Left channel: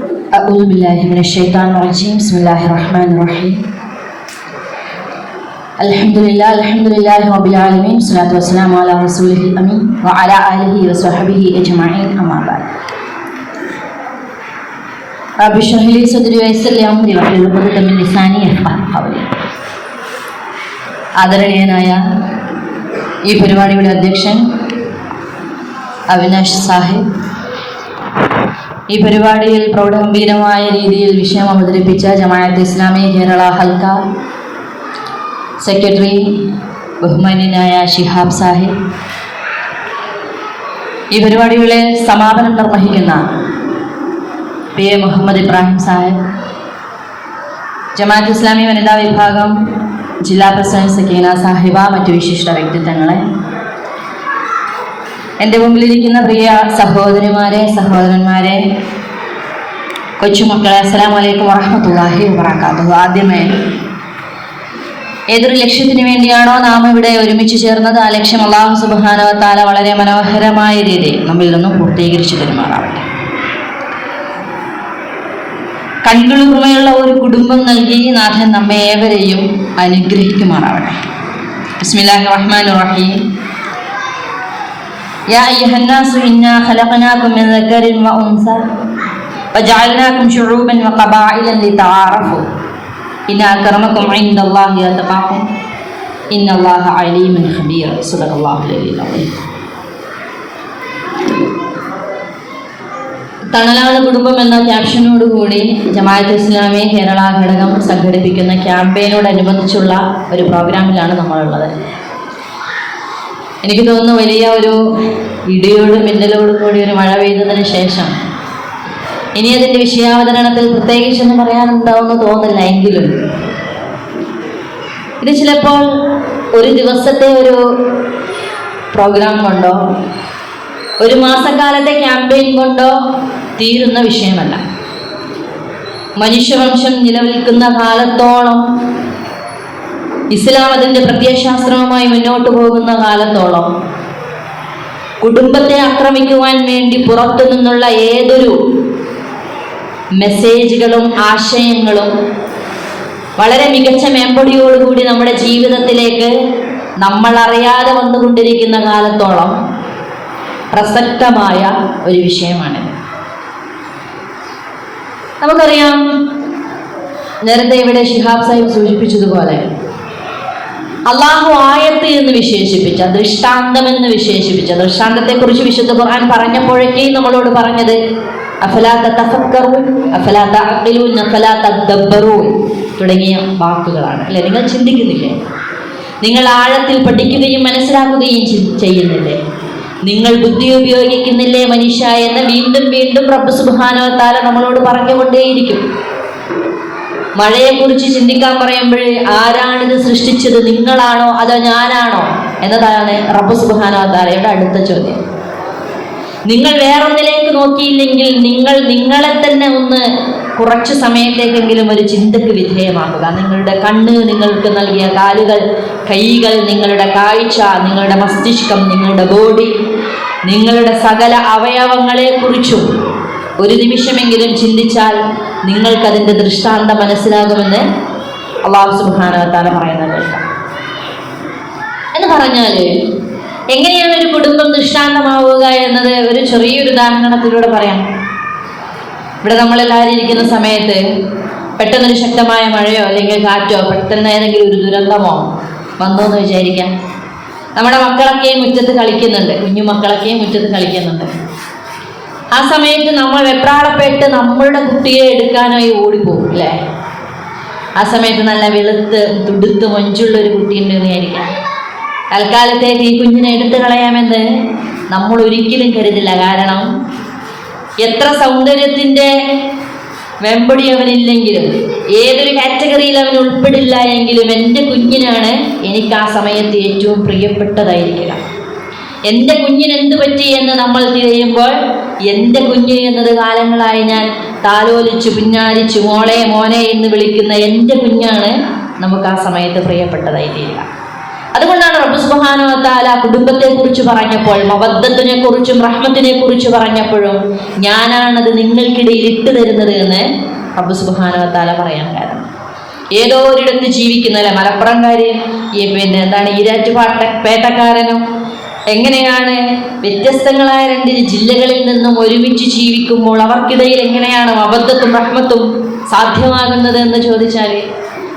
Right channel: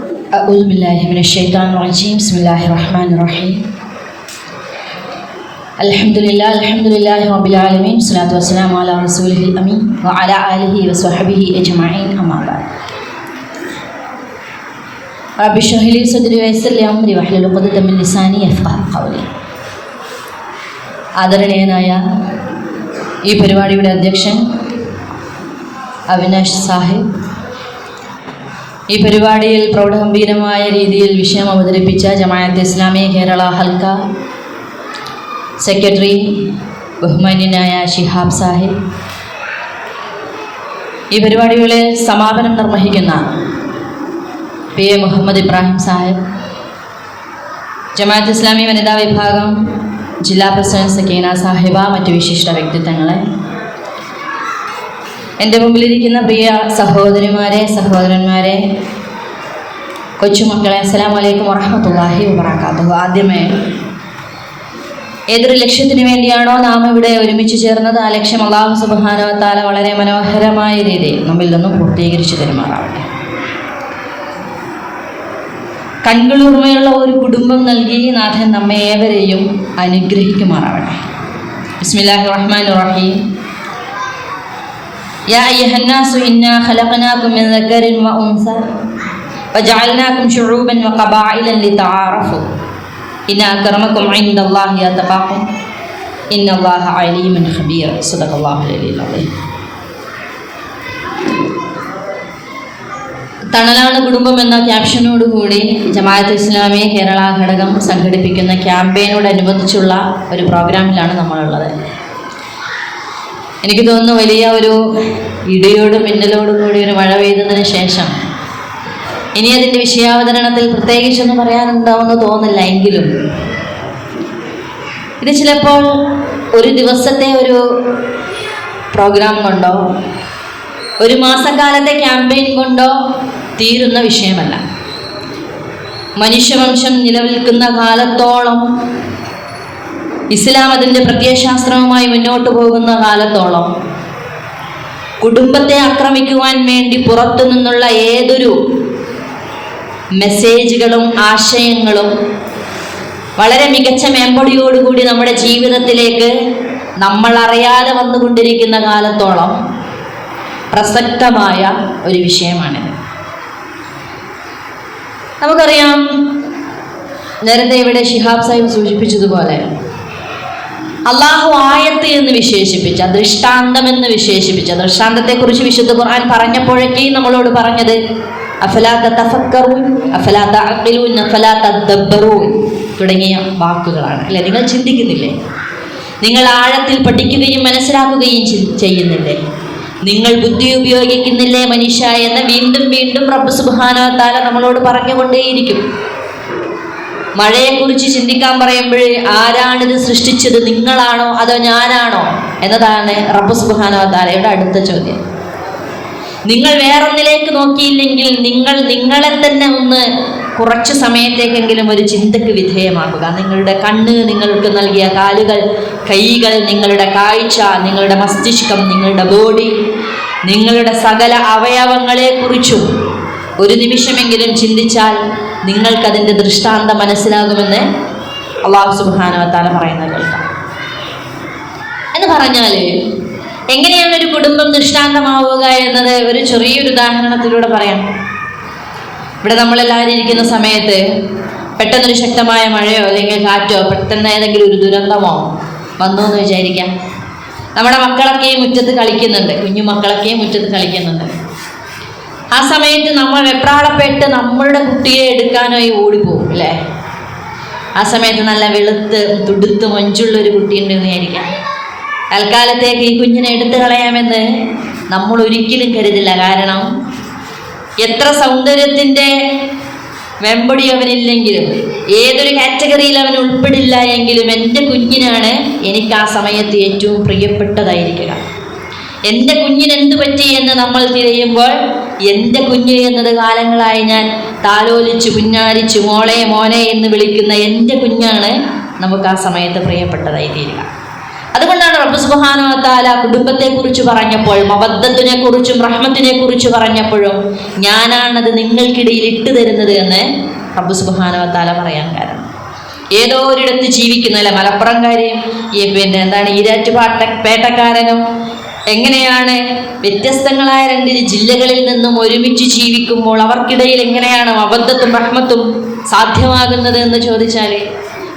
أعوذ بالله من الشيطان الرجيم بسم الله الرحمن الرحيم الحمد لله رب العالمين والصلاة والسلام على رسوله الأمين وعلى آله وصحبه أجمعين أما بعد رب اشرح لي صدري ويسر لي أمري واحلل عقدة من لساني يفقهوا قولي. ആദരണീയനായ ഈ പരിപാടിയുടെ അധ്യക്ഷൻ അവിനാഷ് സാഹിബ്, ഈ പരിപാടിയിൽ പ്രൗഢഗംഭീരമായ രീതിയിൽ വിഷയം അവതരിപ്പിച്ച ജമാഅത്തെ ഇസ്ലാമി കേരള ഹൽക്ക സെക്രട്ടറി ബഹുമാന്യനായ ഷിഹാബ് സാഹിബ്, ഈ പരിപാടികളെ സമാപനം നിർവഹിക്കുന്ന PA മുഹമ്മദ് ഇബ്രാഹിം സാഹിബ്, ജമാഅത്തെ ഇസ്ലാമി വനിതാ വിഭാഗം ജില്ലാ പ്രസിഡന്റ് സക്കീന സാഹിബ, മറ്റു വിശിഷ്ട വ്യക്തിത്വങ്ങളെ, എൻ്റെ മുമ്പിലിരിക്കുന്ന പ്രിയ സഹോദരിമാരെ, സഹോദരന്മാരെ, കൊച്ചുമക്കളെ, അസ്സലാമു അലൈക്കും വറഹ്മത്തുള്ളാഹി വബറകാതുഹു. ആദ്യമേ ഏതൊരു ലക്ഷ്യത്തിന് വേണ്ടിയാണോ നാം ഇവിടെ ഒരുമിച്ച് ചേർന്നത്, ആ ലക്ഷ്യം അല്ലാഹു സുബ്ഹാനഹു വ തആല വളരെ മനോഹരമായ രീതിയിൽ നമ്മിൽ നിന്നും പൂർത്തീകരിച്ചു തരുമാറാവട്ടെ. കൺകുളിർമയുള്ള ഒരു കുടുംബം നൽകി നാഥൻ നമ്മെ ഏവരെയും അനുഗ്രഹിക്കുമാറാവട്ടെ. ബിസ്മില്ലാഹിർ റഹ്മാനിർ റഹീം. യാ അയ്യുഹന്നാസു ഇന്നാ ഖലഖനാകും മിൻ ദക്കരിൻ വ ഉൻസ വജഅൽനാകും ശുഊബൻ വ ഖബാഇലൻ ലിതആറഫു ഇന്ന അക്രമകും ഇൻദല്ലാഹി അത്ഖാകും ഇന്നല്ലാഹ അലീമുൻ ഖബീർ. സദഖല്ലാഹു അലൈഹിൽ അദീം. തണലാണ് കുടുംബം എന്ന ക്യാപ്ഷനോടുകൂടി ജമാഅത്തെ ഇസ്ലാമി കേരള ഘടകം സംഘടിപ്പിക്കുന്ന ക്യാമ്പയിനോടനുബന്ധിച്ചുള്ള ഒരു പ്രോഗ്രാമിലാണ് നമ്മളുള്ളത്. എനിക്ക് തോന്നുന്നു വലിയ ഒരു ഇടിയോടും മിന്നലോടും കൂടി ഒരു മഴ പെയ്തതിന് ശേഷം ഇനി അതിൻ്റെ വിഷയാവതരണത്തിൽ പ്രത്യേകിച്ചൊന്നും പറയാനുണ്ടാവുമെന്ന് തോന്നില്ല. എങ്കിലും ഇത് ചിലപ്പോൾ ഒരു ദിവസത്തെ ഒരു പ്രോഗ്രാം കൊണ്ടോ ഒരു മാസക്കാലത്തെ ക്യാമ്പയിൻ കൊണ്ടോ തീരുന്ന വിഷയമല്ല. മനുഷ്യവംശം നിലനിൽക്കുന്ന കാലത്തോളം, ഇസ്ലാം അതിൻ്റെ പ്രത്യയശാസ്ത്രവുമായി മുന്നോട്ട് പോകുന്ന കാലത്തോളം, കുടുംബത്തെ ആക്രമിക്കുവാൻ വേണ്ടി പുറത്തു നിന്നുള്ള ഏതൊരു മെസ്സേജുകളും ആശയങ്ങളും വളരെ മികച്ച മേമ്പൊടിയോടുകൂടി നമ്മുടെ ജീവിതത്തിലേക്ക് നമ്മൾ അറിയാതെ വന്നുകൊണ്ടിരിക്കുന്ന കാലത്തോളം പ്രസക്തമായ ഒരു വിഷയമാണിത്. നമുക്കറിയാം, നേരത്തെ ഇവിടെ ഷിഹാബ് സാഹിബ് സൂചിപ്പിച്ചതുപോലെ അള്ളാഹു ആയത്ത് എന്ന് വിശേഷിപ്പിച്ച, ദൃഷ്ടാന്തം എന്ന് വിശേഷിപ്പിച്ച, ദൃഷ്ടാന്തത്തെക്കുറിച്ച് വിശുദ്ധ ഖുർആൻ പറഞ്ഞപ്പോഴേക്കും നമ്മളോട് പറഞ്ഞത് അഫലാ തതഫക്കറൂൻ, അഫലാ തഅഖിലൂൻ, അഫലാ തദബ്ബറൂൻ തുടങ്ങിയ വാക്കുകളാണ്. അല്ലെ, നിങ്ങൾ ചിന്തിക്കുന്നില്ലേ? നിങ്ങൾ ആഴത്തിൽ പഠിക്കുകയും മനസ്സിലാക്കുകയും ചെയ്യുന്നില്ലേ? നിങ്ങൾ ബുദ്ധി ഉപയോഗിക്കുന്നില്ലേ മനുഷ്യ എന്ന് വീണ്ടും വീണ്ടും റബ്ബ് സുബ്ഹാനഹു വ തആല നമ്മളോട് പറഞ്ഞുകൊണ്ടേയിരിക്കും. മഴയെക്കുറിച്ച് ചിന്തിക്കാൻ പറയുമ്പോൾ ആരാണിത് സൃഷ്ടിച്ചത്, നിങ്ങളാണോ അതോ ഞാനാണോ എന്നതാണ് റബ്ബ് സുബ്ഹാനഹു വ തആലയുടെ അടുത്ത ചോദ്യം. നിങ്ങൾ വേറൊന്നിലേക്ക് നോക്കിയില്ലെങ്കിൽ നിങ്ങൾ നിങ്ങളെ തന്നെ ഒന്ന് കുറച്ചു സമയത്തേക്കെങ്കിലും ഒരു ചിന്തക്ക് വിധേയമാക്കുക. നിങ്ങളുടെ കണ്ണ് നിങ്ങൾക്ക് നൽകിയ കാലുകൾ, കൈകൾ, നിങ്ങളുടെ കാഴ്ച, നിങ്ങളുടെ മസ്തിഷ്കം, നിങ്ങളുടെ ബോഡി, നിങ്ങളുടെ സകല അവയവങ്ങളെക്കുറിച്ചും ഒരു നിമിഷമെങ്കിലും ചിന്തിച്ചാൽ നിങ്ങൾക്കതിൻ്റെ ദൃഷ്ടാന്തം മനസ്സിലാകുമെന്ന് അല്ലാഹു സുബ്ഹാനഹു വ തആല പറയുന്നത് കേൾക്കാം. എന്ന് പറഞ്ഞാൽ എങ്ങനെയാണ് ഒരു കുടുംബം ദൃഷ്ടാന്തമാവുക എന്നത് ഒരു ചെറിയൊരു ഉദാഹരണത്തിലൂടെ പറയാം. ഇവിടെ നമ്മളെല്ലാവരും ഇരിക്കുന്ന സമയത്ത് പെട്ടെന്നൊരു ശക്തമായ മഴയോ അല്ലെങ്കിൽ കാറ്റോ, പെട്ടെന്ന് ഏതെങ്കിലും ഒരു ദുരന്തമോ വന്നു എന്ന് വിചാരിക്കാം. നമ്മുടെ മക്കളൊക്കെയും മുറ്റത്ത് കളിക്കുന്നുണ്ട്, കുഞ്ഞു മക്കളൊക്കെയും മുറ്റത്ത് കളിക്കുന്നുണ്ട്. ആ സമയത്ത് നമ്മൾ വെപ്രാളപ്പെട്ട് നമ്മളുടെ കുട്ടിയെ എടുക്കാനായി ഓടിപ്പോകും, അല്ലേ? ആ സമയത്ത് നല്ല വെളുത്ത് തുടുത്ത് മഞ്ചുള്ളൊരു കുട്ടിയുണ്ടെന്ന് വിചാരിക്കാം. തൽക്കാലത്തേക്ക് ഈ കുഞ്ഞിനെ എടുത്തു കളയാമെന്ന് നമ്മൾ ഒരിക്കലും കരുതില്ല. കാരണം എത്ര സൗന്ദര്യത്തിൻ്റെ വെമ്പൊടി അവനില്ലെങ്കിലും, ഏതൊരു കാറ്റഗറിയിൽ അവൻ ഉൾപ്പെടില്ല എങ്കിലും എൻ്റെ കുഞ്ഞിനാണ് എനിക്ക് ആ സമയത്ത് ഏറ്റവും പ്രിയപ്പെട്ടതായിരിക്കുക. എൻ്റെ കുഞ്ഞിന് എന്ത് പറ്റി എന്ന് നമ്മൾ തിരയുമ്പോൾ എൻ്റെ കുഞ്ഞ് എന്നത് കാലങ്ങളായി ഞാൻ താലോലിച്ച് പുന്നാരിച്ച് മോളെ മോനെ എന്ന് വിളിക്കുന്ന എൻ്റെ കുഞ്ഞാണ് നമുക്ക് ആ സമയത്ത് പ്രിയപ്പെട്ടതായി തീരുക. അതുകൊണ്ടാണ് റബ്ബ് സുബ്ഹാനഹു വ തആല കുടുംബത്തെ കുറിച്ച് പറഞ്ഞപ്പോൾ, മവദ്ദത്തിനെ കുറിച്ചും റഹ്മത്തിനെ കുറിച്ച് പറഞ്ഞപ്പോഴും ഞാനാണത് നിങ്ങൾക്കിടയിൽ ഇട്ടു തരുന്നത് എന്ന് റബ്ബ് സുബ്ഹാനഹു വ തആല പറയാൻ കാരണം, ഏതോ ഒരിടത്ത് ജീവിക്കുന്നല്ല മലപ്പുറംകാരെയും ഈരാറ്റുപേട്ടക്കാരനും എങ്ങനെയാണ് വ്യത്യസ്തങ്ങളായ രണ്ട് ജില്ലകളിൽ നിന്നും ഒരുമിച്ച് ജീവിക്കുമ്പോൾ അവർക്കിടയിൽ എങ്ങനെയാണ് മവദ്ദത്തും റഹ്മത്തും സാധ്യമാകുന്നത് എന്ന് ചോദിച്ചാൽ,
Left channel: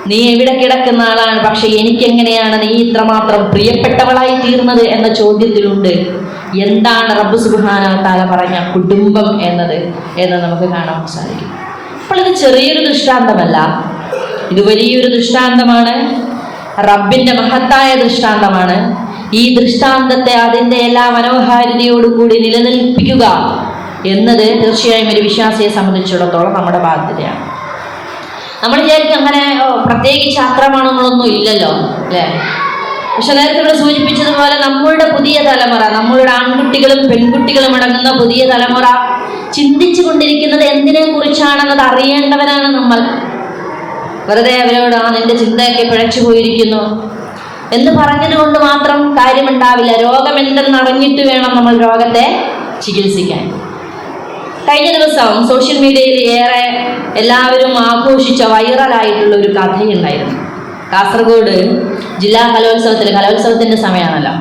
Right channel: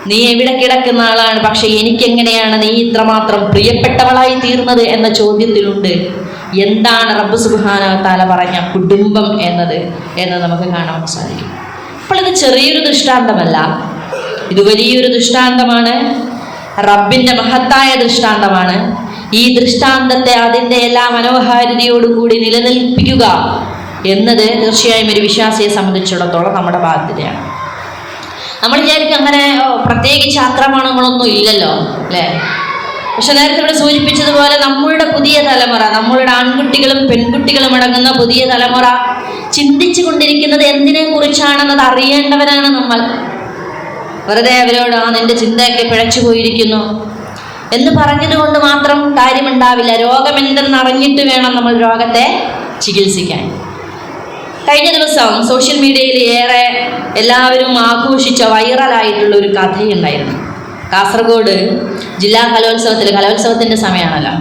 നീ എവിടെ കിടക്കുന്ന ആളാണ്, പക്ഷെ എനിക്കെങ്ങനെയാണ് നീ ഇത്രമാത്രം പ്രിയപ്പെട്ടവളായി തീർന്നത് എന്ന ചോദ്യത്തിലുണ്ട് എന്താണ് റബ്ബ് സുബ്ഹാനഹു വ തആല പറഞ്ഞ കുടുംബം എന്നത് എന്ന് നമുക്ക് കാണാൻ സാധിക്കും. അപ്പോൾ ഇത് ചെറിയൊരു ദൃഷ്ടാന്തമല്ല, ഇത് വലിയൊരു ദൃഷ്ടാന്തമാണ്, റബ്ബിന്റെ മഹത്തായ ദൃഷ്ടാന്തമാണ്. ഈ ദൃഷ്ടാന്തത്തെ അതിൻ്റെ എല്ലാ മനോഹാരിതയോടുകൂടി നിലനിൽപ്പിക്കുക എന്നത് തീർച്ചയായും ഒരു വിശ്വാസിയെ സംബന്ധിച്ചിടത്തോളം നമ്മുടെ ബാധ്യതയാണ്. നമ്മൾ വിചാരിക്കും അങ്ങനെ പ്രത്യേകിച്ച് ആക്രമണങ്ങളൊന്നും ഇല്ലല്ലോ അല്ലേ? പക്ഷെ നേരത്തെ ഇവിടെ സൂചിപ്പിച്ചതുപോലെ നമ്മളുടെ പുതിയ തലമുറ, നമ്മളുടെ ആൺകുട്ടികളും പെൺകുട്ടികളും അടങ്ങുന്ന പുതിയ തലമുറ ചിന്തിച്ചു കൊണ്ടിരിക്കുന്നത് എന്തിനെ കുറിച്ചാണെന്നത് അറിയേണ്ടവരാണ് നമ്മൾ. വെറുതെ അവരോട് നിന്റെ ചിന്തയൊക്കെ പിഴച്ചു പോയിരിക്കുന്നു എന്ന് പറഞ്ഞതുകൊണ്ട് മാത്രം കാര്യമുണ്ടാവില്ല. രോഗം എന്തെന്ന് അറിഞ്ഞിട്ട് വേണം നമ്മൾ രോഗത്തെ ചികിത്സിക്കാൻ. കഴിഞ്ഞ ദിവസം സോഷ്യൽ മീഡിയയിൽ ഏറെ എല്ലാവരും ആഘോഷിച്ച വൈറലായിട്ടുള്ള ഒരു കഥയുണ്ടായിരുന്നു. കാസർഗോഡ് ജില്ലാ കലോത്സവത്തിന്റെ സമയമാണല്ലോ,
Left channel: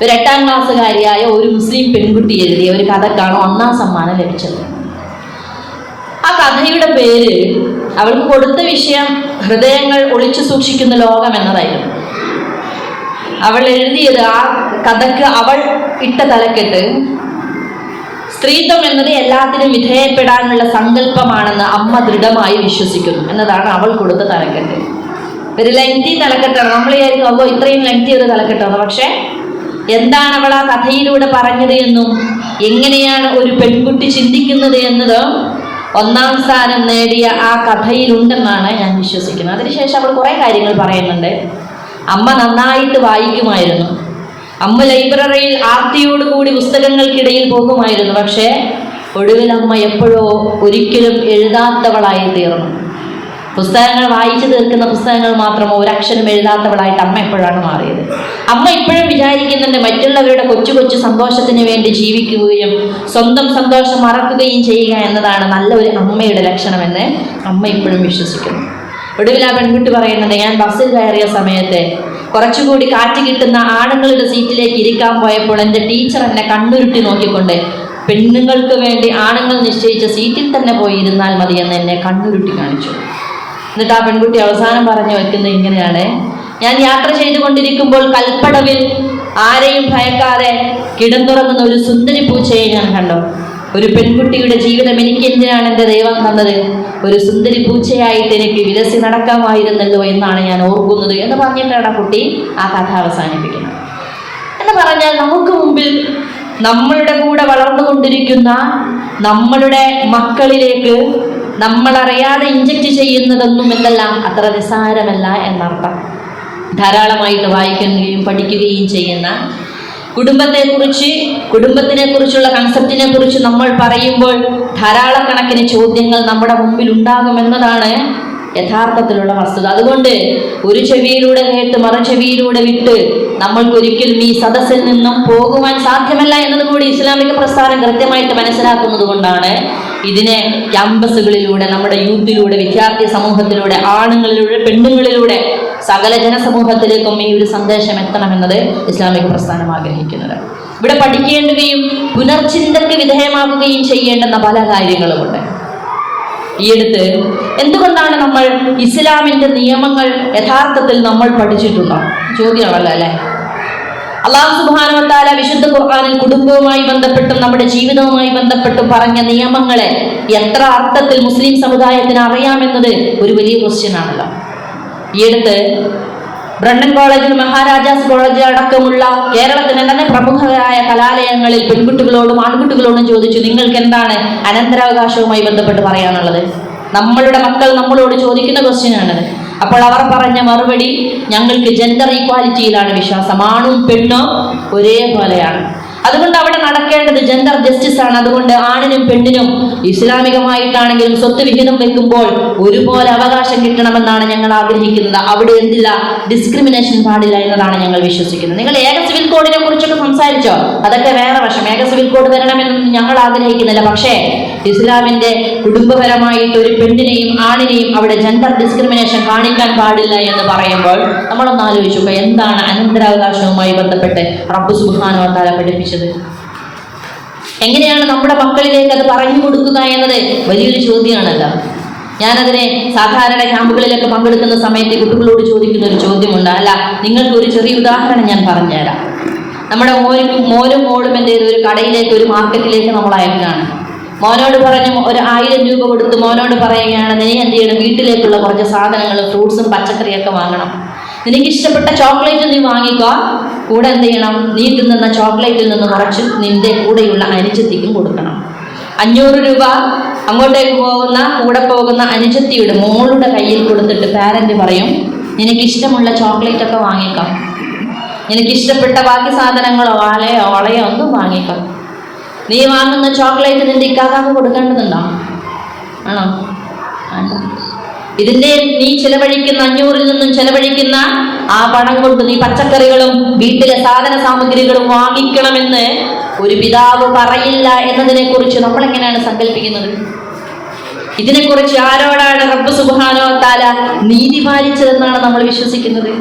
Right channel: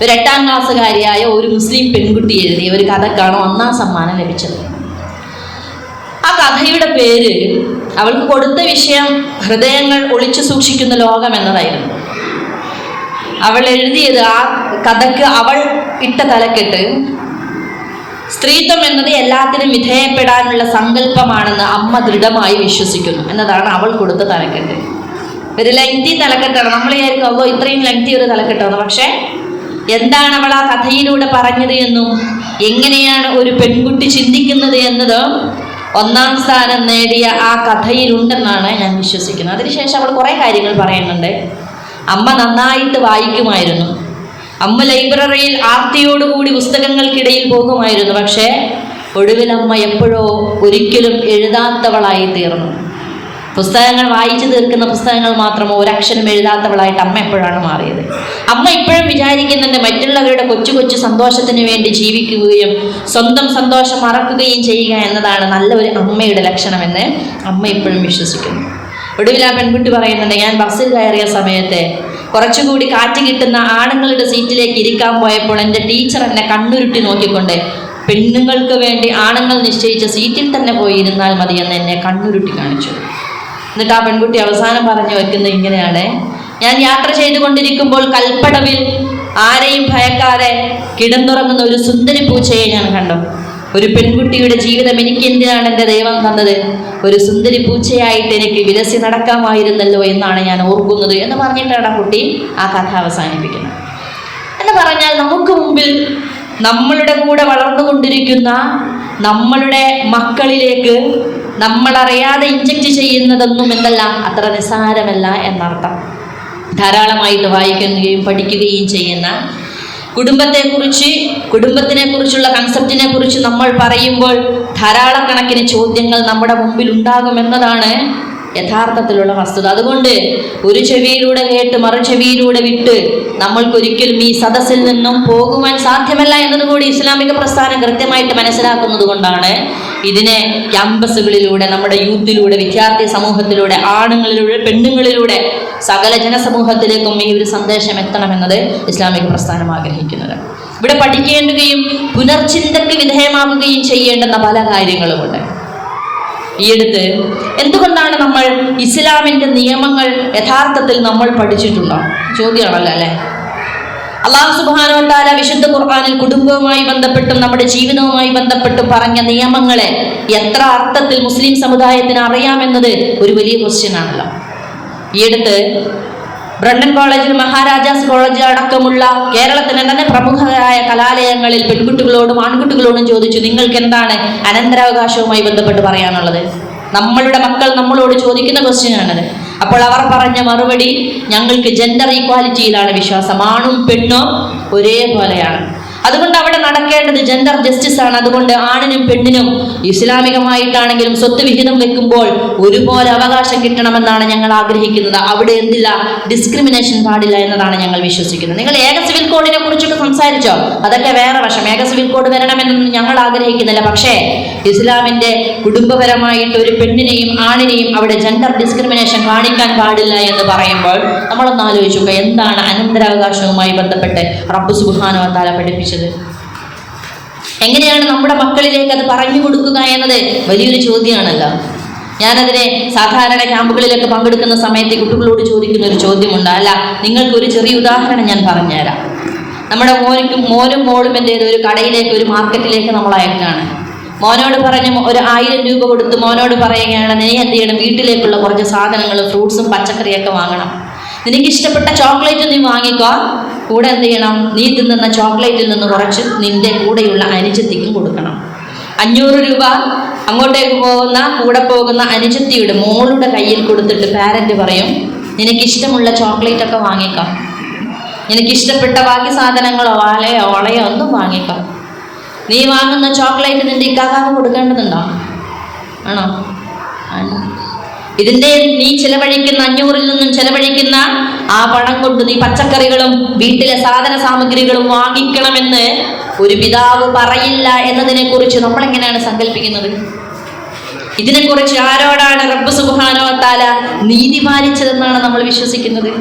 ഒരു 8ാം ക്ലാസ്സുകാരിയായ ഒരു മുസ്ലിം പെൺകുട്ടി എഴുതിയ ഒരു കഥക്കാണ് 1ാം സമ്മാനം ലഭിച്ചത്. ആ കഥയുടെ പേര്, അവൾക്ക് കൊടുത്ത വിഷയം ഹൃദയങ്ങൾ ഒളിച്ചു സൂക്ഷിക്കുന്ന ലോകം എന്നതായിരുന്നു. അവൾ എഴുതിയത്, ആ കഥക്ക് അവൾ ഇട്ട തലക്കെട്ട്, സ്ത്രീത്വം എന്നത് എല്ലാത്തിനും വിധേയപ്പെടാനുള്ള സങ്കല്പമാണെന്ന് അമ്മ ദൃഢമായി വിശ്വസിക്കുന്നു എന്നതാണ് അവൾ കൊടുത്ത തലക്കെട്ട്. ഒരു ലെങ്തി തലക്കെട്ടാണ്. നമ്മൾ വിചാരിക്കും അല്ലോ ഇത്രയും ലെങ്തി ഒരു തലക്കെട്ടാണ്. പക്ഷെ എന്താണ് അവൾ ആ കഥയിലൂടെ പറഞ്ഞത് എന്നും എങ്ങനെയാണ് ഒരു പെൺകുട്ടി ചിന്തിക്കുന്നത് എന്നത് 1ാം സ്ഥാനം നേടിയ ആ കഥയിലുണ്ടെന്നാണ് ഞാൻ വിശ്വസിക്കുന്നത്. അതിനുശേഷം അവൾ കുറേ കാര്യങ്ങൾ പറയുന്നുണ്ട്. അമ്മ നന്നായിട്ട് വായിക്കുമായിരുന്നു, അമ്മ ലൈബ്രറിയിൽ ആർത്തിയോടുകൂടി പുസ്തകങ്ങൾക്കിടയിൽ പോകുമായിരുന്നു. പക്ഷേ ഒടുവിൽ അമ്മ എപ്പോഴോ ഒരിക്കലും എഴുതാത്തവളായി തീർന്നു. പുസ്തകങ്ങൾ വായിച്ചു തീർക്കുന്ന പുസ്തകങ്ങൾ മാത്രമോ ഒരക്ഷരം എഴുതാത്തവളായിട്ട് അമ്മ എപ്പോഴാണ് മാറിയത്. അമ്മ ഇപ്പോഴും വിചാരിക്കുന്നുണ്ട് മറ്റുള്ളവരുടെ കൊച്ചു കൊച്ചു സന്തോഷത്തിന് വേണ്ടി ജീവിക്കുകയും സ്വന്തം സന്തോഷം മറക്കുകയും ചെയ്യുക എന്നതാണ് നല്ല ഒരു അമ്മയുടെ ലക്ഷണമെന്ന് അമ്മ ഇപ്പോഴും വിശ്വസിക്കുന്നു. ഒടുവിൽ ആ പെൺകുട്ടി പറയുന്നുണ്ട്, ഞാൻ ബസ്സിൽ കയറിയ സമയത്ത് കുറച്ചുകൂടി കാറ്റ് കിട്ടുന്ന ആണുങ്ങളുടെ സീറ്റിലേക്ക് ഇരിക്കാൻ പോയപ്പോൾ എൻ്റെ ടീച്ചർ എന്നെ കണ്ണുരുട്ടി നോക്കിക്കൊണ്ട് പെണ്ണുങ്ങൾക്ക് വേണ്ടി ആണുങ്ങൾ നിശ്ചയിച്ച സീറ്റിൽ തന്നെ പോയി ഇരുന്നാൽ മതിയെന്ന് എന്നെ കണ്ണുരുട്ടി കാണിച്ചു. എന്നിട്ട് ആ പെൺകുട്ടി അവസാനം പറഞ്ഞു വെക്കുന്നത് ഇങ്ങനെയാണ്, ഞാൻ യാത്ര ചെയ്തുകൊണ്ടിരിക്കുമ്പോൾ കൽപ്പടവിൽ ആരെയും ഭയക്കാതെ കിടന്നുറങ്ങുന്ന ഒരു സുന്ദരി പൂച്ചയെ ഞാൻ കണ്ടു. ഒരു പെൺകുട്ടിയുടെ ജീവിതം എനിക്ക് എന്തിനാണ് എൻ്റെ ദൈവം തന്നത്, ഒരു സുന്ദരി പൂച്ചയായിട്ട് എനിക്ക് വിലസി നടക്കാമായിരുന്നല്ലോ എന്നാണ് ഞാൻ ഓർക്കുന്നത് എന്ന് പറഞ്ഞിട്ടാണ് ആ കുട്ടി ആ കഥ അവസാനിപ്പിക്കുന്നത്. എന്ന് പറഞ്ഞാൽ നമുക്ക് മുമ്പിൽ നമ്മളുടെ കൂടെ വളർന്നുകൊണ്ടിരിക്കുന്ന നമ്മളുടെ മക്കളിലേക്ക് നമ്മളറിയാതെ ഇഞ്ചക്ട് ചെയ്യുന്നതൊന്നും എന്തെല്ലാം അത്ര നിസ്സാരമല്ല എന്നർത്ഥം. ധാരാളമായിട്ട് വായിക്കുകയും പഠിക്കുകയും ചെയ്യുന്ന കുടുംബത്തിനെ കുറിച്ചുള്ള കൺസെപ്റ്റിനെ കുറിച്ച് നമ്മൾ പറയുമ്പോൾ ധാരാളക്കണക്കിന് ചോദ്യങ്ങൾ നമ്മുടെ മുമ്പിൽ ഉണ്ടാകുമെന്നതാണ് യഥാർത്ഥത്തിലുള്ള വസ്തുത. അതുകൊണ്ട് ഒരു ചെവിയിലൂടെ കേട്ട് മറു ചെവിയിലൂടെ വിട്ട് നമ്മൾക്കൊരിക്കലും ഈ സദസ്സിൽ നിന്നും പോകുവാൻ സാധ്യമല്ല എന്നതും കൂടി ഇസ്ലാമിക പ്രസ്ഥാനം കൃത്യമായിട്ട് മനസ്സിലാക്കുന്നത് കൊണ്ടാണ് ഇതിനെ ക്യാമ്പസുകളിലൂടെ, നമ്മുടെ യൂത്തിലൂടെ, വിദ്യാർത്ഥി സമൂഹത്തിലൂടെ, ആണുങ്ങളിലൂടെ, പെണ്ണുങ്ങളിലൂടെ സകല ജനസമൂഹത്തിലേക്കും ഈ ഒരു സന്ദേശം എത്തണമെന്നത് ഇസ്ലാമിക പ്രസ്ഥാനം ആഗ്രഹിക്കുന്നത്. ഇവിടെ പഠിക്കേണ്ടുകയും പുനർചിന്തയ്ക്ക് വിധേയമാക്കുകയും ചെയ്യേണ്ടുന്ന പല കാര്യങ്ങളുമുണ്ട്. ഈയടുത്ത് എന്തുകൊണ്ടാണ് നമ്മൾ ഇസ്ലാമിന്റെ നിയമങ്ങൾ യഥാർത്ഥത്തിൽ നമ്മൾ പഠിച്ചിട്ടുണ്ടോ ചോദ്യമാണല്ലോ അല്ലെ? അല്ലാഹു സുബ്ഹാനഹു വ തആല വിശുദ്ധ ഖുർആനിൽ കുടുംബവുമായി ബന്ധപ്പെട്ടും നമ്മുടെ ജീവിതവുമായി ബന്ധപ്പെട്ടും പറഞ്ഞ നിയമങ്ങളെ എത്ര അർത്ഥത്തിൽ മുസ്ലിം സമുദായത്തിന് അറിയാമെന്നത് ഒരു വലിയ ക്വസ്റ്റ്യൻ ആണല്ലോ. ഈയടുത്ത് ബ്രണ്ടൻ കോളേജിൽ, മഹാരാജാസ് കോളേജ് അടക്കമുള്ള കേരളത്തിലെ തന്നെ പ്രമുഖരായ കലാലയങ്ങളിൽ പെൺകുട്ടികളോടും ആൺകുട്ടികളോടും ചോദിച്ചു, നിങ്ങൾക്ക് എന്താണ് അനന്തരാവകാശവുമായി ബന്ധപ്പെട്ട് പറയാനുള്ളത്? നമ്മളുടെ മക്കൾ നമ്മളോട് ചോദിക്കുന്ന ക്വസ്റ്റ്യനാണത്. അപ്പോൾ അവർ പറഞ്ഞ മറുപടി, ഞങ്ങൾക്ക് ജെൻഡർ ഈക്വാലിറ്റിയിലാണ് വിശ്വാസം, ആണും പെണ്ണും ഒരേപോലെയാണ്. അതുകൊണ്ട് അവിടെ നടക്കേണ്ടത് വേണ്ടത് ജെൻഡർ ജസ്റ്റിസ് ആണ്. അതുകൊണ്ട് ആണിനും പെണ്ണിനും ഇസ്ലാമികമായിട്ടാണെങ്കിലും സ്വത്ത് വിഹിതം വെക്കുമ്പോൾ ഒരുപോലെ അവകാശം കിട്ടണമെന്നാണ് ഞങ്ങൾ ആഗ്രഹിക്കുന്നത്. അവിടെ എന്തില്ല, ഡിസ്ക്രിമിനേഷൻ പാടില്ല എന്നതാണ് ഞങ്ങൾ വിശ്വസിക്കുന്നത്. നിങ്ങൾ ഏക സിവിൽ കോഡിനെ കുറിച്ചൊക്കെ സംസാരിച്ചോ, അതൊക്കെ വേറെ വശം. ഏക സിവിൽ കോഡ് വരണമെന്നൊന്നും ഞങ്ങൾ ആഗ്രഹിക്കുന്നില്ല. പക്ഷേ ഇസ്ലാമിന്റെ കുടുംബപരമായിട്ട് ഒരു പെണ്ണിനെയും ആണിനെയും അവിടെ ജെൻഡർ ഡിസ്ക്രിമിനേഷൻ കാണിക്കാൻ പാടില്ല എന്ന് പറയുമ്പോൾ നമ്മളൊന്ന് ആലോചിച്ചു, എന്താണ് അനന്തരാവകാശവുമായി ബന്ധപ്പെട്ട് റബ്ബ് സുബ്ഹാനഹു വ തആല പഠിപ്പിച്ചത്? എങ്ങനെയാണ് നമ്മുടെ മക്കളിലേക്ക് അത് പറഞ്ഞു കൊടുക്കുക എന്നത് വലിയൊരു ചോദ്യമാണല്ലോ. ഞാനതിനെ സാധാരണ ക്യാമ്പുകളിലൊക്കെ പങ്കെടുക്കുന്ന സമയത്ത് കുട്ടികളോട് ചോദിക്കുന്ന ഒരു ചോദ്യമുണ്ട്. അല്ല, നിങ്ങൾക്ക് ഒരു ചെറിയ ഉദാഹരണം ഞാൻ പറഞ്ഞുതരാം. നമ്മുടെ മോനും മോളും എന്തെങ്കിലും ഒരു കടയിലേക്ക്, ഒരു മാർക്കറ്റിലേക്ക് നമ്മൾ അയക്കുകയാണ്. മോനോട് പറഞ്ഞു ഒരു 1000 രൂപ കൊടുത്ത് മോനോട് പറയുകയാണ്, നീ എന്ത് ചെയ്യണം, വീട്ടിലേക്കുള്ള കുറച്ച് സാധനങ്ങൾ, ഫ്രൂട്ട്സും പച്ചക്കറിയൊക്കെ വാങ്ങണം. നിനക്ക് ഇഷ്ടപ്പെട്ട ചോക്ലേറ്റ് നീ വാങ്ങിക്കോ, കൂടെ എന്ത് ചെയ്യണം, നീ തിന്നുന്ന ചോക്ലേറ്റിൽ നിന്ന് കുറച്ച് നിന്റെ കൂടെയുള്ള അനുജത്തിക്കും കൊടുക്കണം. 500 രൂപ അങ്ങോട്ടേക്ക് കൂടെ പോകുന്ന അനുജത്തിയുടെ മോളുടെ കയ്യിൽ കൊടുത്തിട്ട് പാരന്റ് പറയും, നിനക്കിഷ്ടമുള്ള ചോക്ലേറ്റ് ഒക്കെ വാങ്ങിക്കോ, നിനക്കിഷ്ടപ്പെട്ട ബാക്കി സാധനങ്ങളോ വളയോ ഒന്നും വാങ്ങിക്കോ. നീ വാങ്ങുന്ന ചോക്ലേറ്റ് നിന്റെ ഇക്കാക്കാക്ക് കൊടുക്കേണ്ടതുണ്ടോ? ആണോ? ഇതിന്റെ നീ ചെലവഴിക്കുന്ന 500-ൽ നിന്നും ചെലവഴിക്കുന്ന ആ പണം കൊണ്ട് നീ പച്ചക്കറികളും വീട്ടിലെ സാധന സാമഗ്രികളും വാങ്ങിക്കണമെന്ന് ഒരു പിതാവ് പറയില്ല എന്നതിനെ കുറിച്ച് നമ്മൾ എങ്ങനെയാണ് സങ്കല്പിക്കുന്നത്? ഇതിനെക്കുറിച്ച് ആരോടാണ് റബ്ബ് സുബ്ഹാനഹു വ തആല നീതി പാലിച്ചതെന്നാണ് നമ്മൾ വിശ്വസിക്കുന്നത്?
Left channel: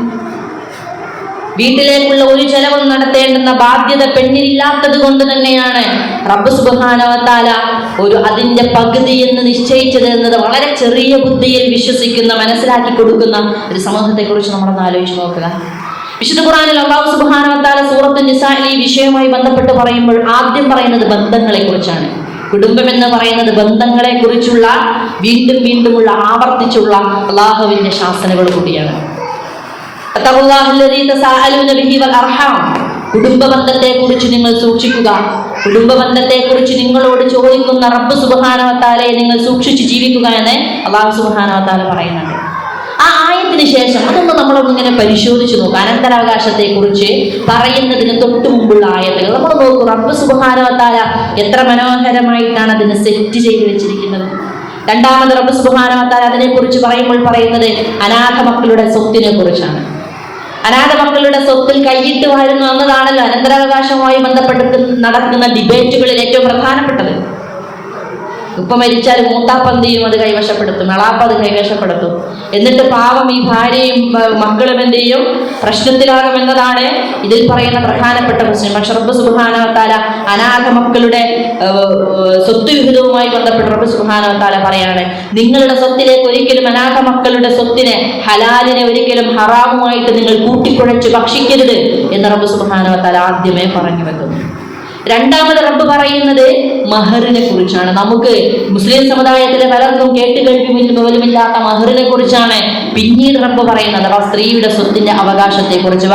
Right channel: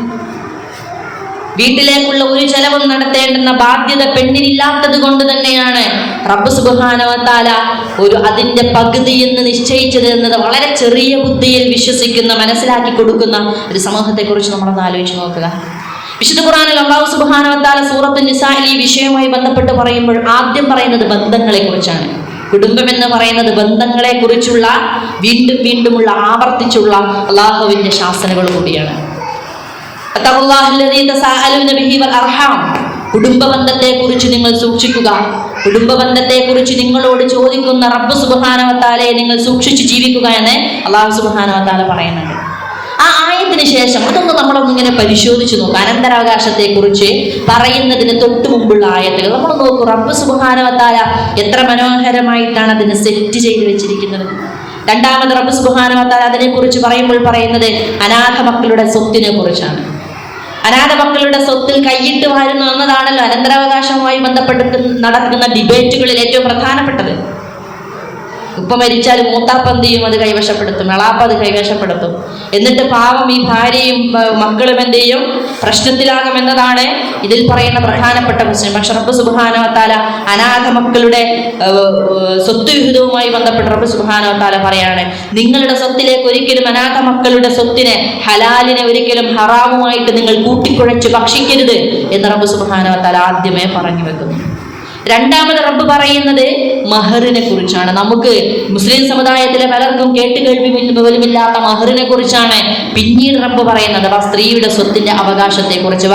വീട്ടിലേക്കുള്ള ഒരു ചെലവും നടത്തേണ്ടുന്ന ബാധ്യത പെണ്ണിനില്ലാത്തത് കൊണ്ട് തന്നെയാണ് റബ്ബ് സുബ്ഹാനഹു വ തആല അതിന്റെ പകുതി എന്ന് നിശ്ചയിച്ചത് എന്നത് വളരെ ചെറിയ ബുദ്ധിയിൽ വിശ്വസിക്കുന്ന, മനസ്സിലാക്കി കൊടുക്കുന്ന ഒരു സമൂഹത്തെ കുറിച്ച് നമ്മളൊന്ന് ആലോചിച്ച് നോക്കുക. വിശുദ്ധ ഖുർആനിൽ അല്ലാഹു സുബ്ഹാനഹു വ തആല സൂറത്തുൻ നിസാഇൽ ഈ വിഷയവുമായി ബന്ധപ്പെട്ട് പറയുമ്പോൾ ആദ്യം പറയുന്നത് ബന്ധങ്ങളെ കുറിച്ചാണ്. കുടുംബം എന്ന് പറയുന്നത് ബന്ധങ്ങളെ കുറിച്ചുള്ള വീണ്ടുമുള്ള ആവർത്തിച്ചുള്ള അല്ലാഹുവിന്റെ ശാസനകൾ കൂടിയാണ്. കുടുംബബന്ധത്തെ കുറിച്ച് നിങ്ങൾ സൂക്ഷിക്കുക. കുടുംബബന്ധത്തെ കുറിച്ച് നിങ്ങളോട് ചോദിക്കുന്ന റബ്ബ് സുബ്ഹാനഹു വ തആലയെ നിങ്ങൾ സൂക്ഷിച്ച് ജീവിക്കുക എന്ന് അല്ലാഹു സുബ്ഹാനഹു വ തആല പറയുന്നുണ്ട്. ആ ആയത്തിന് ശേഷം അതൊന്ന് നമ്മളൊന്നിങ്ങനെ പരിശോധിച്ചു നോക്കുക. അനന്തരാവകാശത്തെ കുറിച്ച് പറയുന്നതിന് തൊട്ട് മുമ്പുള്ള ആയത്തുകൾ നമ്മൾ നോക്കൂ. റബ്ബ് സുബ്ഹാനഹു വ തആല എത്ര മനോഹരമായിട്ടാണ് അതിനെ സെറ്റ് ചെയ്ത് വെച്ചിരിക്കുന്നത്. രണ്ടാമത് റബ്ബ് സുബ്ഹാനഹു വ തആല അതിനെ കുറിച്ച് പറയുമ്പോൾ പറയുന്നത് അനാഥ മക്കളുടെ സ്വത്തിനെ കുറിച്ചാണ്. അനാഥ മക്കളുടെ സ്വത്തിൽ കൈയിട്ട് വാഴുന്നു എന്നതാണല്ലോ അനന്തരാവകാശവുമായി ബന്ധപ്പെട്ട് നടക്കുന്ന ഡിബേറ്റുകളിൽ ഏറ്റവും പ്രധാനപ്പെട്ടത്. ഉപ്പ മരിച്ചാൽ മൂത്താപ്പന്തിയും അത് കൈവശപ്പെടുത്തും, എളാപ്പ അത് കൈവശപ്പെടുത്തും. എന്നിട്ട് പാവം ഈ ഭാര്യയും മക്കളും എന്ത് ചെയ്യും, പ്രശ്നത്തിലാകുമെന്നതാണ് ഇതിൽ പറയുന്ന പ്രധാനപ്പെട്ട വിഷയം. പക്ഷെ റബ്ബ് സുബ്ഹാനഹു വ തആല അനാഥ മക്കളുടെ സ്വത്ത് വിഹിതവുമായി ബന്ധപ്പെട്ട് റബ്ബ് സുബ്ഹാനഹു വ തആല പറയാണ്, നിങ്ങളുടെ സ്വത്തിലേക്ക് ഒരിക്കലും അനാഥ മക്കളുടെ സ്വത്തിനെ, ഹലാലിനെ ഒരിക്കലും ഹറാമുമായിട്ട് നിങ്ങൾ കൂട്ടിക്കുഴച്ച് ഭക്ഷിക്കരുത് എന്ന് റബ്ബ് സുബ്ഹാനഹു വ തആല ആദ്യമേ പറഞ്ഞു വെക്കുന്നു. രണ്ടാമത് റബ്ബ് പറയുന്നത് മഹറിനെ കുറിച്ചാണ്. നമുക്ക് മുസ്ലിം സമുദായത്തിലെ പലർക്കും കേട്ടുകേൾവിമില്ലാത്ത മഹറിനെ കുറിച്ചാണ് പിന്നീട് റബ്ബ് പറയുന്നത്. സ്ത്രീയുടെ സ്വത്തിന്റെ അവകാശത്തെ കുറിച്ച്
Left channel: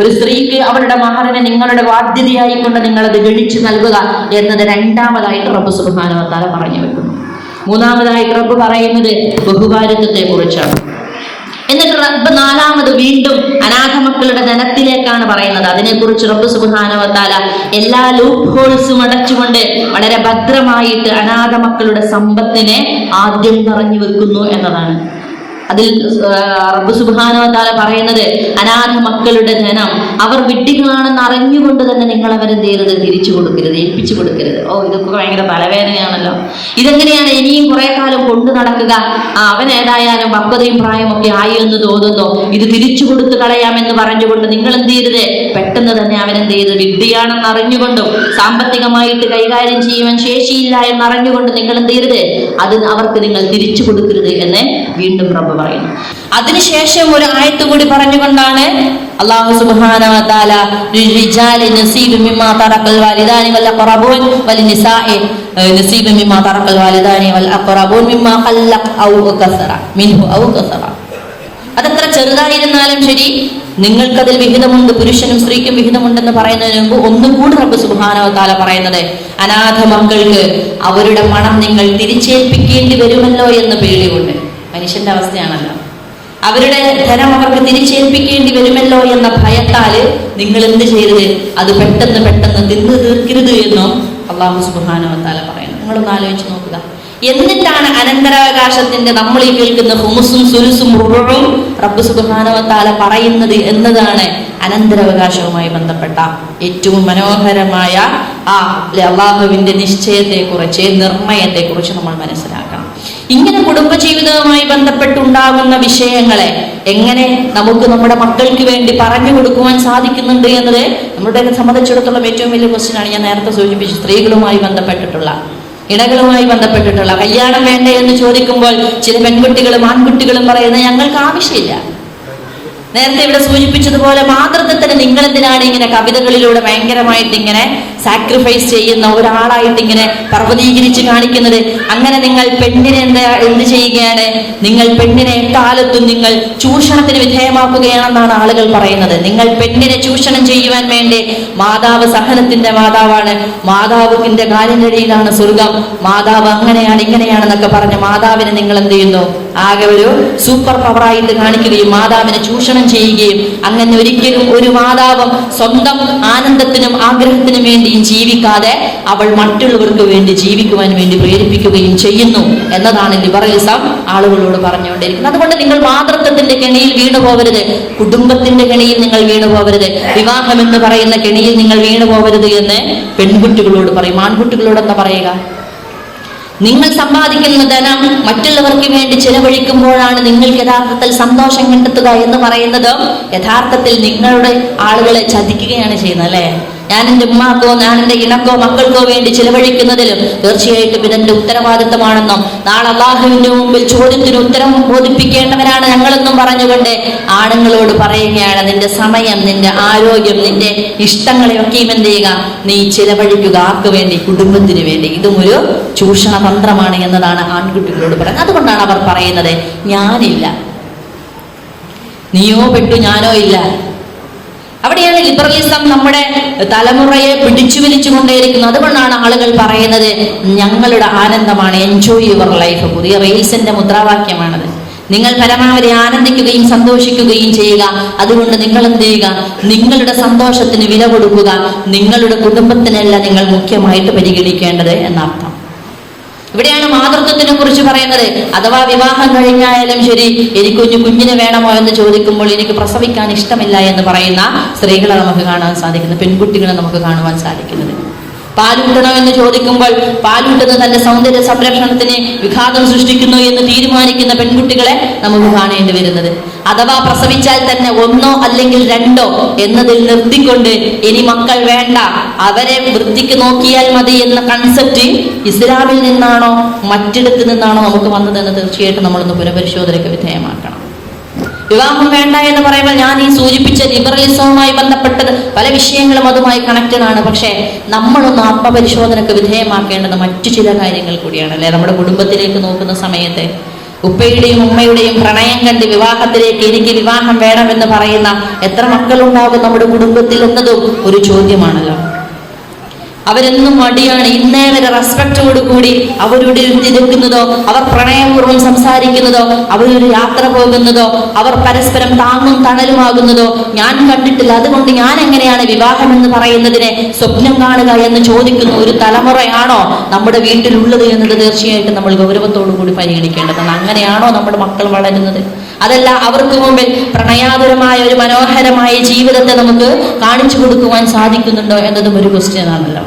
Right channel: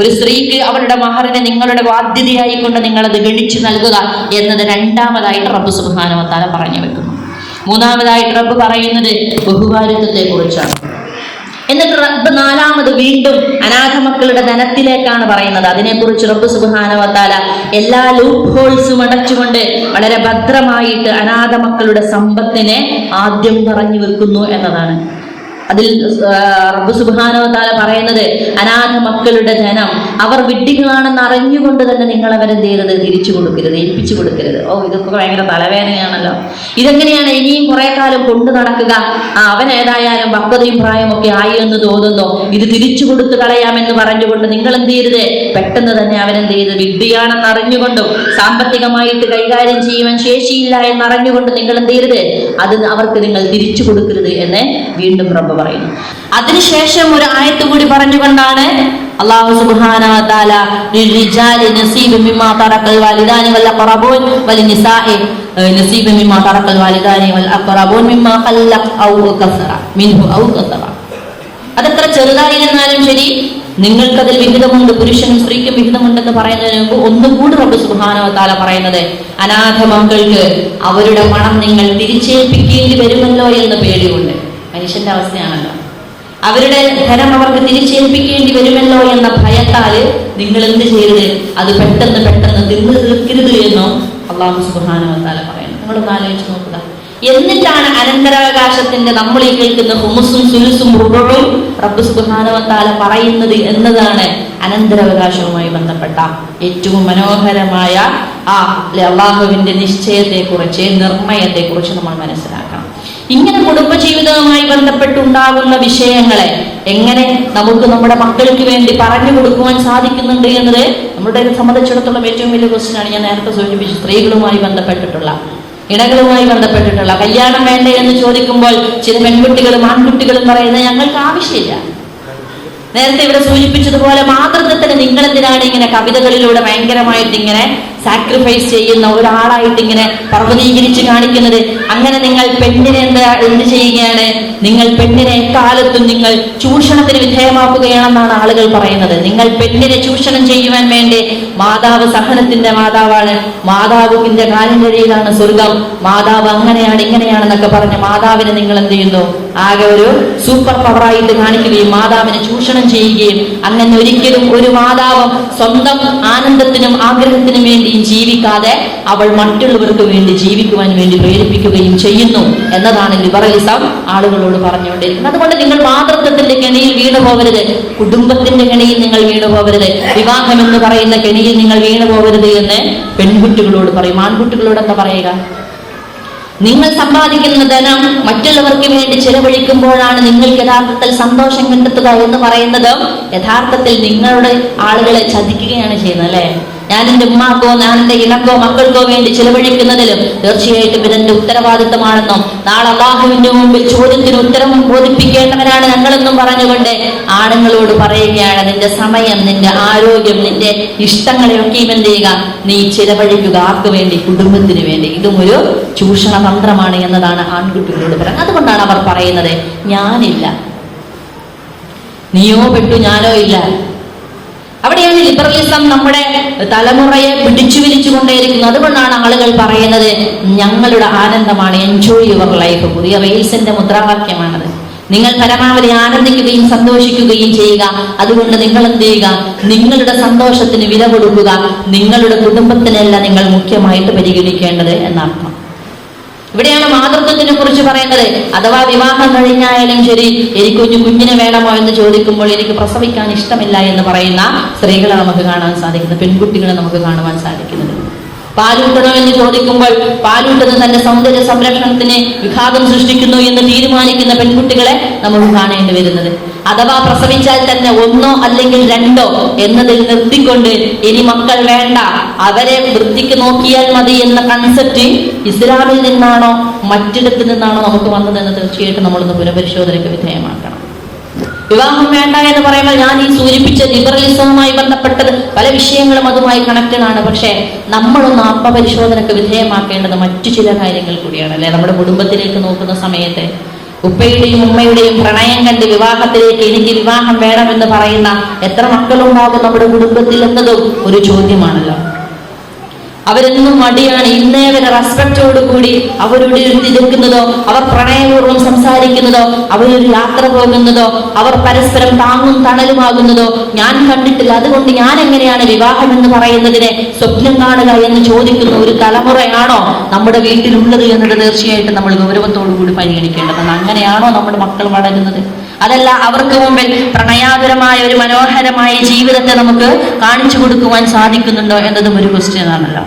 ഒരു സ്ത്രീക്ക് അവളുടെ മഹറിനെ നിങ്ങളുടെ ബാധ്യതയായിക്കൊണ്ട് നിങ്ങളത് ഗണിച്ചു നൽകുക എന്നത് രണ്ടാമതായിട്ട് റബ്ബ് സുബ്ഹാനഹു വ തആല പറഞ്ഞു വെക്കുന്നു. മൂന്നാമതായിട്ട് റബ്ബ് പറയുന്നത് ബഹുഭാര്യത്വത്തെ കുറിച്ചാണ്. എന്നിട്ട് റബ്ബ് നാലാമത് വീണ്ടും അനാഥ മക്കളുടെ ധനത്തിലേക്കാണ് പറയുന്നത്. അതിനെക്കുറിച്ച് റബ്ബ് സുബ്ഹാനഹു വ തആല എല്ലാ ലൂപ്പ് ഹോൾസും അടച്ചുകൊണ്ട് വളരെ ഭദ്രമായിട്ട് അനാഥ മക്കളുടെ സമ്പത്തിനെ ആദ്യം പറഞ്ഞു വെക്കുന്നു എന്നതാണ്. അതിൽ റബ്ബ് സുബ്ഹാനഹു വ തആല പറയുന്നത് അനാഥ മക്കളുടെ ധനം അവർ വിഡ്ഢികളാണെന്ന് അറിഞ്ഞുകൊണ്ട് തന്നെ നിങ്ങൾ അവരെന്ത് ചെയ്യരുത്, തിരിച്ചു കൊടുക്കരുത്, ഏൽപ്പിച്ചു കൊടുക്കരുത്. ഇതൊക്കെ ഭയങ്കര തലവേദനയാണല്ലോ. ഇതെങ്ങനെയാണ് ഇനിയും കുറെ കാലം കൊണ്ടു നടക്കുക? അവൻ ഏതായാലും പക്വതയും പ്രായമൊക്കെ ആയി എന്ന് തോന്നുന്നു, ഇത് തിരിച്ചു കൊടുത്തു കളയാമെന്ന് പറഞ്ഞുകൊണ്ട് നിങ്ങൾ എന്ത് ചെയ്യരുത്, പെട്ടെന്ന് തന്നെ അവനെന്ത് ചെയ്ത് വിഡ്ഢിയാണെന്ന് അറിഞ്ഞുകൊണ്ടും സാമ്പത്തികമായിട്ട് കൈകാര്യം ചെയ്യുവാൻ ശേഷിയില്ല എന്നറിഞ്ഞുകൊണ്ട് നിങ്ങൾ എന്ത് ചെയ്യരുത്, അത് അവർക്ക് നിങ്ങൾ തിരിച്ചു കൊടുക്കരുത് എന്ന് വീണ്ടും റബ്ബ് പറയുന്നു. അതിനുശേഷം ഒരു ആയത്ത് കൂടി പറഞ്ഞുകൊണ്ടാണ് അല്ലാഹു സുബ്ഹാനഹു വ തആല ലിൽരിജാലി നസീബും മിമ്മാ തറക്കൽ വാലിദാനി വൽ അഖറബൂൻ വലിനിസാഇ നസീബും മിമ്മാ തറക്കൽ വാലിദാനി വൽ അഖറബൂൻ മിമ്മാ ഖല്ല ഔ കസറ മിൻഹു ഔ കസറ. അതെത്ര ചെറുതായിരുന്നാലും ശരി നിങ്ങൾക്കതിൽ വിഹിതമുണ്ട്, പുരുഷനും സ്ത്രീക്കും വിഹിതമുണ്ടെന്ന് പറയുന്നതിന് മുമ്പ് ഒന്നും കൂടി റബ്ബ് സുബ്ഹാനഹു വ തആല പറയുന്നത് അനാഥ മക്കൾക്ക് അവരുടെ പണം നിങ്ങൾ തിരിച്ചേൽപ്പിക്കേണ്ടി വരുമല്ലോ എന്ന് പേടിയുണ്ട്. മനുഷ്യന്റെ അവസ്ഥയാണല്ലോ. അവരുടെ ധനം അവർക്ക് തിരിച്ചേൽപ്പിക്കേണ്ടി വരുമല്ലോ എന്ന ഭയത്താല് നിങ്ങൾ എന്ത് ചെയ്യരുത്, അത് പെട്ടെന്ന് തിന്നു തീർക്കരുത് എന്നും അല്ലാഹു സുബ്ഹാനഹു വ തആല പറയുന്നു. നിങ്ങളൊന്ന് ആലോചിച്ച് നോക്കുക. എന്നിട്ടാണ് അനന്തരാവകാശത്തിന്റെ നമ്മൾ ഈ കേൾക്കുന്ന ഹുമുസും സുലുസും റുബുഉം റബ്ബ് സുബ്ഹാനഹു വ തആല പറയുന്നത് എന്നതാണ് അനന്തരാവകാശവുമായി ബന്ധപ്പെട്ട ഏറ്റവും മനോഹരമായ ആ അല്ലാഹുവിന്റെ നിശ്ചയത്തെക്കുറിച്ച്, നിർണയത്തെക്കുറിച്ച് നമ്മൾ മനസ്സിലാക്കണം. ഇങ്ങനെ കുടുംബജീവിതവുമായി ബന്ധപ്പെട്ടുണ്ടാകുന്ന വിഷയങ്ങളെ എങ്ങനെ നമുക്ക് നമ്മുടെ മക്കൾക്ക് വേണ്ടി പറഞ്ഞു കൊടുക്കുവാൻ സാധിക്കുന്നുണ്ട് എന്നത് നമ്മുടെ സംബന്ധിച്ചിടത്തോളം ഏറ്റവും വലിയ ക്വസ്റ്റ്യൻ ആണ്. ഞാൻ നേരത്തെ സൂചിപ്പിച്ചു, സ്ത്രീകളുമായി ബന്ധപ്പെട്ടിട്ടുള്ള, ഇണകളുമായി ബന്ധപ്പെട്ടിട്ടുള്ള കല്യാണം വേണ്ടേ എന്ന് ചോദിക്കുമ്പോൾ ചില പെൺകുട്ടികളും ആൺകുട്ടികളും പറയുന്നത് ഞങ്ങൾക്ക് ആവശ്യമില്ല. നേരത്തെ ഇവിടെ സൂചിപ്പിച്ചതുപോലെ മാതൃത്വത്തിന് നിങ്ങൾ എന്തിനാണ് ഇങ്ങനെ കവിതകളിലൂടെ ഭയങ്കരമായിട്ട് ഇങ്ങനെ സാക്രിഫൈസ് ചെയ്യുന്ന ഒരാളായിട്ട് ഇങ്ങനെ പർവ്വതീകരിച്ച് കാണിക്കുന്നത്? അങ്ങനെ നിങ്ങൾ പെണ്ണിനെ എന്ത് ചെയ്യുകയാണ്? നിങ്ങൾ പെണ്ണിനെ എക്കാലത്തും നിങ്ങൾ ചൂഷണത്തിന് വിധേയമാക്കുകയാണെന്നാണ് ആളുകൾ പറയുന്നത്. നിങ്ങൾ പെണ്ണിനെ ചൂഷണം ചെയ്യുവാൻ വേണ്ടി, മാതാവ് സഹനത്തിന്റെ മാതാവാണ്, മാതാവിന്റെ കാലിനടിയിലാണ് സ്വർഗം, മാതാവ് അങ്ങനെയാണ് ഇങ്ങനെയാണെന്നൊക്കെ പറഞ്ഞ് മാതാവിനെ നിങ്ങൾ എന്ത് ചെയ്യുന്നു? ആകെ ഒരു സൂപ്പർ പവറായിട്ട് കാണിക്കുകയും മാതാവിനെ ചൂഷണം ചെയ്യുകയും, അങ്ങനെ ഒരിക്കലും ഒരു മാതാവും സ്വന്തം ആനന്ദത്തിനും ആഗ്രഹത്തിനും വേണ്ടിയും ജീവിക്കാതെ അവൾ മറ്റുള്ളവർക്ക് വേണ്ടി ജീവിക്കുവാൻ വേണ്ടി പ്രേരിപ്പിക്കുകയും ചെയ്യുന്നു എന്നതാണ് ലിബറലിസം ആളുകളോട് പറഞ്ഞുകൊണ്ടിരിക്കുന്നത്. അതുകൊണ്ട് നിങ്ങൾ മാതൃത്വത്തിന്റെ കെണിയിൽ വീണു പോകരുത്, കുടുംബത്തിന്റെ കെണിയിൽ നിങ്ങൾ വീണു പോകരുത്, വിവാഹം എന്ന് പറയുന്ന കെണിയിൽ നിങ്ങൾ വീണു പോകരുത് എന്ന് പെൺകുട്ടികളോട് പറയും. ആൺകുട്ടികളോട് എന്താ പറയുക? നിങ്ങൾ സമ്പാദിക്കുന്ന ധനം മറ്റുള്ളവർക്ക് വേണ്ടി ചെലവഴിക്കുമ്പോഴാണ് നിങ്ങൾക്ക് യഥാർത്ഥത്തിൽ സന്തോഷം കണ്ടെത്തുക എന്ന് പറയുന്നത് യഥാർത്ഥത്തിൽ നിങ്ങളുടെ ആളുകളെ ചതിക്കുകയാണ് ചെയ്യുന്നത്, അല്ലെ? ഞാൻ എൻ്റെ ഉമ്മാക്കോ ഞാൻ എൻ്റെ ഇണക്കോ മക്കൾക്കോ വേണ്ടി ചെലവഴിക്കുന്നതിലും തീർച്ചയായിട്ടും ഇതെന്റെ ഉത്തരവാദിത്തമാണെന്നും നാളെ അല്ലാഹുവിന്റെ മുമ്പിൽ ചോദ്യത്തിന് ഉത്തരം ബോധിപ്പിക്കേണ്ടവരാണ് ഞങ്ങളെന്നും പറഞ്ഞുകൊണ്ട് ആണുങ്ങളോട് പറയുകയാണ്, നിന്റെ സമയം, നിന്റെ ആരോഗ്യം, നിന്റെ ഇഷ്ടങ്ങളെയൊക്കെയും എന്ത് ചെയ്യുക? നീ ചെലവഴിക്കുക. ആർക്ക് വേണ്ടി? കുടുംബത്തിന് വേണ്ടി. ഇതും ഒരു ചൂഷണ തന്ത്രമാണ് എന്നതാണ് ആൺകുട്ടികളോട് പറയുന്നത്. അതുകൊണ്ടാണ് അവർ പറയുന്നത്, ഞാനില്ല, നീയോ പെട്ടു ഞാനോ ഇല്ല. അവിടെയാണ് ലിബറലിസം നമ്മുടെ തലമുറയെ പിടിച്ചു വലിച്ചുകൊണ്ടേയിരിക്കുന്നത്. അതുകൊണ്ടാണ് ആളുകൾ പറയുന്നത് ഞങ്ങളുടെ ആനന്ദമാണ്, എൻജോയ് യുവർ ലൈഫ്. പുതിയ റെയിൽസിന്റെ മുദ്രാവാക്യമാണത്. നിങ്ങൾ പരമാവധി ആനന്ദിക്കുകയും സന്തോഷിക്കുകയും ചെയ്യുക. അതുകൊണ്ട് നിങ്ങൾ എന്ത് ചെയ്യുക? നിങ്ങളുടെ സന്തോഷത്തിന് വില കൊടുക്കുക. നിങ്ങളുടെ കുടുംബത്തിനല്ല നിങ്ങൾ മുഖ്യമായിട്ട് പരിഗണിക്കേണ്ടത് എന്നർത്ഥം. ഇവിടെയാണ് മാതൃത്വത്തിനെ കുറിച്ച് പറയുന്നത്. അഥവാ വിവാഹം കഴിഞ്ഞായാലും ശരി, എനിക്ക് കുഞ്ഞിനെ വേണമോ എന്ന് ചോദിക്കുമ്പോൾ എനിക്ക് പ്രസവിക്കാൻ ഇഷ്ടമില്ല എന്ന് പറയുന്ന സ്ത്രീകളാണ് നമുക്ക് കാണാൻ സാധിക്കുന്നത്, പെൺകുട്ടികളെ നമുക്ക് കാണുവാൻ സാധിക്കുന്നത്. പാലൂട്ടണോ എന്ന് ചോദിക്കുമ്പോൾ പാലൂട്ടുന്നത് തന്റെ സൗന്ദര്യ സംരക്ഷണത്തിന് വിഘാതം സൃഷ്ടിക്കുന്നു എന്ന് തീരുമാനിക്കുന്ന പെൺകുട്ടികളെ നമുക്ക് കാണേണ്ടി വരുന്നത്. അഥവാ പ്രസവിച്ചാൽ തന്നെ 1 അല്ലെങ്കിൽ 2 എന്നതിൽ നിർത്തിക്കൊണ്ട് ഇനി മക്കൾ വേണ്ട, അവരെ വൃത്തിക്ക് നോക്കിയാൽ മതി എന്ന കൺസെപ്റ്റ് ഇസ്ലാമിൽ നിന്നാണോ മറ്റിടത്ത് നിന്നാണോ നമുക്ക് വന്നതെന്ന് തീർച്ചയായിട്ടും നമ്മളൊന്ന് പുനഃപരിശോധനയ്ക്ക് വിധേയമാക്കണം. വിവാഹം വേണ്ട എന്ന് പറയുമ്പോൾ ഞാൻ ഈ സൂചിപ്പിച്ച ലിബറലിസവുമായി ബന്ധപ്പെട്ടത് പല വിഷയങ്ങളും അതുമായി കണക്റ്റഡ് ആണ്. പക്ഷേ നമ്മളൊന്ന് ആത്മപരിശോധനയ്ക്ക് വിധേയമാക്കേണ്ടത് മറ്റു ചില കാര്യങ്ങൾ കൂടിയാണ്, അല്ലെ? നമ്മുടെ കുടുംബത്തിലേക്ക് നോക്കുന്ന സമയത്ത് ഉപ്പയുടെയും ഉമ്മയുടെയും പ്രണയം കണ്ട് വിവാഹത്തിലേക്ക് എനിക്ക് വിവാഹം വേണമെന്ന് പറയുന്ന എത്ര മക്കളുണ്ടാകും നമ്മുടെ കുടുംബത്തിൽ എന്നതും ഒരു ചോദ്യമാണല്ലോ. അവരെന്നും മടിയാണ്. ഇന്നേ വരെ റെസ്പെക്റ്റോടുകൂടി അവരോട് തിരക്കുന്നതോ, അവർ പ്രണയപൂർവ്വം സംസാരിക്കുന്നതോ, അവരൊരു യാത്ര പോകുന്നതോ, അവർ പരസ്പരം താങ്ങും തണലുമാകുന്നതോ ഞാൻ കണ്ടിട്ടില്ല. അതുകൊണ്ട് ഞാൻ എങ്ങനെയാണ് വിവാഹം എന്ന് പറയുന്നതിനെ സ്വപ്നം കാണുക എന്ന് ചോദിക്കുന്ന ഒരു തലമുറയാണോ നമ്മുടെ വീട്ടിലുള്ളത് എന്നത് തീർച്ചയായിട്ടും നമ്മൾ ഗൗരവത്തോടു കൂടി പരിഗണിക്കേണ്ടതാണ്. അങ്ങനെയാണോ നമ്മുടെ മക്കൾ വളരുന്നത്? അതല്ല അവർക്ക് മുമ്പിൽ പ്രണയാതുരമായ ഒരു മനോഹരമായ ജീവിതത്തെ നമുക്ക് കാണിച്ചു കൊടുക്കുവാൻ സാധിക്കുന്നുണ്ടോ എന്നതും ഒരു ക്വസ്റ്റ്യൻ ആണല്ലോ.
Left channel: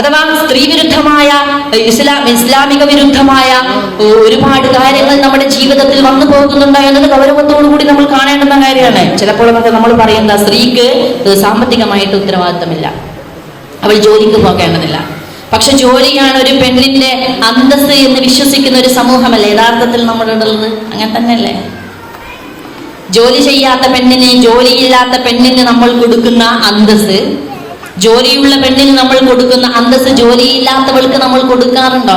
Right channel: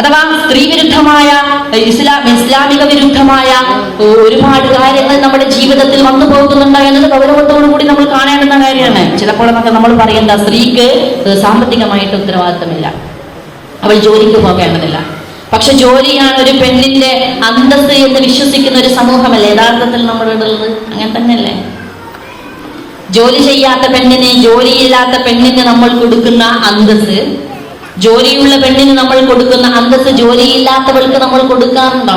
അഥവാ സ്ത്രീ വിരുദ്ധമായ ഇസ്ലാമിക വിരുദ്ധമായ ഒരുപാട് കാര്യങ്ങൾ നമ്മുടെ ജീവിതത്തിൽ വന്നു പോകുന്നുണ്ടോ എന്നത് ഗൗരവത്തോടു കൂടി നമ്മൾ കാണേണ്ടുന്ന കാര്യമാണ്. ചിലപ്പോഴൊക്കെ നമ്മൾ പറയുന്ന സ്ത്രീക്ക് സാമ്പത്തികമായിട്ട് ഉത്തരവാദിത്തമില്ല, അവൾ ജോലിക്ക് പോകേണ്ടതില്ല. പക്ഷെ ജോലിയാണ് ഒരു പെണ്ണിന്റെ അന്തസ്സ് എന്ന് വിശ്വസിക്കുന്ന ഒരു സമൂഹമല്ലേ യഥാർത്ഥത്തിൽ നമ്മുടെ ഉള്ളത്? അങ്ങനെ തന്നെയല്ലേ? ജോലി ചെയ്യാത്ത പെണ്ണിന്, ജോലിയില്ലാത്ത പെണ്ണിന് നമ്മൾ കൊടുക്കുന്ന അന്തസ്സ്, ജോലിയുള്ള പെണ്ണിന് നമ്മൾ കൊടുക്കുന്ന അന്തസ്സ് ജോലിയില്ലാത്തവൾക്ക് നമ്മൾ കൊടുക്കാറുണ്ടോ?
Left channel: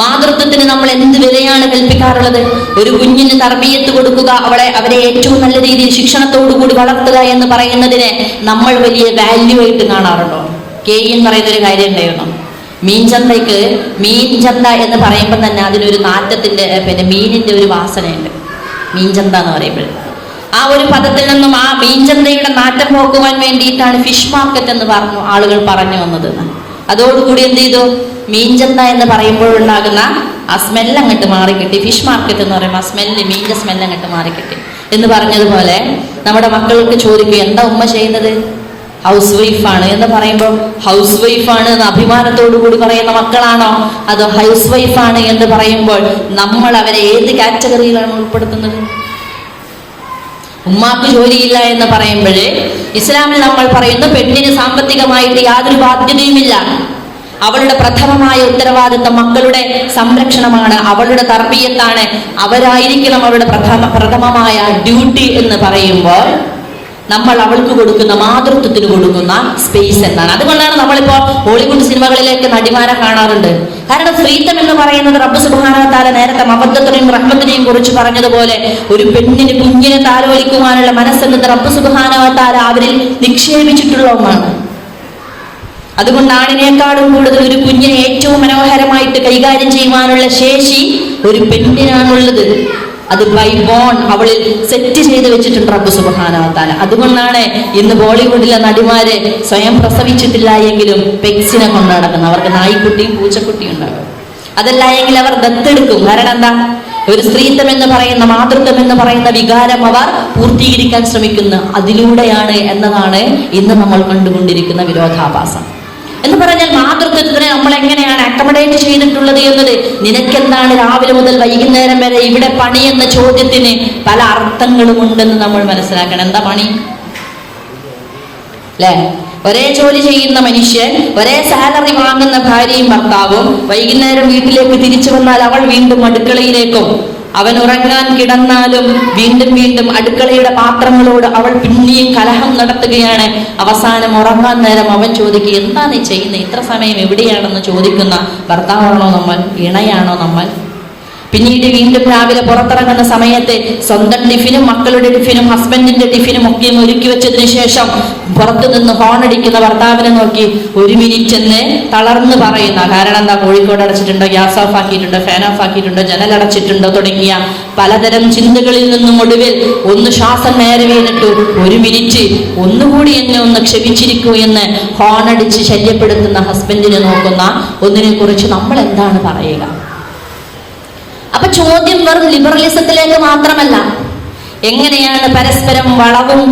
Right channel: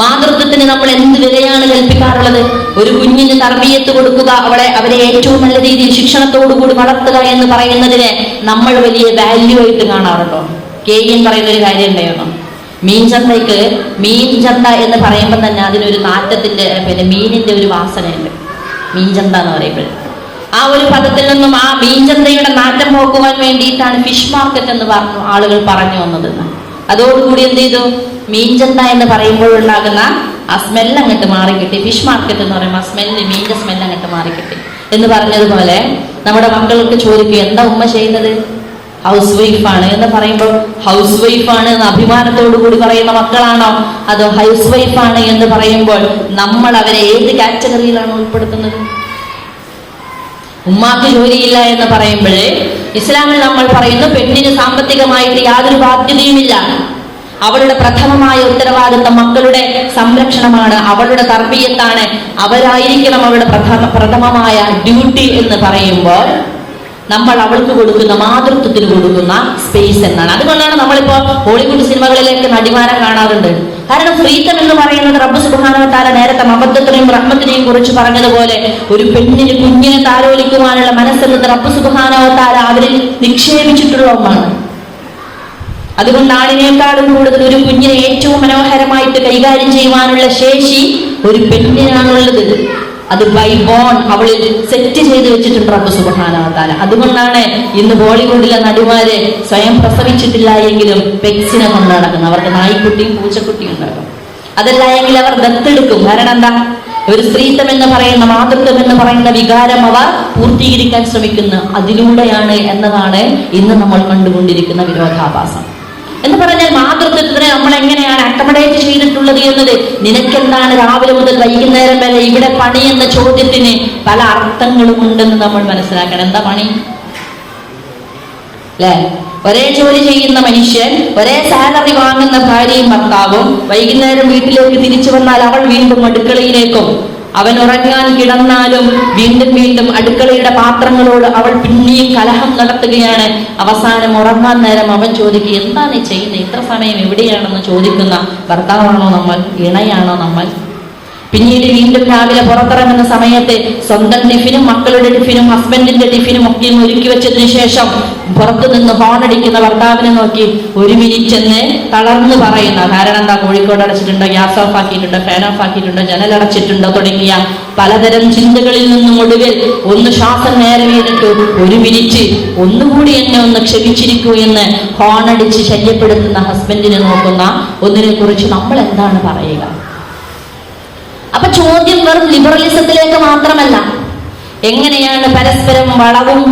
മാതൃത്വത്തിന് നമ്മൾ എന്ത് വിലയാണ് കൽപ്പിക്കാറുള്ളത്? ഒരു കുഞ്ഞിന് തർബിയത്ത് കൊടുക്കുക, അവരെ ഏറ്റവും നല്ല രീതിയിൽ ശിക്ഷണത്തോടു കൂടി വളർത്തുക എന്ന് പറയുന്നതിനെ നമ്മൾ വലിയ വാല്യൂ ആയിട്ട് കാണാറുണ്ടോ? കെയിൻ പറയുന്ന ഒരു കാര്യം ഉണ്ടായിരുന്നു, മീൻചന്തയ്ക്ക് മീൻചന്ത എന്ന് പറയുമ്പോൾ തന്നെ അതിനൊരു നാറ്റത്തിന്റെ മീനിന്റെ ഒരു വാസനയുണ്ട്. മീൻചന്ത എന്ന് പറയുമ്പോൾ ആ ഒരു പദത്തിൽ നിന്നും ആ മീൻചന്തയുടെ നാറ്റം പോക്കുവാൻ വേണ്ടിയിട്ടാണ് ഫിഷ് മാർക്കറ്റ് എന്ന് ആളുകൾ പറഞ്ഞു വന്നത്. അതോടുകൂടി എന്ത് ചെയ്തു, മീൻചന്ത എന്ന് പറയുമ്പോഴുണ്ടാകുന്ന ആ സ്മെല്ല് അങ്ങോട്ട് മാറിക്കിട്ടി. ഫിഷ് മാർക്കറ്റ് എന്ന് പറയുമ്പോൾ ആ സ്മെല്ല്, മീനിന്റെ സ്മെല്ല് അങ്ങോട്ട് മാറിക്കിട്ടി എന്ന് പറഞ്ഞതുപോലെ നമ്മുടെ മക്കൾക്ക് ചോദിക്കുക, എന്താ ഉമ്മ ചെയ്യുന്നത്? ഹൗസ് വൈഫാണ് എന്ന് പറയുമ്പോൾ ഹൗസ് വൈഫാണ് എന്ന് അഭിമാനത്തോടു കൂടി പറയുന്ന മക്കളാണോ, അത് ഹൗസ് വൈഫാണ് എന്ന് പറയുമ്പോൾ നമ്മൾ അവരെ ഏത് കാറ്റഗറിയിലാണ് ഉൾപ്പെടുത്തുന്നത്? ഉമ്മാക്ക് ജോലിയില്ല എന്ന് പറയുമ്പോഴേ ഇസ്ലാമിൽ നമ്മൾ പറയുന്നു പെണ്ണിന് സാമ്പത്തികമായിട്ട് യാതൊരു ബാധ്യതയുമില്ല. അവളുടെ പ്രഥമമായ ഉത്തരവാദിത്വം മക്കളുടെ സംരക്ഷണമാണ്, അവളുടെ തർബീയത്താണ്, അവരായിരിക്കണം അവളുടെ പ്രഥമമായ ഡ്യൂട്ടി എന്ന് പറയുമ്പോൾ നമ്മൾ അവൾക്ക് കൊടുക്കുന്ന മാതൃത്വത്തിന് കൊടുക്കുന്ന സ്പേസ് എന്നാണ്. അതുകൊണ്ടാണ് നമ്മളിപ്പോ ഹോളിവുഡ് സിനിമകളിലേക്ക് നടിമാരെ കാണാറുണ്ട്. കാരണം ഫ്രീഡം എന്ന് പറയുന്നത് റബ്ബ് സുബ്ഹാനഹു വ തആല നേരത്തെ മഹബ്ബത്തിനെയും റഹ്മത്തിനെയും കുറിച്ച് പറഞ്ഞതുപോലെ ഒരു പെണ്ണിന് കുഞ്ഞിനെ താലോലിക്കുവാനുള്ള മനസ്സെന്നത് റബ്ബ് സുബ്ഹാനഹു വ തആല അവരിൽ നിക്ഷേപിച്ചിട്ടുള്ള ഒന്നാണ്. അതുകൊണ്ട് ആണിനേക്കാളും കൂടുതൽ ഒരു കുഞ്ഞിനെ ഏറ്റവും മനോഹരമായിട്ട് കൈകാര്യം ചെയ്യുവാനുള്ള ശേഷി ഒരു പെണ്ണിനാണുള്ളത്. അത് ബൈ ബോൺ അവളിൽ സെറ്റ് ചെയ്ത് വെച്ചിട്ടുണ്ട് റബ്ബ് സുബ്ഹാനഹു വ തആല. അതുകൊണ്ടാണ് ഇന്ന് ബോളിവുഡിലെ നടിമാരെ സ്വയം പ്രസവിച്ചിട്ടില്ല എങ്കിലും പെക്സിനെ കൊണ്ട് നടക്കുന്നത്. അവർക്ക് നായ്ക്കുട്ടിയും പൂച്ചക്കുട്ടിയും ഉണ്ടാകും. അതല്ല എങ്കിൽ അവർ ദത്തെടുക്കും. കാരണം എന്താ, ഒരു സ്ത്രീത്വം എന്ന് പറയുന്ന, മാതൃത്വം എന്ന് പറയുന്ന വികാരം അവർ പൂർത്തീകരിക്കാൻ ശ്രമിക്കുന്നു. അതിലൂടെയാണ് എന്നതാണ് ഇന്ന് നമ്മൾ കണ്ടുകൊണ്ടിരിക്കുന്ന വിരോധാഭാസം. എന്ന് പറഞ്ഞാൽ മാതൃത്വത്തിന് നമ്മൾ എങ്ങനെയാണ് അക്കമഡേറ്റ് ചെയ്തിട്ടുള്ളത് എന്നത്, നിനക്കെന്താണ് രാവിലെ മുതൽ വൈകുന്നേരം വരെ ഇവിടെ പണി എന്ന ചോദ്യത്തിന് പല അർത്ഥങ്ങളും ഉണ്ടെന്ന് നമ്മൾ മനസ്സിലാക്കണം. എന്താ പണി അല്ലേ? ഒരേ ജോലി ചെയ്യുന്ന മനുഷ്യൻ, ഒരേ സാലറി വാങ്ങുന്ന ഭാര്യയും ഭർത്താവും വൈകുന്നേരം വീട്ടിലേക്ക് തിരിച്ചു വന്നാൽ അവൾ വീണ്ടും അടുക്കളയിലേക്കും, അവൻ ഉറങ്ങാൻ കിടന്നാലും വീണ്ടും വീണ്ടും അടുക്കളയുടെ പാത്രങ്ങളോട് അവൾ പിന്നെയും കലഹം നടത്തുകയാണ്. അവസാനം ഉറങ്ങാൻ നേരം അവൻ ചോദിക്കുക, എന്താ നീ ചെയ്യുന്നത്, ഇത്ര സമയം എവിടെയാണെന്ന് ചോദിക്കുന്ന ഭർത്താവാണോ നമ്മൾ? ഇണയാണോ നമ്മൾ? പിന്നീട് വീണ്ടും രാവിലെ പുറത്തിറങ്ങുന്ന സമയത്ത് സ്വന്തം ടിഫിനും മക്കളുടെ ടിഫിനും ഹസ്ബൻഡിന്റെ ടിഫിനും ഒക്കെ ഒരുക്കി വെച്ചതിന് ശേഷം പുറത്തു നിന്ന് ഹോണടിക്കുന്ന ഭർത്താവിനെ നോക്കി ഒരു മിനിറ്റ് എന്ന് തളർന്നു പറയുന്ന, കാരണം എന്താ, കോഴിക്കോട് അടച്ചിട്ടുണ്ടോ, ഗ്യാസ് ഓഫ് ആക്കിയിട്ടുണ്ടോ, ഫാൻ ഓഫ് ആക്കിയിട്ടുണ്ടോ, ജനലടച്ചിട്ടുണ്ടോ തുടങ്ങിയ പലതരം ചിന്തകളിൽ നിന്നും ഒടുവിൽ ഒന്ന് ശ്വാസം നേരെ വീണിട്ടു, ഒരു മിനിറ്റ് ഒന്നുകൂടി എന്നെ ഒന്ന് ക്ഷമിച്ചിരിക്കൂ എന്ന് ഹോണടിച്ച് ശല്യപ്പെടുത്തുന്ന ഹസ്ബൻഡിനെ നോക്കുന്ന ഒന്നിനെ കുറിച്ച് നമ്മൾ എന്താണ് പറയുക? അപ്പൊ ചോദ്യം വെറും ലിബറലിസത്തിലേക്ക് മാത്രമല്ല, എങ്ങനെയാണ് പരസ്പരം വളവും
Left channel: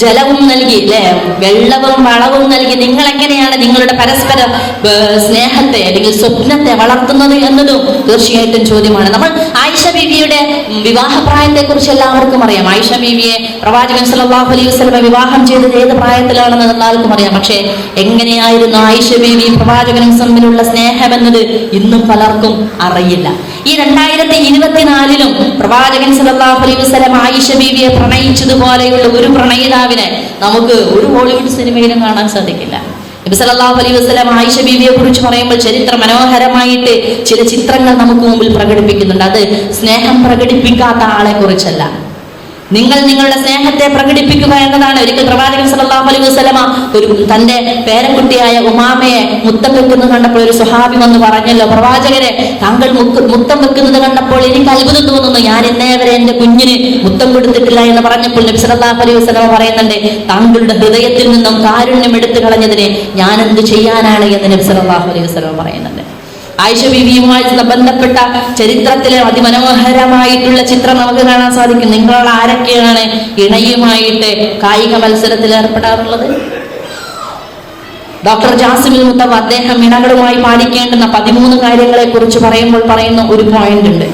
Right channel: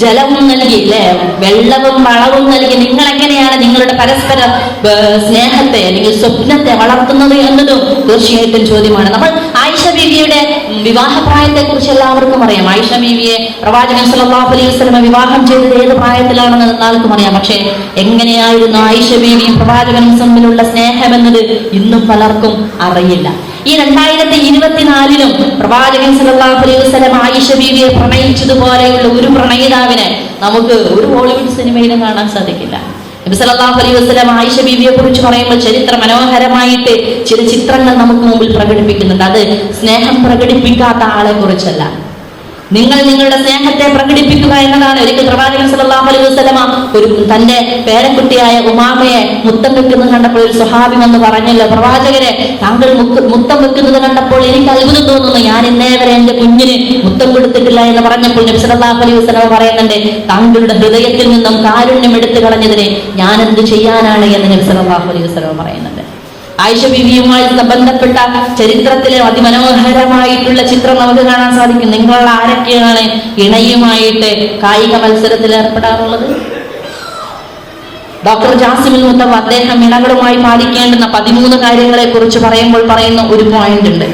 ജലവും നൽകി, അല്ലെ, വെള്ളവും വളവും നൽകി നിങ്ങൾ എങ്ങനെയാണ് നിങ്ങളുടെ പരസ്പര സ്നേഹത്തെ അല്ലെങ്കിൽ സ്വപ്നത്തെ വളർത്തുന്നത് എന്നതും തീർച്ചയായിട്ടും ചോദ്യമാണ്. നമ്മൾ ആയിഷ ബീവിയുടെ വിവാഹപ്രായത്തെ കുറിച്ച് എല്ലാവർക്കും അറിയാം. ആയിഷ ബീവിയെ പ്രവാചകൻ സല്ലല്ലാഹു അലൈഹി വസല്ലം വിവാഹം ചെയ്തത് ഏത് പ്രായത്തിലാണെന്ന് എല്ലാവർക്കും അറിയാം. പക്ഷെ എങ്ങനെയായിരുന്നു ആയിഷ ബീവിയും പ്രവാചകനും തമ്മിലുള്ള സ്നേഹം എന്നത് ഇന്നും പലർക്കും അറിയില്ല. ഈ 2024 പ്രവാചകൻ സല്ലല്ലാഹു അലൈഹി വസല്ലം ആയിഷ ബീവിയെ പ്രണയിച്ചതുപോലെയുള്ള ഒരു പ്രണയിതാവിനെ നമുക്ക് ഒരു ഹോളിവുഡ് സിനിമയിലും കാണാൻ സാധിക്കില്ല. നബി സല്ലല്ലാഹു അലൈഹി വസല്ലം ആയിഷ ബീവിയെ കുറിച്ച് പറയുമ്പോൾ ചരിത്ര മനോഹരമായിട്ട് ചില ചിത്രങ്ങൾ നമുക്ക് മുമ്പിൽ പ്രകടിപ്പിക്കുന്നുണ്ട്. അത് സ്നേഹം പ്രകടിപ്പിക്കാത്ത ആളെ കുറിച്ചല്ല, നിങ്ങൾ നിങ്ങളുടെ സ്നേഹത്തെ പ്രകടിപ്പിക്കുക എന്നതാണ്. ഒരിക്കൽ പ്രവാചകൻ സല്ലല്ലാഹു അലൈഹി വസല്ലം ഒരു തന്റെ പേരക്കുട്ടിയായ ഉമാമയെ മുത്തം വെക്കുന്നത് കണ്ടപ്പോൾ ഒരു സ്വഹാബി വന്ന് പറഞ്ഞല്ലോ, പ്രവാചകരെ, താങ്കൾ മുത്തം വെക്കുന്നത് കണ്ടപ്പോൾ എനിക്ക് അത്ഭുതം തോന്നുന്നു, ഞാൻ ഇന്നേ വരെ എന്റെ കുഞ്ഞിന് മുത്തം കൊടുത്തിട്ടില്ല എന്ന് പറഞ്ഞപ്പോൾ നബി സല്ലല്ലാഹു അലൈഹി വസല്ലം പറയുന്നുണ്ട്, താങ്കളുടെ ഹൃദയത്തിൽ നിന്നും കാരുണ്യം എടുത്തു കളഞ്ഞതിനെ ഞാൻ എന്ത് ചെയ്യാനാണ് എന്ന് നബി സല്ലല്ലാഹു അലൈഹി വസല്ലം പറയുന്നുണ്ട്. ആയിഷ ബീവിയുമായി ബന്ധപ്പെട്ട ചരിത്രത്തിലെ അതിമനോഹരമായിട്ടുള്ള ചിത്രം നമുക്ക് കാണാൻ സാധിക്കും. നിങ്ങൾ ആരൊക്കെയാണ് ഇണയുമായിട്ട് കായിക മത്സരത്തിൽ ഏർപ്പെടാറുള്ളത്? ഡോക്ടർ ജാസിമുൽ മുത്തവ അദ്ദേഹം ഇണകളുമായി പാലിക്കേണ്ടുന്ന 13 കാര്യങ്ങളെ കുറിച്ച് പറയുമ്പോൾ പറയുന്ന ഒരു പോയിന്റ് ഉണ്ട്.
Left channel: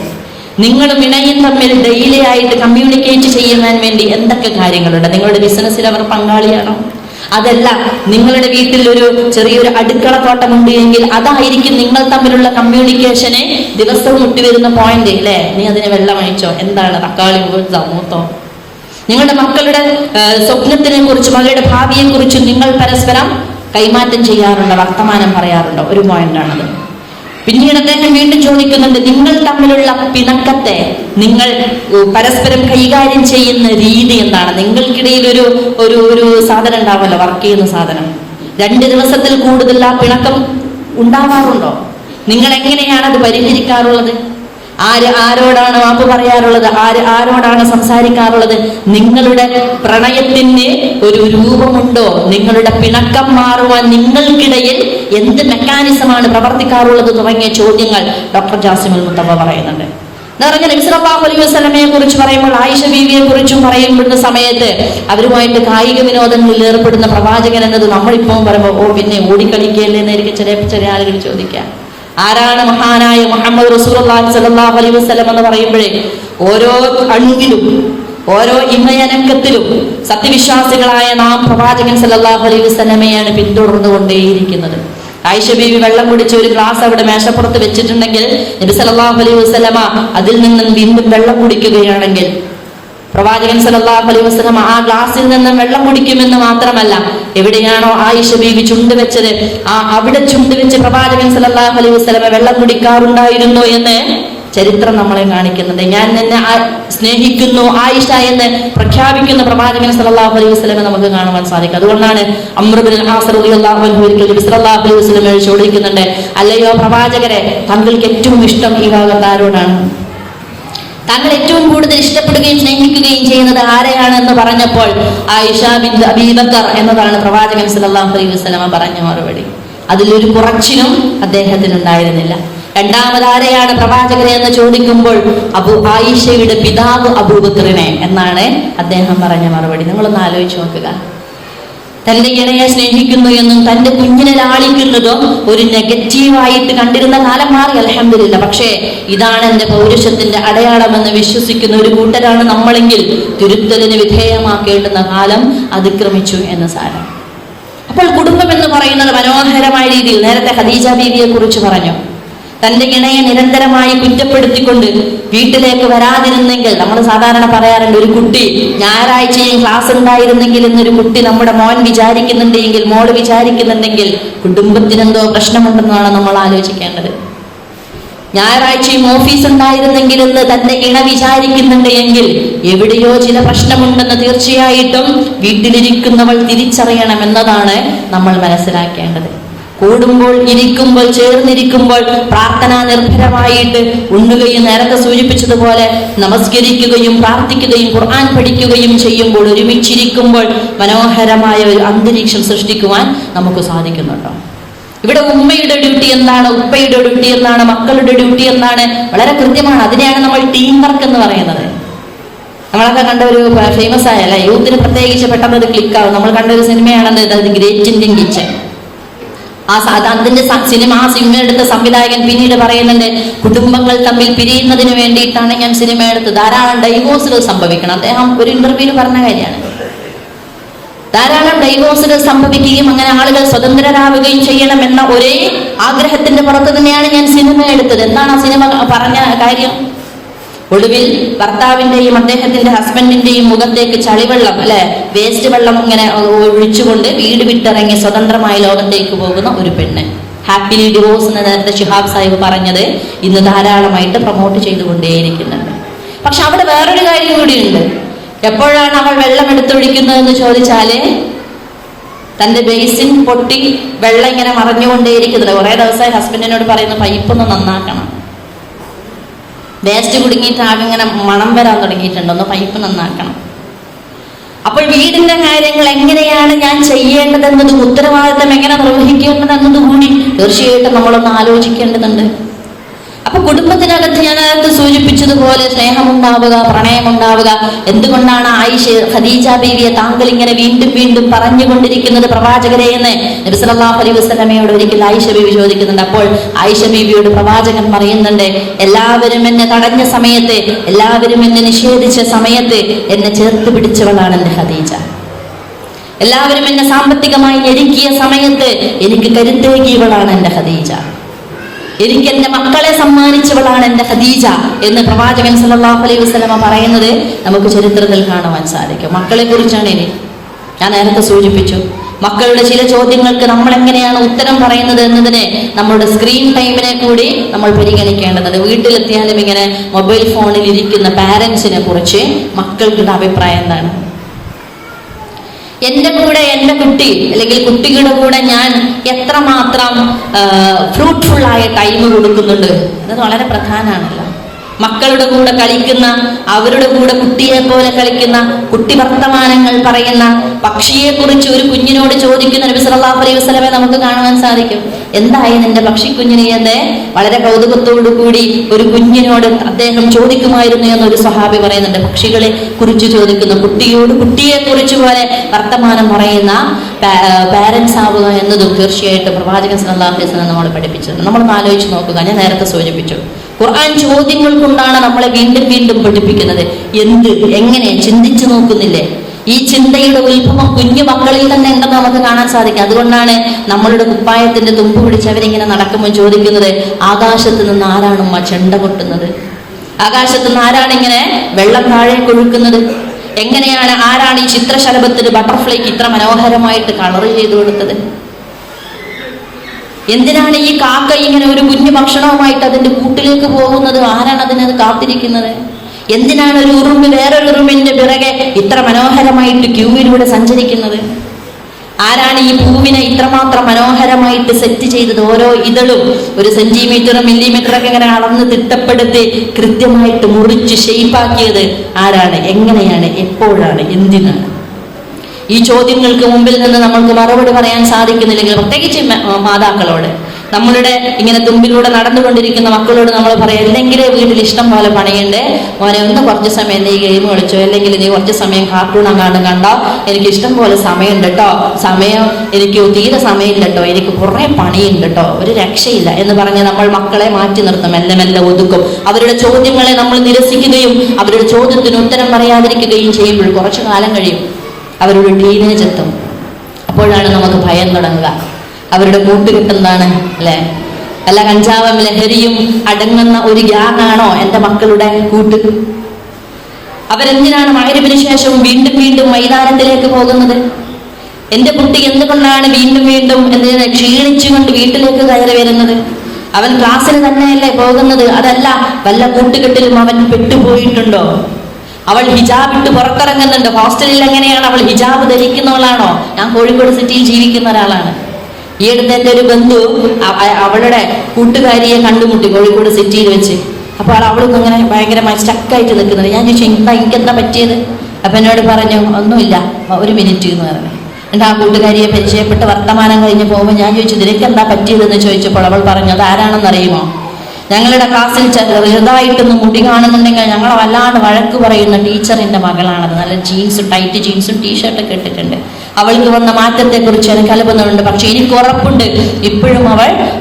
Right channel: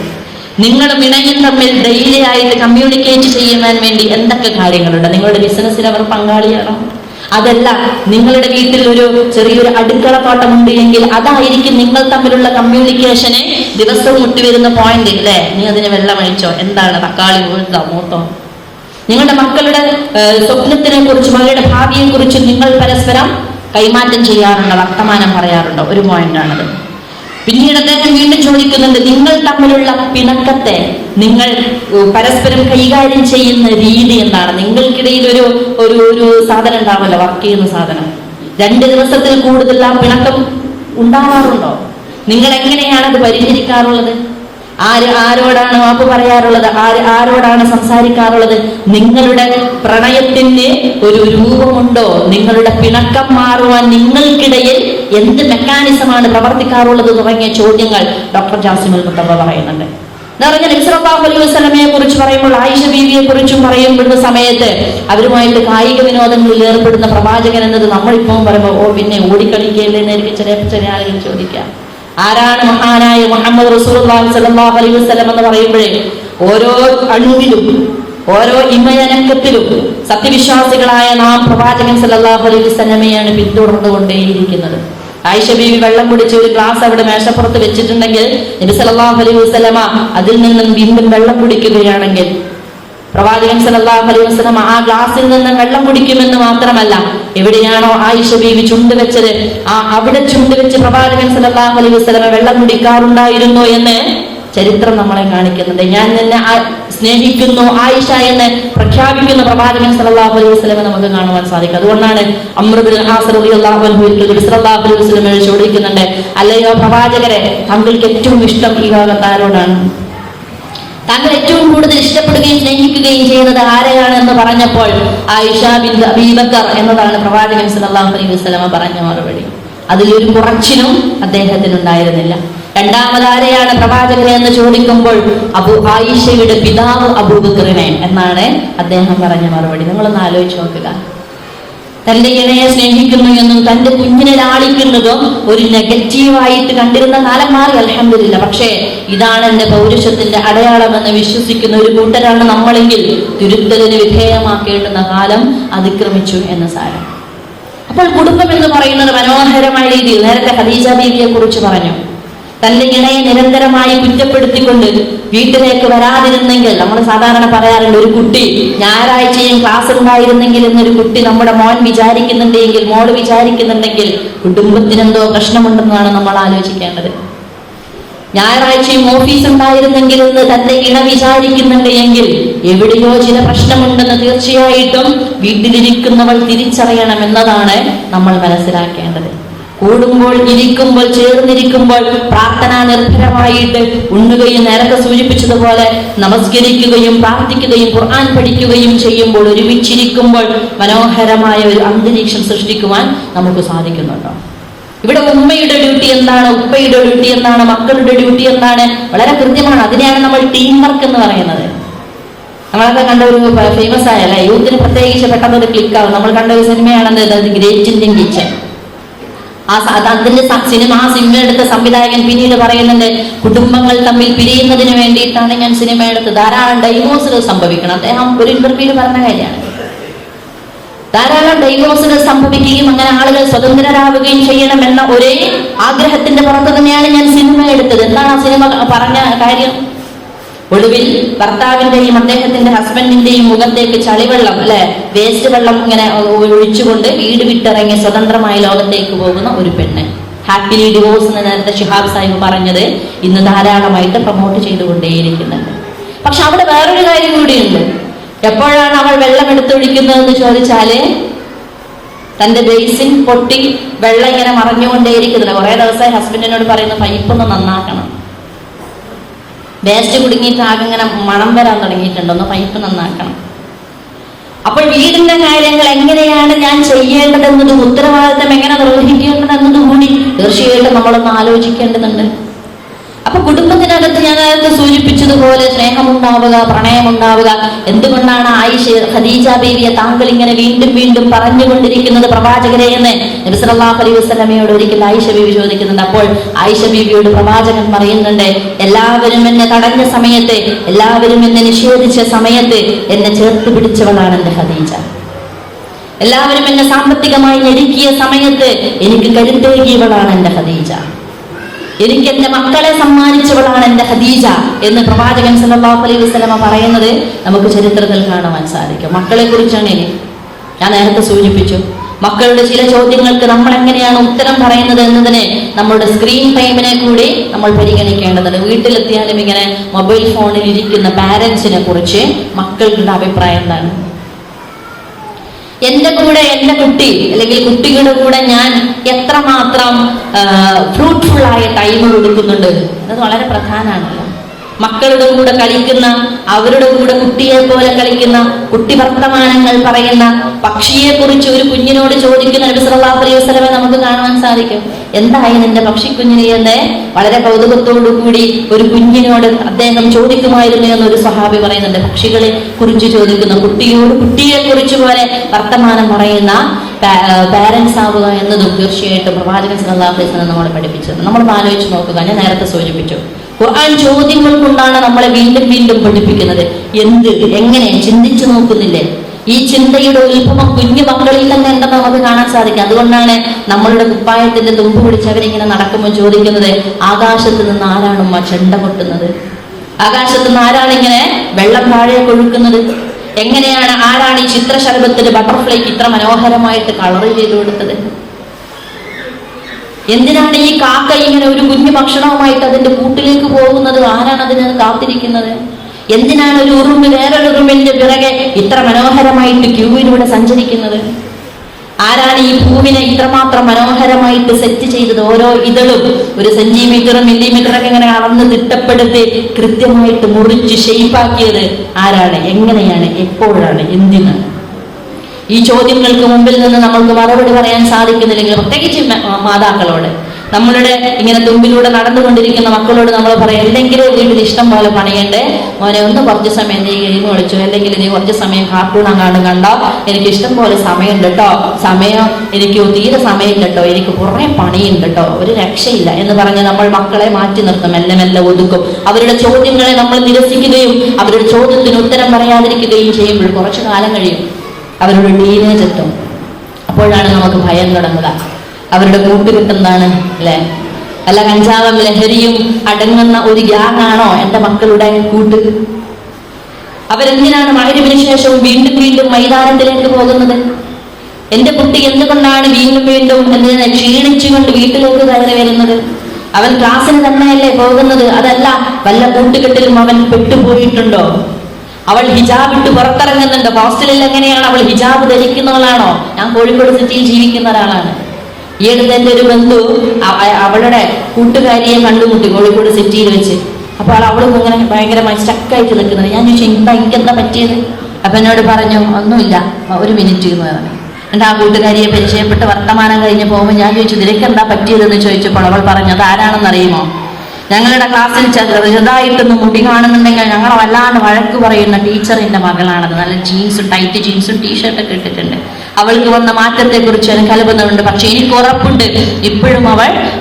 നിങ്ങളും ഇണയും തമ്മിൽ ഡെയിലി ആയിട്ട് കമ്മ്യൂണിക്കേറ്റ് ചെയ്യാൻ വേണ്ടി എന്തൊക്കെ കാര്യങ്ങളുണ്ട്? നിങ്ങളുടെ ബിസിനസ്സിൽ അവർ പങ്കാളിയാണോ? അതല്ല, നിങ്ങളുടെ വീട്ടിൽ ഒരു ചെറിയൊരു അടുക്കളത്തോട്ടമുണ്ട് എങ്കിൽ അതായിരിക്കും നിങ്ങൾ തമ്മിലുള്ള കമ്മ്യൂണിക്കേഷനെ ദിവസവും ഇട്ടുവരുന്ന പോയിന്റ്. അല്ലേ, നീ അതിന് വെള്ളം ഒഴിച്ചോ, എന്താണ് തക്കാളി മൂത്തോ? നിങ്ങളുടെ മക്കളുടെ സ്വപ്നത്തിനെ കുറിച്ചും അവരുടെ ഭാവിയെ കുറിച്ചും നിങ്ങൾ പരസ്പരം കൈമാറ്റം ചെയ്യാറുണ്ടോ, വർത്തമാനം പറയാറുണ്ടോ? ഒരു പോയിന്റാണത്. പിന്നീട് അദ്ദേഹം വീണ്ടും ചോദിക്കുന്നുണ്ട്, നിങ്ങൾ തമ്മിലുള്ള പിണക്കത്തെ നിങ്ങൾ പരസ്പരം കൈകാര്യം ചെയ്യുന്ന രീതി എന്താണ്? നിങ്ങൾക്കിടയിൽ ഒരു സാധനം ഉണ്ടാവല്ലോ, വർക്ക് ചെയ്യുന്ന സാധനം. 2 ദിവസത്തിൽ കൂടുതൽ ആ പിണക്കം ഉണ്ടാകാറുണ്ടോ? നിങ്ങൾ എങ്ങനെയാണ് അത് പരിഹരിക്കാറുള്ളത്? ആരോടാണ് മാപ്പ് പറയാറുള്ളത്? ആരോടാണ് സംസാരിക്കാറുള്ളത്? നിങ്ങളുടെ പ്രണയത്തിന് ഒരു രൂപമുണ്ടോ? നിങ്ങളുടെ പിണക്കം മാറുവാൻ നിങ്ങൾക്കിടയിൽ എന്ത് മെക്കാനിസമാണ് പ്രവർത്തിക്കാറുള്ളത് തുടങ്ങിയ ചോദ്യങ്ങൾ ഡോക്ടർ ജാസിമുൽ മുത്തവ പറയുന്നുണ്ട്. നബി സല്ലല്ലാഹു അലൈഹി വസല്ലമയെ കുറിച്ച് പറയുമ്പോൾ, ആയിഷ ബീവിയെ കുറിച്ചും പറയുന്ന സമയത്ത് അവരുമായിട്ട് കായിക വിനോദങ്ങളിൽ ഏർപ്പെടുന്ന പ്രവാചകൻ എന്നത് നമ്മളിപ്പം പറയുമ്പോൾ പിന്നെ ഓടിക്കളിക്കുകയല്ലേ എന്നായിരിക്കും ചില ആളുകൾ ചോദിക്കാം. ആരാണ് മഹാനായ മുഹമ്മദ് റസൂലുള്ളാഹി സ്വല്ലല്ലാഹു അലൈഹി വസല്ലം എന്ന് പറയുമ്പോഴേ ഓരോ അണുവിലും ഓരോ ഇമയനക്കത്തിലും സത്യവിശ്വാസികളായ നാം പ്രവാചകൻ സല്ലല്ലാഹു അലൈഹി വസല്ലമയാണ് പിന്തുടർന്നുകൊണ്ടേയിരിക്കുന്നത്. ആയിഷ ബീവി വെള്ളം കുടിച്ച് ഒരു ഗ്ലാസ് അവിടെ മേശപ്പുറത്ത് വെച്ചിട്ടുണ്ടെങ്കിൽ നബി സല്ലല്ലാഹു അലൈഹി വസല്ലമ അതിൽ നിന്നും വീണ്ടും വെള്ളം കുടിക്കുകയാണെങ്കിൽ പ്രവാചകൻ സല്ലല്ലാഹു അലൈഹി വസല്ലമ ആ ഗ്ലാസിൽ നിന്ന് വെള്ളം കുടിക്കുമെന്ന് മാത്രമല്ല, എവിടെയാണോ ആയിഷ ബീവി ചുണ്ടുവെച്ചത് അവിടെ ചുണ്ടുവെച്ച് പ്രവാചകൻ സല്ലല്ലാഹു അലൈഹി വസല്ലമ വെള്ളം കുടിക്കാറുണ്ടായിരുന്നു എന്ന് ചരിത്രം നമ്മളെ കാണിക്കുന്നുണ്ട്. ഞാൻ നിന്നെ സ്നേഹിക്കുന്നു ആയിഷ എന്ന് പ്രഖ്യാപിക്കുന്ന പ്രവാചകൻ സല്ലല്ലാഹു അലൈഹി വസല്ലമ നമുക്ക് കാണുവാൻ സാധിക്കും. അതുകൊണ്ടാണ് അംർ ഇബ്നുൽ ആസ് റളിയല്ലാഹു അൻഹു ഒരിക്കൽ സല്ലല്ലാഹു അലൈഹി വസല്ലമയെ ചോദിക്കുന്നുണ്ട്, അല്ലയോ പ്രവാചകരെ, താങ്കൾക്ക് ഏറ്റവും ഇഷ്ടം ഈ ലോകത്ത് ആരോടാണ്? താങ്കൾ ഏറ്റവും കൂടുതൽ ഇഷ്ടപ്പെടുകയും സ്നേഹിക്കുകയും ചെയ്യുന്നത് ആരെയാണെന്ന് പറഞ്ഞപ്പോൾ ആയിഷ ബിൻത് അബീ ബക്കർ എന്നതാണ് പ്രവാചകൻ സല്ലല്ലാഹു അലൈഹി വസല്ലമ പറഞ്ഞ മറുപടി. അതിലൊരു കുറച്ചിലും അദ്ദേഹത്തിനുണ്ടായിരുന്നില്ല. രണ്ടാമത് ആരെയാണ് പ്രവാചകരെ എന്ന് ചോദിക്കുമ്പോൾ ആയിഷയുടെ പിതാവ് അബൂബക്കറിനെ എന്നാണ് അദ്ദേഹം പറഞ്ഞ മറുപടി. നിങ്ങളൊന്ന് ആലോചിച്ച് നോക്കുക. തന്റെ ഇണയെ സ്നേഹിക്കുന്നു എന്നും തന്റെ കുഞ്ഞിനെ ലാളിക്കുന്നതും ഒരു നെഗറ്റീവായിട്ട് കണ്ടിരുന്ന കാലം മാറി, അൽഹംദുലില്ലാഹ്. പക്ഷേ ഇതാണ് എന്റെ പൗരുഷത്തിന്റെ അടയാളമെന്ന് വിശ്വസിക്കുന്ന ഒരു കൂട്ടരാണ് നമ്മളെങ്കിൽ തിരുത്തലിന് വിധേയമാക്കേണ്ടുന്ന കാലം അതിക്രമിച്ചു എന്ന് സാരം. അപ്പോൾ കുടുംബം എന്ന് പറയുന്നത് മനോഹരമായ രീതിയിൽ നേരത്തെ ഖദീജ ബീവിയെ കുറിച്ച് പറഞ്ഞു. തന്റെ ഇണയെ നിരന്തരമായി കുറ്റപ്പെടുത്തിക്കൊണ്ട് വീട്ടിലേക്ക് വരാതിരുന്നെങ്കിൽ, നമ്മൾ സാധാരണ പറയാറുണ്ട്, ഒരു കുട്ടി ഞായറാഴ്ചയും ക്ലാസ് ഉണ്ടായിരുന്നെങ്കിൽ എന്നൊരു കുട്ടി നമ്മുടെ മോൻ വിചാരിക്കുന്നുണ്ടെങ്കിൽ, മോള് വിചാരിക്കുന്നുണ്ടെങ്കിൽ കുടുംബത്തിനെന്തോ പ്രശ്നമുണ്ടെന്നാണ് നമ്മൾ ആലോചിക്കേണ്ടത്. ഞായറാഴ്ചയും ഓഫീസ് ഉണ്ടായിരുന്നെങ്കിൽ എന്ന് തന്റെ ഇണ വിചാരിക്കുന്നുണ്ട് എങ്കിൽ എവിടെയോ ചില പ്രശ്നമുണ്ടെന്ന് തീർച്ചയായിട്ടും വീട്ടിലിരിക്കുന്നവൾ തിരിച്ചറിയണം എന്നതാണ് നമ്മൾ മനസ്സിലാക്കേണ്ടത്. കൂടുമ്പോൾ ഇരിക്കുമ്പോൾ ചേർന്നിരിക്കുമ്പോൾ പ്രാർത്ഥനാ നിർഭരമായിട്ട് ഉണ്ണുകയും നേരത്തെ സൂചിപ്പിച്ചതുപോലെ നമസ്കരിക്കുകയും പ്രാർത്ഥിക്കുകയും ഖുർആൻ പഠിക്കുകയും ചെയ്യുമ്പോൾ, ഒരുമിച്ചിരിക്കുമ്പോൾ മനോഹരമായ ഒരു അന്തരീക്ഷം സൃഷ്ടിക്കുവാൻ നമുക്ക് സാധിക്കുന്നുണ്ടോ? ഇവിടെ ഉമ്മയുടെ ഡ്യൂട്ടി എന്താണ്, ഉപ്പയുടെ ഡ്യൂട്ടി എന്താണ്, മക്കളുടെ ഡ്യൂട്ടി എന്താണ്? വളരെ കൃത്യമാണ്. അതിനെയാണ് നമ്മൾ ടീം വർക്ക് എന്ന് പറയുന്നത്. നമ്മളൊക്കെ കണ്ട ഒരു ഫേമസ് ആയ അല്ലെ, യൂത്തിന് പ്രത്യേകിച്ച് പെട്ടെന്ന് അത് ക്ലിക്കാവും. നമ്മൾ കണ്ട ഒരു സിനിമയാണെന്ന് ഗ്രേറ്റ് ഇന്ത്യൻ കിച്ചൺ. അതിന്റെ സിനിമ എടുത്ത സംവിധായകൻ പിന്നീട് പറയുന്നുണ്ട്, കുടുംബങ്ങൾ തമ്മിൽ പിരിയുന്നതിന് വേണ്ടിയിട്ടാണ് ഞാൻ സിനിമ എടുത്തത്. ധാരാളം ഡൈവോഴ്സുകൾ സംഭവിക്കണം. അദ്ദേഹം ഒരു ഇന്റർവ്യൂവിൽ പറഞ്ഞ കാര്യമാണ്. ധാരാളം ഡൈവോഴ്സുകൾ സംഭവിക്കുകയും അങ്ങനെ ആളുകൾ സ്വതന്ത്രരാവുകയും ചെയ്യണം എന്ന ഒരേ ആഗ്രഹത്തിന്റെ പുറത്ത് തന്നെയാണ് ഞാൻ സിനിമ എടുത്തത്. എന്താണ് ആ സിനിമ പറഞ്ഞ കാര്യം? ഒടുവിൽ ഭർത്താവിന്റെയും അദ്ദേഹത്തിന്റെ ഹസ്ബൻഡിന്റെയും മുഖത്തേക്ക് ചളിവെള്ളം അല്ലെ, വേസ്റ്റ് വെള്ളം ഇങ്ങനെ ഒഴിച്ചുകൊണ്ട് വീട് വിട്ടിറങ്ങി സ്വതന്ത്രമായ ലോകത്തേക്ക് പോകുന്ന ഒരു പെണ്ണ്. ഹാപ്പിലി ഡിവോഴ്സ് എന്ന് നേരത്തെ ശിഹാബ് സാഹിബ് പറഞ്ഞത് ഇന്ന് ധാരാളമായിട്ട് പ്രൊമോട്ട് ചെയ്തുകൊണ്ടേയിരിക്കുന്നുണ്ട്. പക്ഷെ അവിടെ വേറൊരു കാര്യം കൂടിയുണ്ട്. എപ്പോഴാണ് അവൾ വെള്ളം എടുത്തൊഴിക്കുന്നതെന്ന് ചോദിച്ചാല് തന്റെ ബേസിൻ പൊട്ടി വെള്ളം ഇങ്ങനെ മറഞ്ഞുകൊണ്ടേയിരിക്കുന്നില്ല. കുറെ ദിവസമായി ഹസ്ബൻഡിനോട് പറയുന്ന പൈപ്പൊന്ന് നന്നാക്കണം, വേസ്റ്റ് കുടുങ്ങിയിട്ട് ആകെ ഇങ്ങനെ മണം വരാൻ തുടങ്ങിയിട്ടുണ്ടോ, ഒന്ന് പൈപ്പ് നന്നാക്കണം. അപ്പോൾ വീടിന്റെ കാര്യങ്ങൾ എങ്ങനെയാണ് ഞാൻ ചെയ്യേണ്ടതെന്നതും ഉത്തരവാദിത്തം എങ്ങനെ നിർവഹിക്കേണ്ടതെന്നതും കൂടി തീർച്ചയായിട്ടും നമ്മളൊന്ന് ആലോചിക്കേണ്ടതുണ്ട്. അപ്പൊ കുടുംബത്തിനകത്ത് ഞാൻ നേരത്തെ സൂചിപ്പിച്ചതുപോലെ സ്നേഹമുണ്ടാവുക, പ്രണയമുണ്ടാവുക. എന്തുകൊണ്ടാണ് ആയിഷ ഖദീജ ബീവിയെ താങ്കൾ ഇങ്ങനെ വീണ്ടും വീണ്ടും പറഞ്ഞുകൊണ്ടിരിക്കുന്നത് പ്രവാചകരെ എന്ന് നബി സല്ലല്ലാഹു അലൈഹി വസല്ലമയോട് ഒരിക്കൽ ആയിഷ ബീവി ചോദിക്കുന്നുണ്ട്. അപ്പോൾ ആയിഷ ബീവിയോട് പ്രവാചകൻ പറയുന്നുണ്ട്, എല്ലാവരും എന്നെ തടഞ്ഞ സമയത്ത്, എല്ലാവരും എന്നെ നിഷേധിച്ച സമയത്ത് എന്നെ ചേർത്ത് പിടിച്ചവളാണ് എന്റെ ഖദീജ. എല്ലാവരും എന്നെ സാമ്പത്തികമായി ഞെരുക്കിയ സമയത്ത് എനിക്ക് കരുത്തേകിയവളാണ് എന്റെ ഖദീജ. എനിക്ക് എന്റെ മക്കളെ സമ്മാനിച്ചവളാണ് എന്റെ ഖദീജ എന്ന് പ്രവാചകൻ സല്ലല്ലാഹു അലൈഹി വസല്ലമ പറയുന്നത് നമുക്ക് ചരിത്രത്തിൽ കാണുവാൻ സാധിക്കും. മക്കളെ കുറിച്ചാണ് ഇനി ഞാൻ നേരത്തെ സൂചിപ്പിച്ചു. മക്കളുടെ ചില ചോദ്യങ്ങൾക്ക് നമ്മൾ എങ്ങനെയാണ് ഉത്തരം പറയുന്നത് എന്നതിനെ നമ്മുടെ സ്ക്രീൻ ടൈമിനെ കൂടി നമ്മൾ പരിഗണിക്കേണ്ടതുണ്ട്. വീട്ടിലെത്തിയാലും ഇങ്ങനെ മൊബൈൽ ഫോണിൽ ഇരിക്കുന്ന പാരന്റ്സിനെ കുറിച്ച് മക്കൾക്കുള്ള അഭിപ്രായം എന്താണ്? എൻ്റെ കൂടെ എൻ്റെ കുട്ടി അല്ലെങ്കിൽ കുട്ടികളുടെ കൂടെ ഞാൻ എത്രമാത്രം ഫ്രൂട്ട്ഫുൾ ആയ ടൈം കൊടുക്കുന്നുണ്ട്, അത് വളരെ പ്രധാനമാണല്ലോ. മക്കളുടെ കൂടെ കളിക്കുന്ന, അവരുടെ കൂടെ കുട്ടിയെ പോലെ കളിക്കുന്ന, കുട്ടി വർത്തമാനങ്ങൾ പറയുന്ന, പക്ഷിയെ കുറിച്ച് ഒരു കുഞ്ഞിനോട് ചോദിക്കുന്ന നബി സല്ലല്ലാഹു അലൈഹി വസല്ലമയെ നമുക്ക് കാണാൻ സാധിക്കും. എന്തായി നിന്റെ പക്ഷിക്കുഞ്ഞിനെ എന്ന് വളരെ കൗതുകത്തോടു കൂടി ഒരു കുഞ്ഞിനോട് അദ്ദേഹം ചോദിക്കുമായിരുന്നു എന്നൊരു സ്വഹാബി പറയുന്നുണ്ട്. പക്ഷികളെ കുറിച്ച് ചോദിക്കുന്ന, കുട്ടിയെ കുറിച്ച് പോലെ വർത്തമാനം പറയുന്ന പാരന്റ്സ് ആവുക എന്നത് തീർച്ചയായിട്ടും പ്രവാചകൻ സല്ലല്ലാഹു അലൈഹി വസല്ലം നമ്മളെ പഠിപ്പിച്ചത്. നമ്മൾ ആലോചിച്ച് നോക്കുക. ഞാൻ നേരത്തെ സൂചിപ്പിച്ചു, ഖുർആൻ ചോദ്യങ്ങൾ കൊണ്ടാണ് നമ്മളെ വീണ്ടും വീണ്ടും പഠിപ്പിക്കുന്നത്. എങ്ങനെ ചിന്തിച്ചു നോക്കുന്നില്ലേ? ഈ ചിന്തയുടെ ഉത്ഭവം കുഞ്ഞു മക്കളിൽ തന്നെ ഉണ്ടെന്ന് നമുക്ക് കാണാൻ സാധിക്കും. അതുകൊണ്ടാണ് നമ്മളുടെ കുപ്പായത്തിന്റെ തുമ്പ് പിടിച്ച് അവരിങ്ങനെ നടക്കുമ്പോൾ ചോദിക്കുന്നത്, ആകാശത്ത് നിന്ന് ആരാണ് ചെണ്ട കൊട്ടുന്നത്? ആകാശത്ത് നിന്ന് ആരാണ് ഇങ്ങനെ വെള്ളം താഴെ കൊഴുക്കുന്നത്? എങ്ങനെയാണ്, ആരാണ് ഈ ചിത്രശലഭത്തിന് ബട്ടർഫ്ലൈക്ക് ഇത്ര മനോഹരമായിട്ട് കളർ ചെയ്തു കൊടുത്തത്? എന്തിനാണ് ഈ കാക്ക ഇങ്ങനെ ഒരു കുഞ്ഞു ഭക്ഷണവുമായിട്ട് അതിന്റെ കൂട്ടിലേക്ക് പോകുന്നത്? ആരാണ് അതിനത് കാത്തിരിക്കുന്നത്? എന്തിനാണ് ഒരു ഉറുമ്പ് വേറൊരു ഉറുമ്പിന്റെ പിറകെ ഇത്ര മനോഹരമായിട്ട് ക്യൂവിലൂടെ സഞ്ചരിക്കുന്നത്? ആരാണ് ഈ പൂവിനെ ഇത്രമാത്രം മനോഹരമായിട്ട് സെറ്റ് ചെയ്തത്? ഓരോ ഇതളും ഒരു സെന്റിമീറ്ററും മില്ലിമീറ്ററൊക്കെ ഇങ്ങനെ അളന്ന് തിട്ടപ്പെടുത്തി കൃത്യമായിട്ട് മുറിച്ച് ഷെയ്പ്പാക്കിയത് ആരാണ്? എങ്ങനെയാണ്? എപ്പോഴാണ്? എന്തിനാണ്? ഈ ചോദ്യങ്ങൾക്ക് മുമ്പിൽ നിന്ന് നമ്മൾക്ക് മറുപടി പറയാൻ സാധിക്കുന്നില്ലെങ്കിൽ, പ്രത്യേകിച്ച് മാതാക്കളോട്, നമ്മളുടെ ഇങ്ങനെ തുമ്പിലൂടെ നടന്നുകൊണ്ടിരിക്കുന്ന മക്കളോട് നമ്മൾ പറയാം, അല്ലെങ്കിൽ വീട്ടിൽ ഇഷ്ടം പോലെ പണിയുണ്ട് മോനെ, ഒന്ന് കുറച്ച് സമയം നീ ഗെയിം കളിച്ചോ, അല്ലെങ്കിൽ നീ കുറച്ച് സമയം കാർട്ടൂൺ അങ്ങാണ്ട് കണ്ടോ, എനിക്ക് ഇഷ്ടം പോലെ സമയമുണ്ട് കേട്ടോ, എനിക്ക് തീരെ സമയമില്ല കേട്ടോ, എനിക്ക് കുറേ പണിയുണ്ട് കേട്ടോ, ഒരു രക്ഷയില്ല എന്ന് പറഞ്ഞ് നമ്മൾ മക്കളെ മാറ്റി നിർത്തും, മെല്ലെ മെല്ലെ ഒതുക്കും. അവരുടെ ചോദ്യങ്ങളെ നമ്മൾ നിരസിക്കുകയും അവരുടെ ചോദ്യത്തിന് ഉത്തരം പറയാതിരിക്കുകയും ചെയ്യുമ്പോൾ കുറച്ചു കാലം കഴിയും, അവരുടെ ടീനേജ് എത്തും. അപ്പോഴാണ് നമുക്ക് ഭയം തുടങ്ങുക. അവരുടെ കൂട്ടുകെട്ടെന്താണ് അല്ലെ? അല്ല കഞ്ചാവും ലഹരിയും അടങ്ങുന്ന ഒരു ഗ്യാങ്ങാണോ എൻ്റെ മക്കളുടെ കൂട്ട്? അവരെന്തിനാണ് മഗ്‌രിബിന് ശേഷവും വീണ്ടും വീണ്ടും മൈതാനത്തിലേക്ക് പോകുന്നത്? എൻ്റെ കുട്ടി എന്തുകൊണ്ടാണ് വീണ്ടും വീണ്ടും എന്തിനാണ് ക്ഷീണിച്ചുകൊണ്ട് വീട്ടിലേക്ക് കയറി വരുന്നത്? അവൻ ക്ലാസ്സിന് തന്നെയല്ലേ പോകുന്നത്? അതല്ല, വല്ല കൂട്ടുകെട്ടിലും അവൻ പെട്ടുപോയിട്ടുണ്ടോ? അവൾ ഹിജാബ് ഇട്ട് പുറത്തിറങ്ങുന്നുണ്ട്. ഹോസ്റ്റലിൽ എങ്ങനെയാണ്? അവൾ ഹിജാബ് ധരിക്കുന്നവളാണോ? ഞാൻ കോഴിക്കോട് സിറ്റിയിൽ ജീവിക്കുന്ന ഒരാളാണ്. ഈ അടുത്ത് എൻ്റെ ഒരു ബന്ധു അവളുടെ കൂട്ടുകാരിയെ കണ്ടുമുട്ടി കോഴിക്കോട് സിറ്റിയിൽ വെച്ച്. അപ്പോൾ അവൾക്ക് ഇങ്ങനെ ഭയങ്കരമായി സ്റ്റക്കായിട്ട് നിൽക്കുന്നത്. ഞാൻ ചോദിച്ചു, എനിക്കെന്താ പറ്റിയത്? അപ്പൊ എന്നോട് പറഞ്ഞു, ഒന്നുമില്ല, ഒരു മിനിറ്റ് എന്ന് പറഞ്ഞു. എൻ്റെ ആ കൂട്ടുകാരിയെ പരിചയപ്പെട്ട് വർത്തമാനം കഴിഞ്ഞ് പോകുമ്പോൾ ഞാൻ ചോദിച്ചു, നിനക്ക് എന്താ പറ്റിയതെന്ന് ചോദിച്ചപ്പോൾ അവൾ പറഞ്ഞു, അത് ആരാണെന്ന് അറിയുമോ? ഞങ്ങളുടെ ക്ലാസ്സിൽ ചെറുതായിട്ടൊന്ന് മുടി കാണുന്നുണ്ടെങ്കിൽ ഞങ്ങളെ വല്ലാണ്ട് വഴക്ക് പറയുന്ന ടീച്ചറിന്റെ മകളാണത്. നല്ല ജീൻസും ടൈറ്റ് ജീൻസും ടീഷർട്ടൊക്കെ ഇട്ടിട്ടുണ്ട്. അവൾക്ക് വന്ന മാറ്റത്തെ കുറിച്ച് എനിക്ക് അത്ഭുതമുണ്ട്. പക്ഷെ എനിക്ക് ഉറപ്പുണ്ട്, ഇപ്പോഴും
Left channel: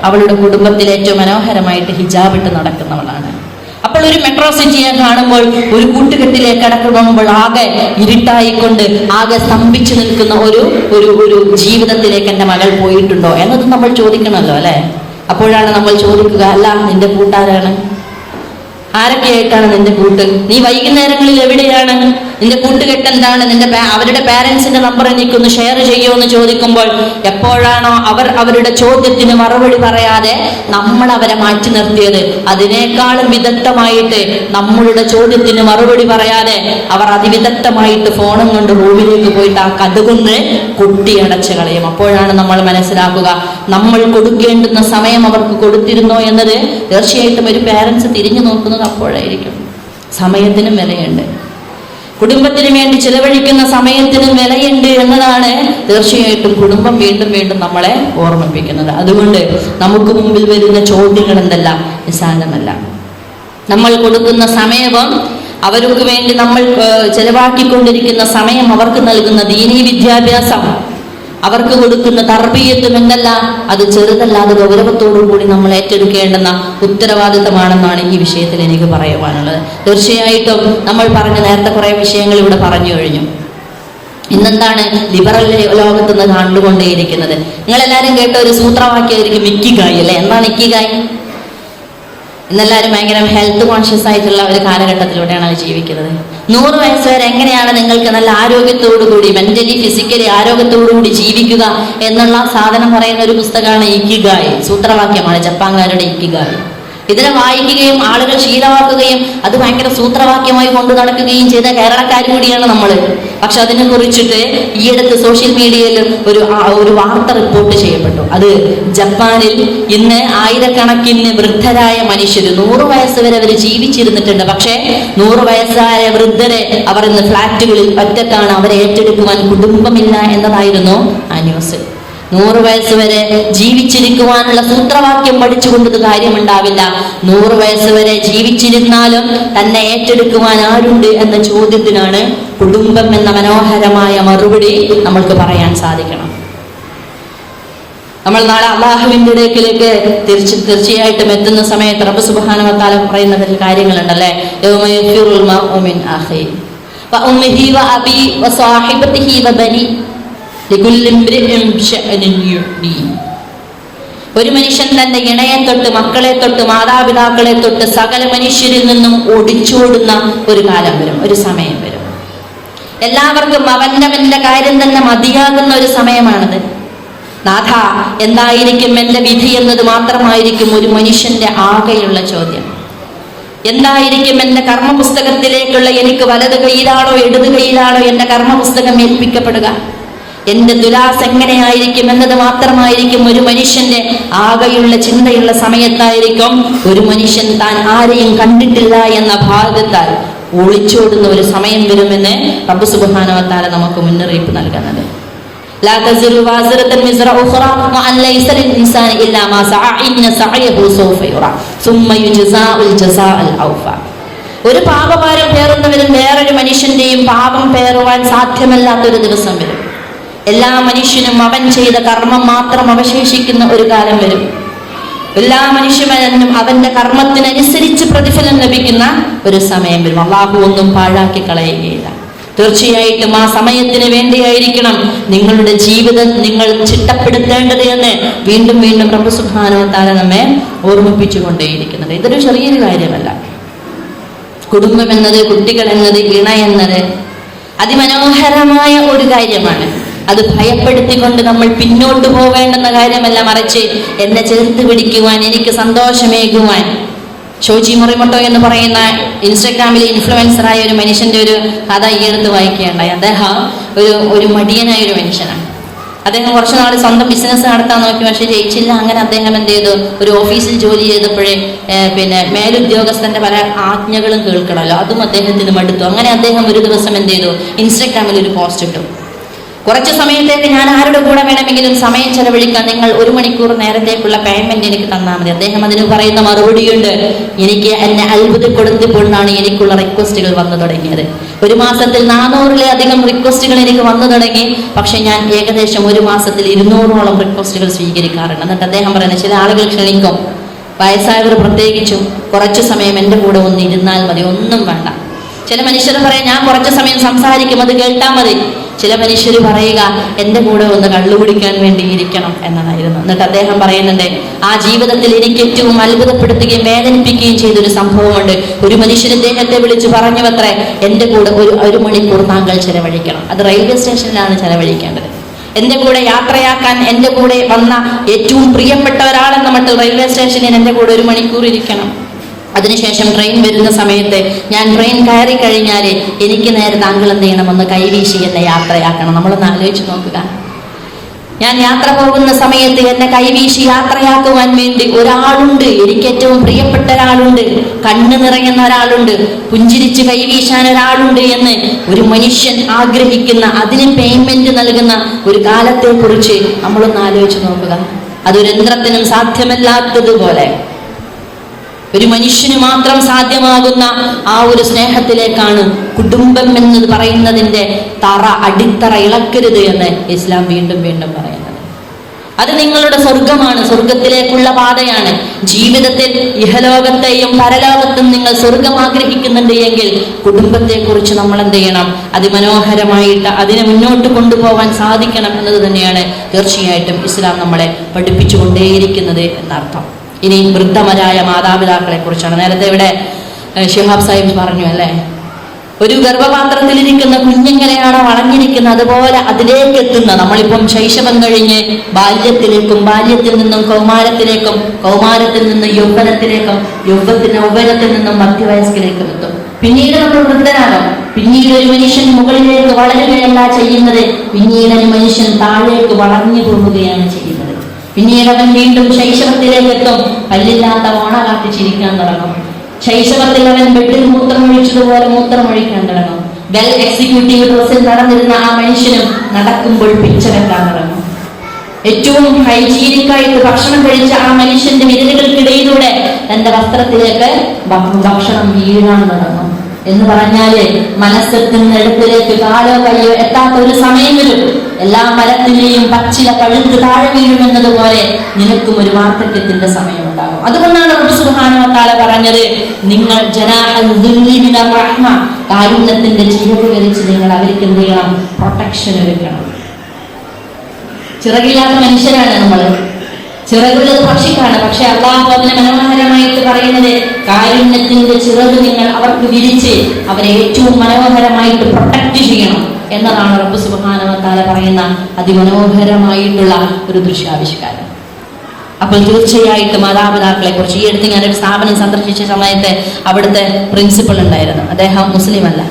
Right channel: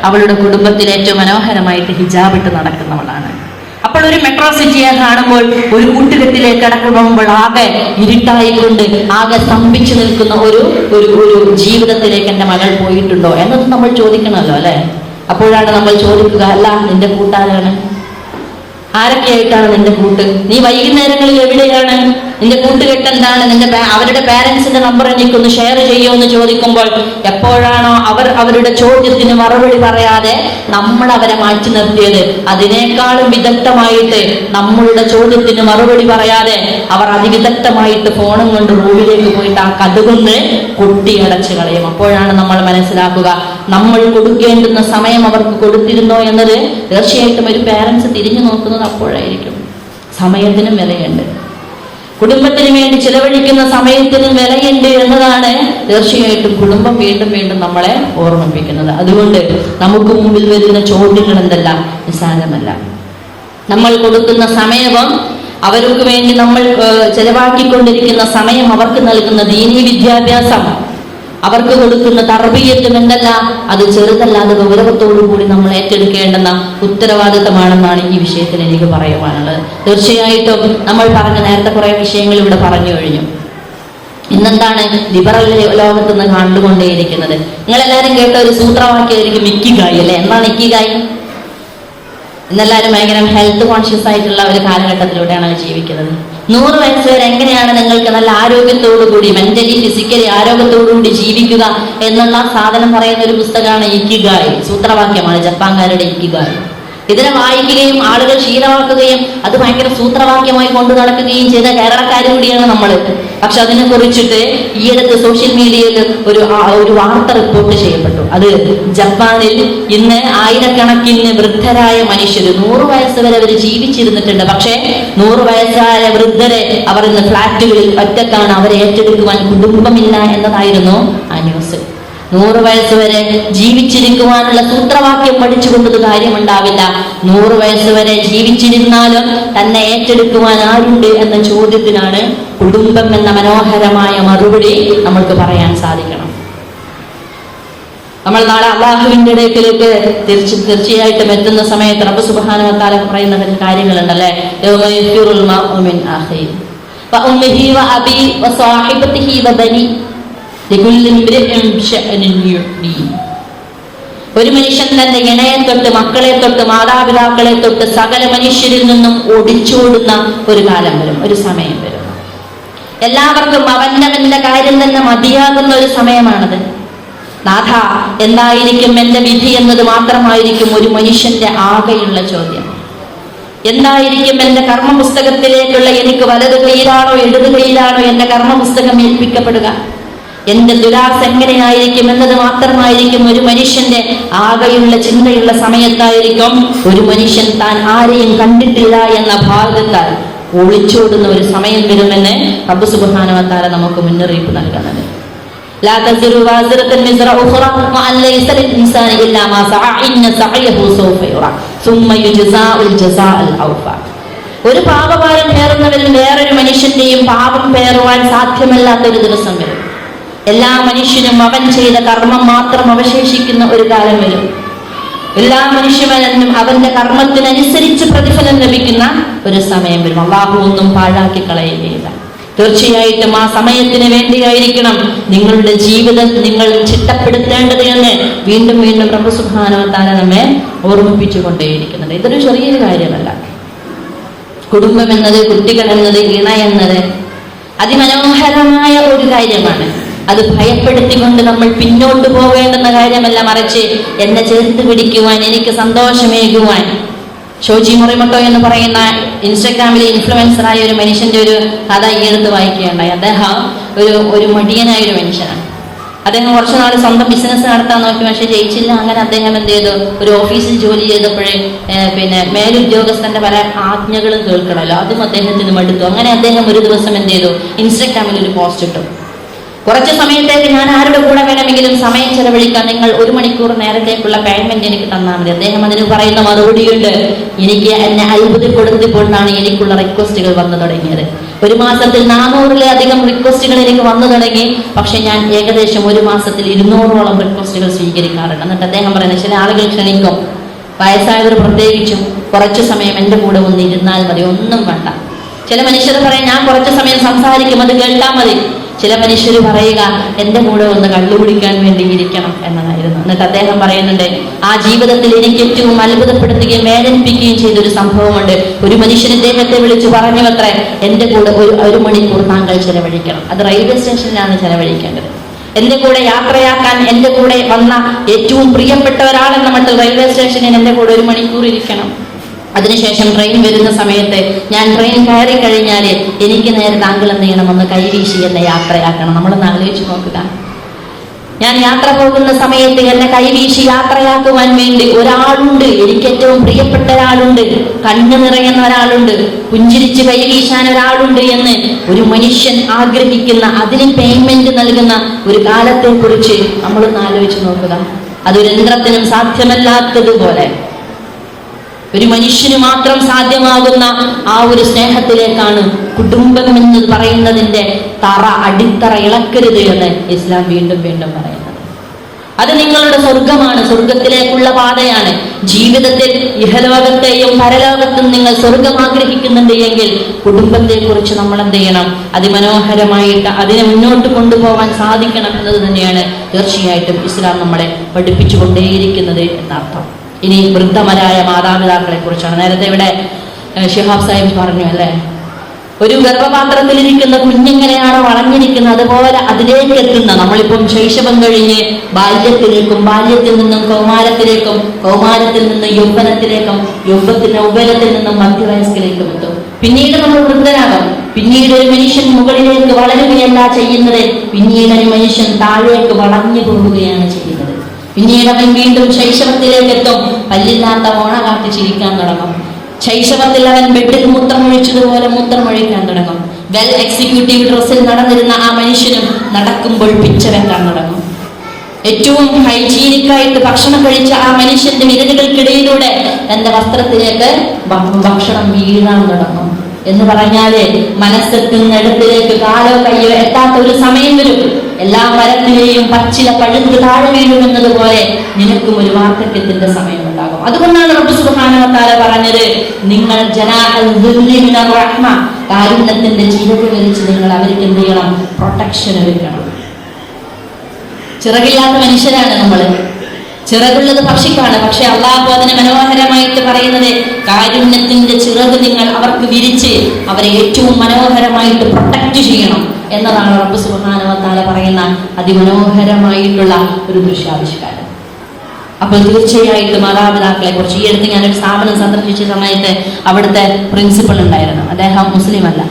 അവളുടെ കുടുംബത്തിൽ ഏറ്റവും മനോഹരമായിട്ട് ഹിജാബ് ഇട്ട് നടക്കുന്നവളാണ്. അപ്പോൾ ഒരു മെട്രോ സിറ്റിയെ കാണുമ്പോൾ, ഒരു കൂട്ടുകെട്ടിലേക്ക് കടക്കുമ്പോൾ ആകെ ഇരുട്ടായിക്കൊണ്ട് ആകെ സ്തംഭിച്ചു നിൽക്കുന്ന ഒരു ജീവിതത്തിലേക്ക് എൻ്റെ മകൾ പോയിട്ടുണ്ടോ എന്നത് നമ്മൾ ചോദിക്കണമല്ലോ അല്ലെ? അപ്പോഴാണ് നമ്മൾ ചോദിക്കുക, അല്ല നിന്റെ കൂട്ടാരാണ്? ആരൊക്കെയായിട്ടാണ് നിന്റെ കൂട്ട്? നീ വൈകുന്നേരങ്ങളിൽ എവിടെയാണ്? നിന്റെ കൂട്ടുകെട്ട് എന്താണ്? അവരുടെ പാരന്റ്സിന്റെ നമ്പർ എനിക്കൊന്ന് ഷെയർ ചെയ്യുമോ എന്ന് ചോദിക്കുമ്പോൾ, എപ്പോഴാണോ അവരുടെ ചോദ്യത്തിന് മറുപടി പറയാതെ നമ്മൾ അവരെ മാറ്റി നിർത്തിയത്, അതിനേക്കാളും വിദഗ്ധമായിട്ട് നമ്മളുടെ ചോദ്യത്തിന് മറുപടി പറയാതെ അവർ അതിവിദഗ്ധമായിട്ട് ഫോണും കൊണ്ട് റൂമിലേക്ക് പോയിട്ട് ആ കതുകൊണ്ട് കുട്ടിയടച്ച് കളയും. അപ്പോഴാണ് നമ്മൾ മനസ്സിലാക്കുക, നമ്മൾ കൊടുക്കേണ്ടുന്ന സമയം അവർക്ക് കൊടുത്തിരുന്നോ എന്നത്. തീർച്ചയായിട്ടും ഒരു പാരന്റ്സ് തിരിഞ്ഞു നോക്കുന്നത് അപ്പോഴായിരിക്കും. സമയത്തിനും വിലയുണ്ട്, കുടുംബത്തിന് വേണ്ടി ചിലവഴിക്കുന്ന സമയത്തിനും വിലയുണ്ട് എന്നതാണ് തീർച്ചയായിട്ടും കുടുംബം വീണ്ടും വീണ്ടും നമ്മളെ ഓർമ്മിപ്പിക്കുന്നത്. അതുകൊണ്ട് നമുക്ക് മുമ്പിൽ വരുന്ന ചോദ്യങ്ങൾ എന്തെല്ലാം നിസ്സാരമല്ല. നമ്മൾ കൊടുക്കുന്ന സമയവും അവർക്ക് വേണ്ടി നമ്മൾ ചെലവാക്കിക്കൊണ്ടിരിക്കുന്ന സമയം, അവർക്ക് നൽകുന്ന ദീനീ വിദ്യാഭ്യാസം, അവർക്ക് കൊടുക്കുന്ന തർബീയത്തും എന്തല്ല, അത് ചെറുതല്ലാതെ ഗൗരവത്തോടു കൂടി നമ്മൾ ഏറ്റെടുക്കേണ്ടുന്ന ഉത്തരവാദിത്തമാണെന്നാണ് ഈ വിഷയത്തിൽ എനിക്ക് പറയുവാനുള്ളത്. തീർച്ചയായിട്ടും നമ്മൾ നേരത്തെ കുറെ വിഷയങ്ങൾ ഇവിടെ പറഞ്ഞു കഴിഞ്ഞു. ഇന്നെന്താണ് ലിബറൽ ലോകത്ത് നിന്ന് കണ്ടുകൊണ്ടേയിരിക്കുന്നത്? നിങ്ങളെല്ലാവരും കേട്ട ഒരു സൂത്രവാക്യമായിരിക്കും ഇക്കിഗായ് അല്ലെ? എന്താണ് ഇക്കിഗായ്? ഇന്നെല്ലാവരും ഭയങ്കര ഹെൽത്ത് കോൺഷ്യസ് ആയിട്ടുള്ള ഒരു കാലഘട്ടത്തിലൂടെയാണ് ജീവിക്കുന്നത്. 100 വയസ്സ് വരെ എങ്ങനെയാണ് നിങ്ങൾക്ക് നല്ല ആരോഗ്യത്തോടുകൂടി, മെന്റലി ഫിസിക്കലി ആരോഗ്യത്തോടുകൂടി ജീവിക്കുക എന്നുള്ള സാധനം പറയുന്ന ഒരു പുസ്തകമാണ് ഇക്കിഗായ്. സൂത്രവാക്യമാണ് ജപ്പാൻകാരുടെ ഇക്കിഗായ്. ഇതിനെ വായിക്കുകയും ആളുകൾ ശീലമാക്കുകയും അത് ഭയങ്കര സൂത്രവാക്യമായി കൊണ്ടു നടക്കുകയും ചെയ്ത കേരളക്കാർ കൂടിയാണ് നമ്മൾ. പക്ഷെ അതിനെ കുറിച്ചിട്ട് ഈയിടത്ത് സോഷ്യൽ മീഡിയയിൽ ഒരു വാർത്ത റിപ്പോർട്ട് ചെയ്യപ്പെട്ടു. അത് ജപ്പാനിൽ ഇന്ന് ആയിരക്കണക്കിന് വൃദ്ധരായ മനുഷ്യർ 100 വയസ്സ് വരെ അവർ ജീവിച്ചിരുന്നിട്ടുണ്ട്. പക്ഷേ 100 വയസ്സായ വൃദ്ധരെ അവർ ഇന്ന് ഫ്ലാറ്റുകളിൽ ഒറ്റക്കാണ്. അവരെ ഏറ്റെടുക്കുവാൻ കുടുംബമില്ല എന്നതായിരുന്നു ആ ന്യൂസ്. 100 വയസ്സ് വരെ ജീവിച്ചിരിക്കുവാനുള്ള സൂത്രവാക്യം പഠിച്ചുകൊണ്ടത് കാര്യമുണ്ടാവില്ല. 100 വയസ്സ് വരെ ജീവിച്ചിരുന്നാലും തന്നെ ഏറ്റെടുക്കുവാൻ ആരുണ്ട് എന്ന ചോദ്യത്തിനാണ് കുടുംബം എന്ന മനോഹരമായ മറുപടി നമ്മൾക്ക് പറയാൻ സാധിക്കണം. നമ്മൾ നാളെ അള്ളാഹുവിന്റെ ഇടയ്ക്കിലേക്ക് തീർച്ചയായിട്ടും എത്തുന്ന സമയത്ത് റബ്ബ് സുബ്ഹാനഹു വ തആല പറയുന്ന കാര്യങ്ങളുണ്ടല്ലേ, യൗമയഫിറുൽ മർഉ മിൻ അഖീ വഉമ്മിഹി വഅബീ വസാഹിബതിഹി വബനി. ഒരു മനുഷ്യൻ തന്റെ ഇണയെ തൊട്ട്, മക്കളെ തൊട്ട്, മാതാപിതാക്കളെ തൊട്ട് സകല മനുഷ്യരിൽ നിന്നും ഒടിച്ചോടുന്ന ഒരു കാലം വരും, ഒരു സമയം വരും. എല്ലാവർക്കും അവന്റെ കാര്യം തന്നെ മതിയാകുന്ന ഒരു സമയമാണത്. നാഥ, എന്തായിരിക്കും എന്റെ വിധി എന്നത് മാത്രമായിരിക്കും ഒരു മനുഷ്യന്റെ ആകെയുള്ള ചോദ്യം. എന്തായിരിക്കും എന്റെ കർമ്മപുസ്തകത്തിലേക്കുള്ള, എനിക്ക് വലത് കൈയിലാണോ ഇടത് കൈയിലാണോ എന്റെ കർമ്മപുസ്തകം ഏൽപ്പിക്കപ്പെടുക, എന്റെ ദുലാസ് എങ്ങനെയായിരിക്കും എന്നത് മാത്രമായിരിക്കും ഒരു മനുഷ്യന്റെ ആകെയുള്ള ചിന്തയുള്ള സമയത്തായിരിക്കും ഒരു മനുഷ്യൻ താൻ ആരെയും കണ്ടിട്ടില്ല എന്ന ഭാഗത്താൽ ഒളിച്ചോടുന്ന ഒരു സമയം വരുമെന്ന് റബ്ബ് സുബ്ഹാനഹു വ തആല നമുക്ക് മുന്നറിയിപ്പ് നൽകുന്നത്. ലാ തസിറു വാസിറത്തുൻ വിസ്റ ഉഖ്റ വഅൻ ലൈസ ലിൽ-ഇൻസാനി ഇല്ലാ മാ സഅ ഇന്ന സഅയഹു സൗഫ യുറ സുമ്മ യുജ്സാഉൽ ജസാഅൽ ഔഫ. ഒരു പാപഭാരം പേറുന്നവനും വേറൊരു മനുഷ്യന്റെയും പാപം പേറുവാൻ സാധ്യമല്ലാത്തൊരു ദിവസം വരും. എല്ലാ മനുഷ്യനും അവൻ ചെയ്ത കർമ്മം മാത്രം അവശേഷിക്കുന്ന ഒരു കാലം വരും. എല്ലാ മനുഷ്യനും അവന്റെ കർമ്മത്തിനനുസരിച്ച് പ്രതിഫലം ലഭിക്കുന്ന ഒരു സമയം വരും. അല്ലാഹു ഒന്നും പാഴാക്കി കളയുകയില്ല. തീർച്ചയായിട്ടും ആ സമയത്തിന് വേണ്ടിയായിരിക്കണം നിങ്ങളുടെ ജീവിതം നിങ്ങൾ ചിട്ടപ്പെടുത്തേണ്ടത് എന്ന് വീണ്ടും വീണ്ടും റബ്ബ് സുബ്ഹാനഹു വ തആല നമ്മെ ഓർമ്മിപ്പിച്ചുകൊണ്ടേയിരിക്കുന്നത്. ഇതൊരു ചെറിയൊരു കാര്യമല്ല. കുടുംബം എന്നത്, കുട്ടികൾ എന്നത്, ഇണ എന്നത് അതിമനോഹരമായ ഒരു കാര്യമാണ്. അത് ഭയപ്പെടുത്തിക്കൊണ്ട് നമ്മൾ പിന്നോട്ട് പോകേണ്ടുന്ന കാര്യമല്ല, മറിച്ച് എന്നെ ചേർത്ത് പിടിക്കുവാൻ, എനിക്ക് സന്തോഷമേകുവാൻ. ഷോജി മുറിമട്ടോ എന്ന് പറയുന്ന ഇൻസ്റ്റഗ്രാമിലെ ഇൻഫ്ലുവൻസറായ ഒരു മനുഷ്യന്റെ ഒരു കഥ ഈയടുത്ത് വായിക്കുകയുണ്ടായി. അദ്ദേഹം ഒരു മടിയനായ ഒരു മനുഷ്യനാണ്. അദ്ദേഹം കുറച്ചു നാൾ സ്വന്തം ബിസിനസ് നടത്താൻ നോക്കി, പക്ഷെ ജയിച്ചില്ല. അങ്ങനെ അദ്ദേഹം എന്ത് ചെയ്തു, ഒരു ഓഫീസിൽ ജോലി ചെയ്തപ്പോഴേ മേലുദ്യോഗസ്ഥന്റെ പല ആജ്ഞകളും കേൾക്കണമല്ലോ, അതും അദ്ദേഹത്തിന് മടുത്തു. അങ്ങനെ അദ്ദേഹം ഒരു ദിവസം എന്ത് ചെയ്തു, ഇൻസ്റ്റഗ്രാമിൽ ഒരു പോസ്റ്റ് ഇട്ടു. കുറച്ച് സമയത്തേക്ക് ഞാൻ ആരുടെ കൂടെ വേണമെങ്കിലും സമയം ചെലവഴിക്കാൻ, നിങ്ങൾ 1 മണിക്കൂർ നേരത്തേക്കുള്ള പേയ്മെന്റ് എനിക്ക് തന്നാൽ മതി. അദ്ദേഹം അതിന് പറയുന്ന മറുപടിയുണ്ട്, എനിക്ക് എന്നെ അത്ഭുതപ്പെടുത്തിക്കൊണ്ടാണ് എനിക്കുള്ള റിക്വസ്റ്റുകൾ വന്നു തുടങ്ങിയത്. ഒരു മാസത്തിൽ 400-ലധികം റിക്വസ്റ്റുകൾ എനിക്ക് വന്നു തുടങ്ങി. പക്ഷെ ഞാൻ ഏകദേശം ഒരു മാസത്തിൽ 200ഓളം റിക്വസ്റ്റുകൾ സ്വീകരിക്കാറുണ്ട്. എന്നിട്ട് അദ്ദേഹം പറയുന്നത്, ചില ആളുകൾ ക്ഷണിക്കും, വയസ്സായവർ പ്രത്യേകിച്ചും, കുറച്ചു സമയം എൻ്റെ കൂടെ ഒന്ന് ഇരുന്നാൽ മതി, ഒന്നും വേണ്ട. ചില മനുഷ്യർ പറയാം, ഞാൻ കുറച്ചു സമയം സംസാരിക്കും, അത് കേട്ടാൽ മതി. ചില മനുഷ്യർ പറയുക, എൻ്റെ കൂടെ ഒന്ന് കള്ളുകുടിക്കാൻ വേണ്ടി ഇരിക്കണം എന്നതായിരുന്നു. എന്നിട്ട് അദ്ദേഹം പറയുന്നുണ്ട്, ആ ജീവിതത്തിൽ എനിക്ക് ഏറ്റവും അത്ഭുതപ്പെടുത്തുകയും വേദനിപ്പിക്കുകയും ചെയ്തൊരു സംഭവമുണ്ട്. ഒരു മനുഷ്യൻ അദ്ദേഹത്തെ വിളിച്ചു പറഞ്ഞു അത്രേ, എൻ്റെ കൂടെ ഒരു മണിക്കൂർ താങ്കൾ ചെലവഴിക്കണം. അത് റെയിൽവേ സ്റ്റേഷനിലാണ് ചെലവഴിക്കേണ്ടത്. എൻ്റെ കൂടെ യാത്രയാക്കാൻ എൻ്റെ കൂടെ വന്ന ഏറ്റവും പ്രിയപ്പെട്ട ഒരാളെന്ന മട്ടിൽ റെയിൽവേ സ്റ്റേഷനിൽ എൻ്റെ കൂടെ 1 മണിക്കൂർ ഇരിക്കണം. അതിനുശേഷം ട്രെയിൻ വരുന്ന സമയത്ത് ഞാൻ ട്രെയിൻ കയറി കഴിഞ്ഞാൽ എനിക്ക് നേരെ താങ്കൾ എന്ത് ചെയ്യണം, ഒന്ന് കൈവീശി എന്നെ യാത്രയാക്കണം. നമ്മളൊന്ന് ആലോചിച്ച് നോക്കുക. ഞാൻ യാത്ര പോകുന്ന സമയത്ത് എന്നെ കൈവീശി യാത്രയാക്കുവാൻ വേണ്ടി ഒരാളുണ്ട്, എനിക്ക് ഏറ്റവും പ്രിയപ്പെട്ട ഒരാളുണ്ട്, കണ്ണു നിറയുന്ന ഒരാളുണ്ട്, പുഞ്ചിരിച്ച് കൈവീശാൻ ഒരാളുണ്ട് എന്ന് ഒരു മനുഷ്യൻ ആഗ്രഹിക്കുന്ന, അതിന് പേയ്മെന്റ് നൽകുന്ന ഒരു കാലത്തെ കുറിച്ച് നമ്മളൊന്ന് ആലോചിച്ച് നോക്കുക. അതൊരു യന്ത്രത്തിനും സാധ്യമല്ലാത്തതുപോലെ ഒരു മനുഷ്യന് മാത്രം സാധ്യമാകുന്ന ആ ഒരു സ്നേഹത്തിലേക്കാണ് കുടുംബം എന്ന് പറയുന്നതിന്റെ അടിത്തറ ഇളക്കരുത് എന്ന് ഇസ്ലാം വീണ്ടും വീണ്ടും പറയുന്നത്. അത് നിങ്ങളുടെ സ്വർഗമാണ്, സ്വർഗത്തിലേക്കുള്ള പാതയാണ്. ജീവിതത്തിൽ ഇഹലോകത്തെയും പരലോകത്തും നിങ്ങൾ സ്വർഗം ആഗ്രഹിക്കുന്നുണ്ട് എങ്കിൽ കുടുംബത്തെ കുറിച്ച് നമ്മൾ എന്ത് ചെയ്യണം, അതിമനോഹരമായിട്ട് അതിനെ മുന്നോട്ട് കൊണ്ടുപോകാൻ സാധിക്കണം എന്നത് തന്നെയാണ് തീർച്ചയായിട്ടും ഇസ്ലാം നമ്മളെ പഠിപ്പിച്ചുകൊണ്ടേയിരിക്കുന്നത് എന്നർത്ഥം. ഇനി വൃദ്ധമരായ മാതാപിതാക്കളെ കുറിച്ചാണ്. നേരത്തെ ഇവിടെ ഷിഹാബ് സാഹിബ് പറഞ്ഞു അല്ലേ, ഒരു ഗർഭപാത്രത്തിലിരിക്കുന്ന കുഞ്ഞെങ്ങനെയാണോ വളഞ്ഞിരിക്കുന്നത് അതുപോലെ അതിലേക്ക് എത്തുന്ന, നമ്മളിപ്പം ശൈശവം കഴിഞ്ഞ് ബാല്യത്തിലേക്കും, ബാല്യത്തിൽ നിന്നും കൗമാരത്തിലേക്കും, കൗമാരത്തിൽ നിന്ന് യൗവനത്തിലേക്കും, യൗവനത്തിൽ നിന്നും മധ്യവയസ്കിലേക്കും എത്തും. പിന്നീട് നമ്മൾ വൃദ്ധരാകും. പിന്നീട് ഒരു മനുഷ്യൻ മുകളിലേക്ക് വളരുകയല്ല ചെയ്യുന്നത്, പിന്നീട് ഒരു മനുഷ്യൻ താഴേക്ക് വളഞ്ഞു പോവുകയാണ് ചെയ്യുന്നത്. പിന്നീട് അവൻ വീണ്ടും ശൈശവത്തിലേക്ക് എത്തും. പല്ലില്ലാത്ത ഓണ കാട്ടി ചിരിക്കാൻ തുടങ്ങും. ശൈശവത്തിൽ അവൻ ബെഡിൽ മൂത്രമൊഴിച്ചതുപോലെ മൂത്രമൊഴിക്കാൻ തുടങ്ങും. വെൽ എക്സിക്യൂട്ടീവ് ഡ്രസ്സിൽ നടന്നിരുന്ന ആ മനുഷ്യനും നടക്കുമ്പോൾ പിച്ച വെക്കാൻ തുടങ്ങും. ഏറ്റവും ഹൈജീനിക്കായിട്ട് ഭക്ഷണം കഴിച്ച ആ മനുഷ്യന്റെ വിരലുകൾക്കിടയിലൂടെ തന്റെ വസ്ത്രത്തിലേക്ക് ഭക്ഷണം വീഴാൻ തുടങ്ങും. എന്ന് പറഞ്ഞാല് മനസ്സെത്തുന്നിടത്തിലേക്ക് കാലോ കയ്യോ എത്താത്ത ഒരു സമയം വരും. എല്ലാ മരത്തിലെയും പച്ചില പഴുത്ത് താഴെ വീഴുന്നത് പോലെ നിനക്കും ഒരു വാർദ്ധക്യത്തിന്റെ സമയമുണ്ടാകും. അതുകൊണ്ടാണ് റബ്ബ് സുബ്ഹാനഹു വ തആല പറഞ്ഞത്, നിങ്ങൾ കാരുണ്യത്തിന്റെ ചിറക് വലിച്ച് നിങ്ങൾ അവർക്ക് എന്ത് ചെയ്യണം? പ്രൊട്ടക്ഷൻ ഒരുക്കണം. ചിറകില്ലാത്ത മനുഷ്യരാണ് നമ്മൾ, ചിറകുള്ളത് പക്ഷിക്കാണ്. പക്ഷെ അല്ലാഹു അതിനെ മനോഹരമായിട്ട് പറയുന്നത്, കാരുണ്യത്തിന്റെ ചിറക് നിങ്ങൾ അവർക്ക് വിരിച്ച് അവരെ ഏറ്റവും മനോഹരമായിട്ട് പ്രൊട്ടക്ട് ചെയ്യണം എന്നതാണ് റബ്ബ് സുബ്ഹാനഹു വ തആല പറയുന്ന അതിമനോഹരമായിട്ടുള്ള ഒരു ദൃശ്യാവിഷ്കാരം. അപ്പോൾ തീർച്ചയായിട്ടും മാതാപിതാക്കളെ കുറിച്ച്, ഈ അടുത്ത് ഞാനൊരു സ്ഥാപനം സന്ദർശിച്ച സമയത്ത് അവിടുത്തെ പ്രിൻസിപ്പൾ ഉണ്ടായിരുന്നു. അദ്ദേഹം മുസ്ലിം അല്ല.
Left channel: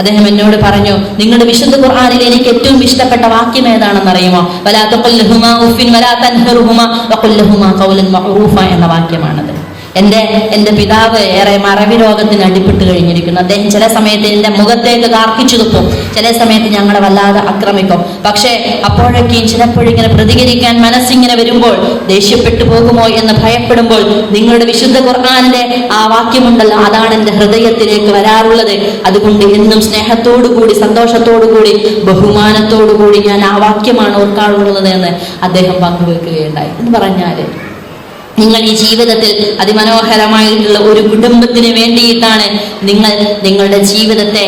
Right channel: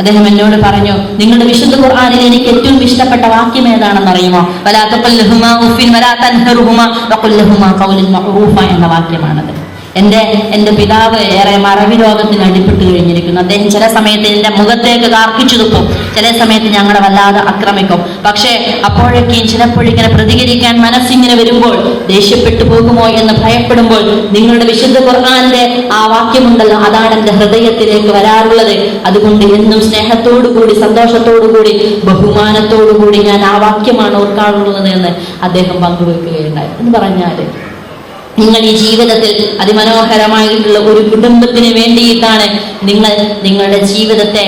അദ്ദേഹം എന്നോട് പറഞ്ഞു, നിങ്ങളുടെ വിശുദ്ധ ഖുർആനിൽ എനിക്ക് ഏറ്റവും ഇഷ്ടപ്പെട്ട വാക്യം ഏതാണെന്ന് അറിയുമോ? വലാ തഖല്ലഹുമാ ഉഫിൻ വലാ തൻഹറുഹുമാ വഖുൽ ലഹുമാ ഖൗലൻ മഅറൂഫ എന്ന വാക്യമാണത്. എന്റെ പിതാവ് ഏറെ മറവി രോഗത്തിന് അടിപ്പെട്ട് കഴിഞ്ഞിരിക്കുന്നു. അദ്ദേഹം ചില സമയത്ത് എന്റെ മുഖത്തേക്ക് കാർക്കിച്ചു തുപ്പും, ചില സമയത്ത് ഞങ്ങളെ വല്ലാതെ ആക്രമിക്കും. പക്ഷേ അപ്പോഴൊക്കെയും ചിലപ്പോഴിങ്ങനെ പ്രതികരിക്കാൻ മനസ്സിങ്ങനെ വരുമ്പോൾ, ദേഷ്യപ്പെട്ടു പോകുമോ എന്ന് ഭയപ്പെടുമ്പോൾ, നിങ്ങളുടെ വിശുദ്ധ ഖുർആനിലെ ആ വാക്യമുണ്ടല്ലോ, അതാണ് എന്റെ ഹൃദയത്തിലേക്ക് വരാറുള്ളത്. അതുകൊണ്ട് എന്നും സ്നേഹത്തോടുകൂടി, സന്തോഷത്തോടുകൂടി, ബഹുമാനത്തോടുകൂടി ഞാൻ ആ വാക്യമാണ് ഓർക്കാറുള്ളത് എന്ന് അദ്ദേഹം പങ്കുവെക്കുകയുണ്ടായി. എന്ന് പറഞ്ഞാല്, നിങ്ങൾ ഈ ജീവിതത്തിൽ അതിമനോഹരമായിട്ടുള്ള ഒരു കുടുംബത്തിന് വേണ്ടിയിട്ടാണ് നിങ്ങൾ നിങ്ങളുടെ ജീവിതത്തെ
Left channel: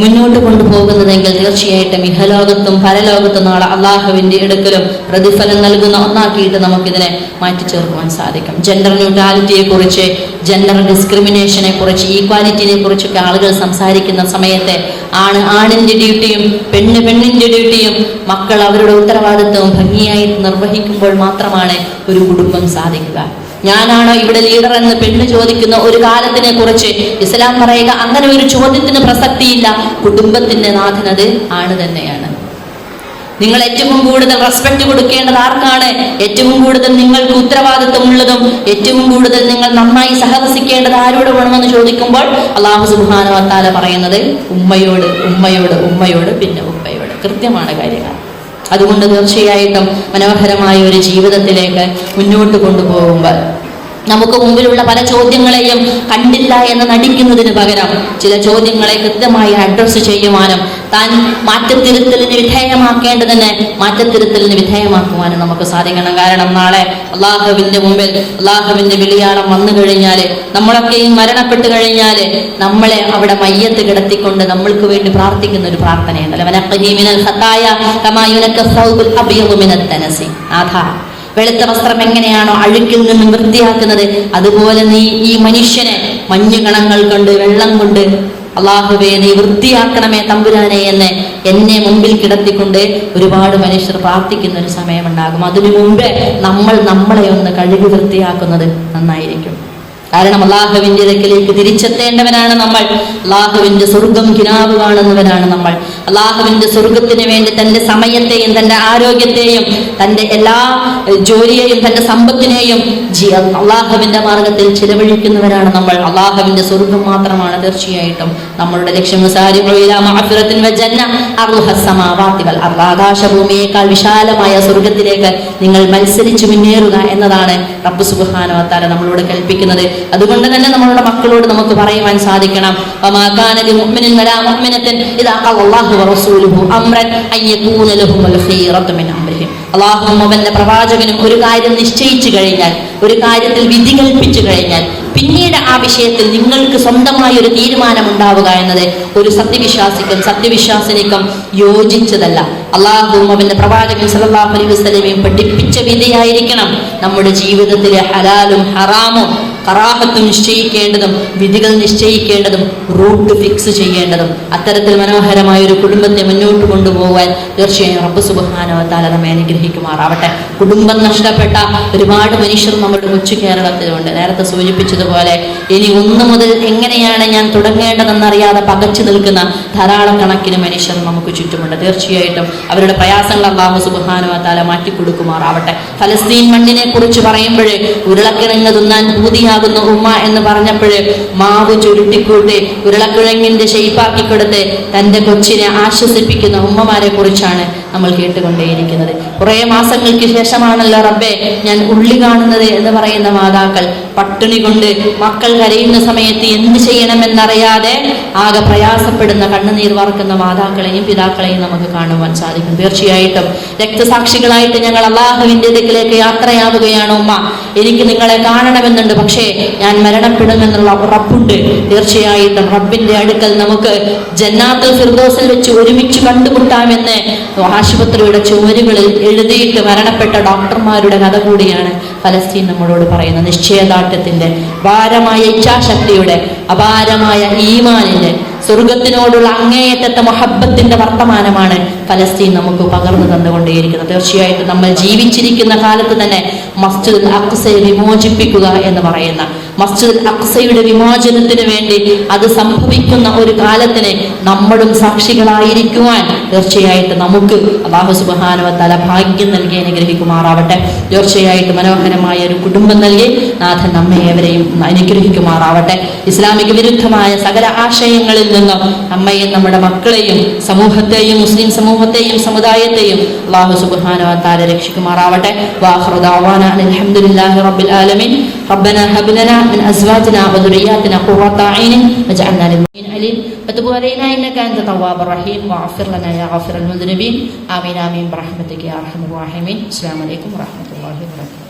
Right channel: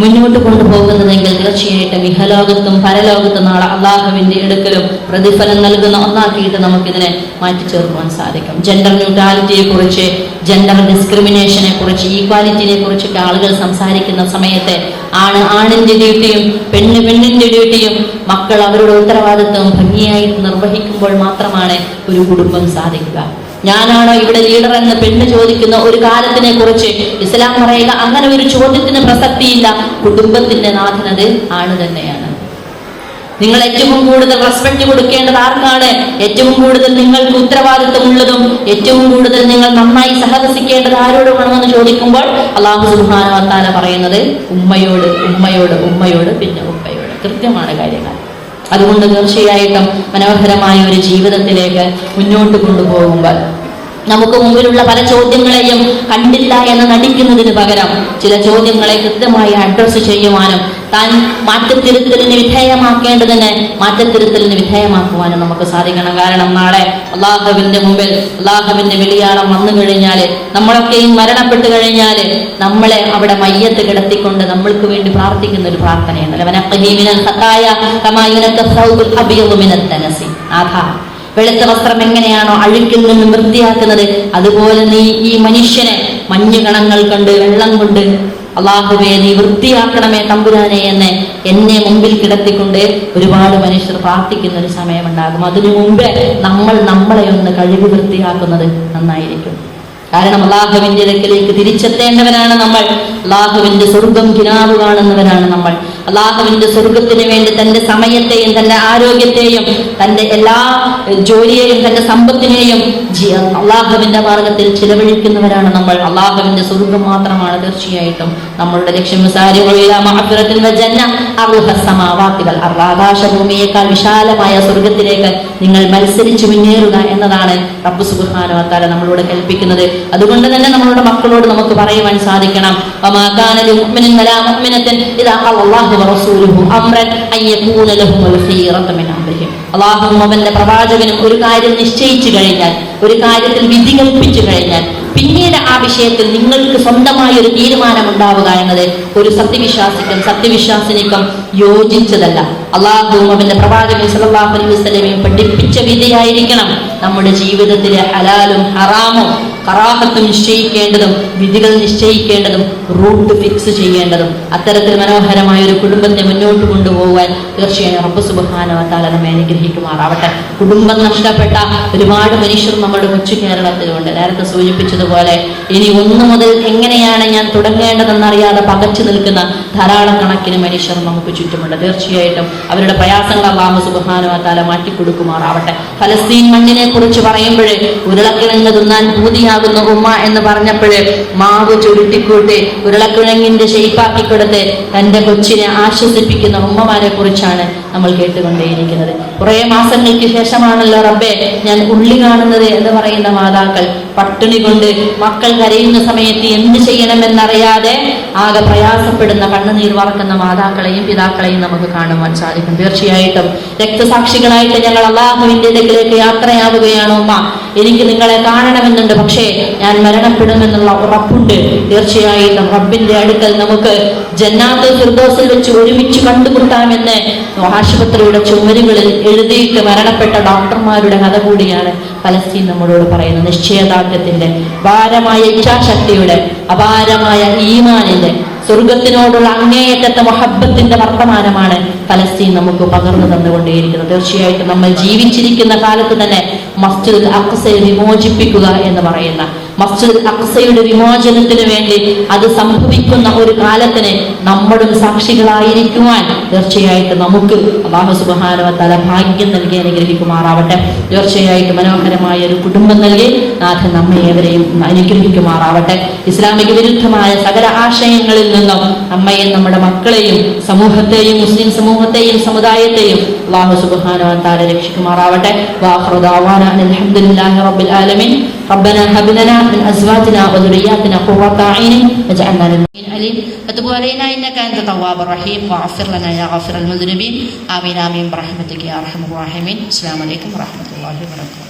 മുന്നോട്ട് കൊണ്ടുപോകുന്നതെങ്കിൽ തീർച്ചയായിട്ടും ഇഹലോകത്തും പരലോകത്തും നാളെ അള്ളാഹുവിന്റെ അടുക്കലും പ്രതിഫലം നൽകുന്ന ഒന്നാക്കിയിട്ട് നമുക്കിതിനെ മാറ്റിച്ചേർക്കുവാൻ സാധിക്കും. ജെൻഡർ ന്യൂട്രാലിറ്റിയെ കുറിച്ച്, ജെൻഡർ ഡിസ്ക്രിമിനേഷനെ കുറിച്ച്, ഈക്വാലിറ്റിനെ കുറിച്ചൊക്കെ ആളുകൾ സംസാരിക്കുന്ന സമയത്ത് ആണിന്റെ ഡ്യൂട്ടിയും പെണ്ണിന്റെ ഡ്യൂട്ടിയും, മക്കൾ അവരുടെ ഉത്തരവാദിത്വം ഭംഗിയായി നിർവഹിക്കുമ്പോൾ മാത്രമാണ് ഒരു കുടുംബം സാധിക്കുക. ഞാനാണോ ഇവിടെ ലീഡർ എന്ന് പെണ്ണ് ചോദിക്കുന്ന ഒരു കാലത്തിനെ കുറിച്ച് ഇസ്ലാം പറയുക, അങ്ങനെ ഒരു ചോദ്യത്തിന് പ്രസക്തിയില്ല. കുടുംബത്തിന്റെ നാഥനത് ആണ് തന്നെയാണ്. നിങ്ങൾ ഏറ്റവും കൂടുതൽ റെസ്പെക്ട് കൊടുക്കേണ്ടത് ആർക്കാണ്? ഏറ്റവും കൂടുതൽ നിങ്ങൾക്ക് ഉത്തരവാദിത്വമുള്ളതും ഏറ്റവും കൂടുതൽ നിങ്ങൾ നന്നായി സഹവസിക്കേണ്ടത് ആരോട് വേണമെന്ന് ചോദിക്കുമ്പോൾ അല്ലാഹു സുബ്ഹാനഹു വ തആല പറയുന്നത് ഉമ്മയോട്, ഉമ്മയോട്, ഉമ്മയോട്, പിന്നെ ഉപ്പയോട്. കൃത്യമാണ് കാര്യങ്ങൾ. അതുകൊണ്ട് തീർച്ചയായിട്ടും മനോഹരമായ ഒരു ജീവിതത്തിലേക്ക് മുന്നോട്ട് കൊണ്ടുപോകുമ്പോൾ നമുക്ക് മുമ്പിലുള്ള പല ചോദ്യങ്ങളെയും കണ്ടില്ല എന്ന് നടിക്കുന്നതിന് പകരം ചില ചോദ്യങ്ങളെ കൃത്യമായി അഡ്രസ് ചെയ്യുവാനും താൻ മാറ്റത്തിരുത്തലിന് വിധേയമാക്കേണ്ടതിനെ മാറ്റത്തിരുത്തലിന് വിധേയമാക്കുവാനും നമുക്ക് സാധിക്കണം. കാരണം നാളെ അള്ളാഹുവിന്റെ മുമ്പിൽ അള്ളാഹുവിന്റെ വിളിയാളം വന്നു കഴിഞ്ഞാല്, നമ്മളൊക്കെയും മരണപ്പെട്ടു കഴിഞ്ഞാല്, നമ്മളെ അവിടെ മയ്യത്ത് കിടത്തിക്കൊണ്ട് നമ്മൾക്ക് വേണ്ടി പ്രാർത്ഥിക്കുന്ന ഒരു പ്രാർത്ഥനയാണ്. വെളുത്ത വസ്ത്രം എങ്ങനെയാണോ അഴുക്കിൽ നിന്നും വൃത്തിയാക്കുന്നത്, അതുപോലെ നീ ഈ മനുഷ്യനെ മഞ്ഞുകണങ്ങൾ കൊണ്ട്, വെള്ളം കൊണ്ട്, അള്ളാഹുവേ നീ വൃത്തിയാക്കണമേ തമ്പുരാനെ എന്ന് എന്നെ മുമ്പിൽ കിടത്തിക്കൊണ്ട് ഒരുപാട് മനുഷ്യർ പ്രാർത്ഥിക്കുന്ന ഒരു സമയമുണ്ടാകും. അതിനു മുമ്പേ നമ്മളെ ഒന്ന് കഴുകി വൃത്തിയാക്കുന്നത് നന്നായിരിക്കും. കാരണം അള്ളാഹുവിന്റെ അടുക്കലേക്ക് തിരിച്ചെത്തേണ്ടവനാണ് നമ്മൾ. അള്ളാഹുവിന്റെ സ്വർഗം കിനാവ് കാണുന്നവനാണ് നമ്മൾ. അള്ളാഹുവിന്റെ സ്വർഗത്തിന് വേണ്ടി തന്റെ സമയത്തെയും തന്റെ ആരോഗ്യത്തെയും തന്റെ എല്ലാ ജോലിയെയും തന്റെ സമ്പത്തിനെയും അള്ളാഹുവിന്റെ മാർഗത്തിൽ ചിലവഴിക്കുന്നവരാണ് നമ്മൾ. അള്ളാഹുവിന്റെ സ്വർഗം മാത്രമാണ് തീർച്ചയായിട്ടും നമ്മളുടെ ലക്ഷ്യം. ആകാശഭൂമിയേക്കാൾ വിശാലമായ സ്വർഗത്തിലേക്ക് നിങ്ങൾ മത്സരിച്ചു മുന്നേറുക എന്നതാണ് റബ്ബ് സുബ്ഹാനഹു വ തആല നമ്മളോട് കൽപ്പിക്കുന്നത്. അതുകൊണ്ട് തന്നെ നമ്മളുടെ മക്കളോട് നമുക്ക് പറയുവാൻ സാധിക്കണം, അള്ളാഹുവും അവന്റെ പ്രവാചകനും ഒരു കാര്യം നിശ്ചയിച്ചു കഴിഞ്ഞാൽ, ഒരു കാര്യത്തിൽ വിധി കൽപ്പിച്ചു കഴിഞ്ഞാൽ, പിന്നീട് ആ വിഷയത്തിൽ നിങ്ങൾക്ക് സ്വന്തമായ ഒരു തീരുമാനം ഉണ്ടാവുക എന്നത് ഒരു സത്യവിശ്വാസിനിക്കും യോജിച്ചതല്ല. അള്ളാഹുവും അവന്റെ പ്രവാചകൻ സല്ലല്ലാഹു അലൈഹി വസല്ലമയും പഠിപ്പിച്ച വിധിയായിരിക്കണം നമ്മുടെ ജീവിതത്തിലെ ഹലാലും ഹറാമും, കറാഹത്ത് നിശ്ചയിക്കേണ്ടതും വിധികൾ നിശ്ചയിക്കേണ്ടതും റൂട്ട് ഫിക്സ് ചെയ്യേണ്ടതും. അത്തരത്തിൽ മനോഹരമായ ഒരു കുടുംബത്തെ മുന്നോട്ട് കൊണ്ടുപോകാൻ തീർച്ചയായും റബ്ബ് സുബ്ഹാനഹു വ തആല നമ്മെ അനുഗ്രഹിക്കുമാറാവട്ടെ. കുടുംബം നഷ്ടപ്പെട്ട ഒരുപാട് മനുഷ്യർ നമ്മുടെ കൊച്ചു കേരളത്തിലുണ്ട്. നേരത്തെ സൂചിപ്പിച്ചതുപോലെ ഇനി ഒന്നു മുതൽ എങ്ങനെയാണ് ഞാൻ തുടങ്ങേണ്ടതെന്നറിയാതെ പകച്ചു നിൽക്കുന്ന ധാരാളം കണക്കിന് മനുഷ്യർ നമുക്ക് ചുറ്റുമുണ്ട്. തീർച്ചയായിട്ടും അവരുടെ പ്രയാസങ്ങൾ അല്ലാഹു സുബ്ഹാനഹു വ തആല മാറ്റിക്കൊടുക്കുമാറാവട്ടെ. ഫലസ്തീൻ മണ്ണിനെ കുറിച്ച് പറയുമ്പോഴേ ഉരുളക്കിഴങ്ങ് തിന്നാൻ പൂതിയാകുന്ന ഉമ്മ എന്ന് പറഞ്ഞപ്പോഴേ മാവ് ചുരുട്ടിക്കൂട്ടി ഉരുളക്കിഴങ്ങിന്റെ ഷെയ്പ്പാക്കി കൊടുത്ത് തന്റെ കൊച്ചിനെ ആശ്വസിപ്പിക്കുന്ന ഉമ്മമാരെ കുറിച്ചാണ് നമ്മൾ കേട്ടുകൊണ്ടേയിരിക്കുന്നത്. കുറെ മാസങ്ങൾക്ക് ശേഷമാണല്ലോ റബ്ബേ ഞാൻ ഉള്ളി കാണുന്നത് എന്ന് പറയുന്ന മാതാക്കൾ പട്ടിണി കൊണ്ട് മക്കൾ കരയുന്ന സമയത്ത് എന്ത് ചെയ്യണമെന്നറിയാതെ ആകെ പ്രയാസപ്പെടുന്ന കണ്ണുനീർ വറക്കുന്ന മാതാക്കളെയും പിതാക്കളെയും നമുക്ക് കാണുവാൻ സാധിക്കും. തീർച്ചയായിട്ടും രക്തസാക്ഷികളായിട്ട് ഞങ്ങൾ അല്ലാഹുവിന്റെ അടുക്കലേക്ക് യാത്രയാവുകയാണ് ഉമ്മ. എനിക്ക് നിങ്ങളെ കാണണമെന്നുണ്ട്, പക്ഷേ ഞാൻ മരണപ്പെടുമെന്നുള്ള ഉറപ്പുണ്ട്. തീർച്ചയായിട്ടും റബ്ബിന്റെ അടുക്കൽ നമുക്ക് ജന്നാത്തുൽ ഫിർദൗസിൽ വെച്ച് ഒരുമിച്ച് കണ്ടുമുട്ടാമെന്ന് ആശുപത്രിയുടെ ചുമരുകളിൽ എഴുതിയിട്ട് മരണപ്പെട്ട ഡോക്ടർമാരുടെ കഥ കൂടിയാണ് ഫലസ്തീൻ നമ്മളോട് പറയുന്നത്. നിശ്ചയദാർഢ്യത്തിന്റെ, ഭാരമായ ഇച്ഛാശക്തിയുടെ, അപാരമായ ഈമാനിന്റെ, സ്വർഗത്തിനോടുള്ള അങ്ങേയറ്റത്തെ മഹബത്തിന്റെ വർത്തമാനമാണ് ഫലസ്തീൻ നമുക്ക് പകർന്നു തന്നുകൊണ്ടേയിരിക്കുന്നത്. തീർച്ചയായിട്ടും നമ്മൾ ജീവിച്ചിരിക്കുന്ന കാലത്ത് തന്നെ മസ്ജിദുൽ അഖ്സയെ വിമോചിപ്പിക്കുക എന്ന് പറയുന്ന മസ്ജിദുൽ അഖ്സയുടെ വിമോചനത്തിന് വേണ്ടി അത് സംഭവിക്കുന്ന ഒരു കാലത്തിന് നമ്മളും സാക്ഷികളായിരിക്കുവാൻ തീർച്ചയായിട്ടും നമുക്ക് അല്ലാഹു സുബ്ഹാനഹു വ തആല ഭാഗ്യം നൽകി അനുഗ്രഹിക്കുമാറാവട്ടെ. തീർച്ചയായിട്ടും മനോഹരമായ ഒരു കുടുംബം നൽകി നാഥൻ നമ്മെ ഏവരെയും അനുഗ്രഹിക്കുമാറാവട്ടെ. ഇസ്ലാമിക വിരുദ്ധമായ സകല ആശയങ്ങളിൽ നിന്നും നമ്മയും നമ്മുടെ മക്കളെയും സമൂഹത്തെയും മുസ്ലിം സമൂഹത്തെയും സമുദായത്തെയും അല്ലാഹു സുബ്ഹാനഹു വ തആല രക്ഷിക്കുമാറാവട്ടെ. വാഖിറു ദഅവാനാ അൽഹംദുലില്ലാഹി റബ്ബിൽ ആലമീൻ. റബ്ബനാ ഹബ് ലനാ മിൻ അസ്വാജിനാ വദുരിയാതിനാ ഖുർറത അയ്നിൻ വജഅൽനാ ലിൽ മുഅ്മിനീന അലീം വതുബ് അലൈനാ ഇന്നക അൻത തവ്വാബുർ റഹീം വഅഫിർ ലനാ യാ ഗാഫിറൽ മുദ്നിബീൻ ആമീൻ ആമീൻ ബിറഹ്മതിക യാ അർഹമർ റഹീമീൻ. അസ്സലാമു അലൈക്കും വറഹ്മത്തുള്ളാഹി വബറകാതുഹു.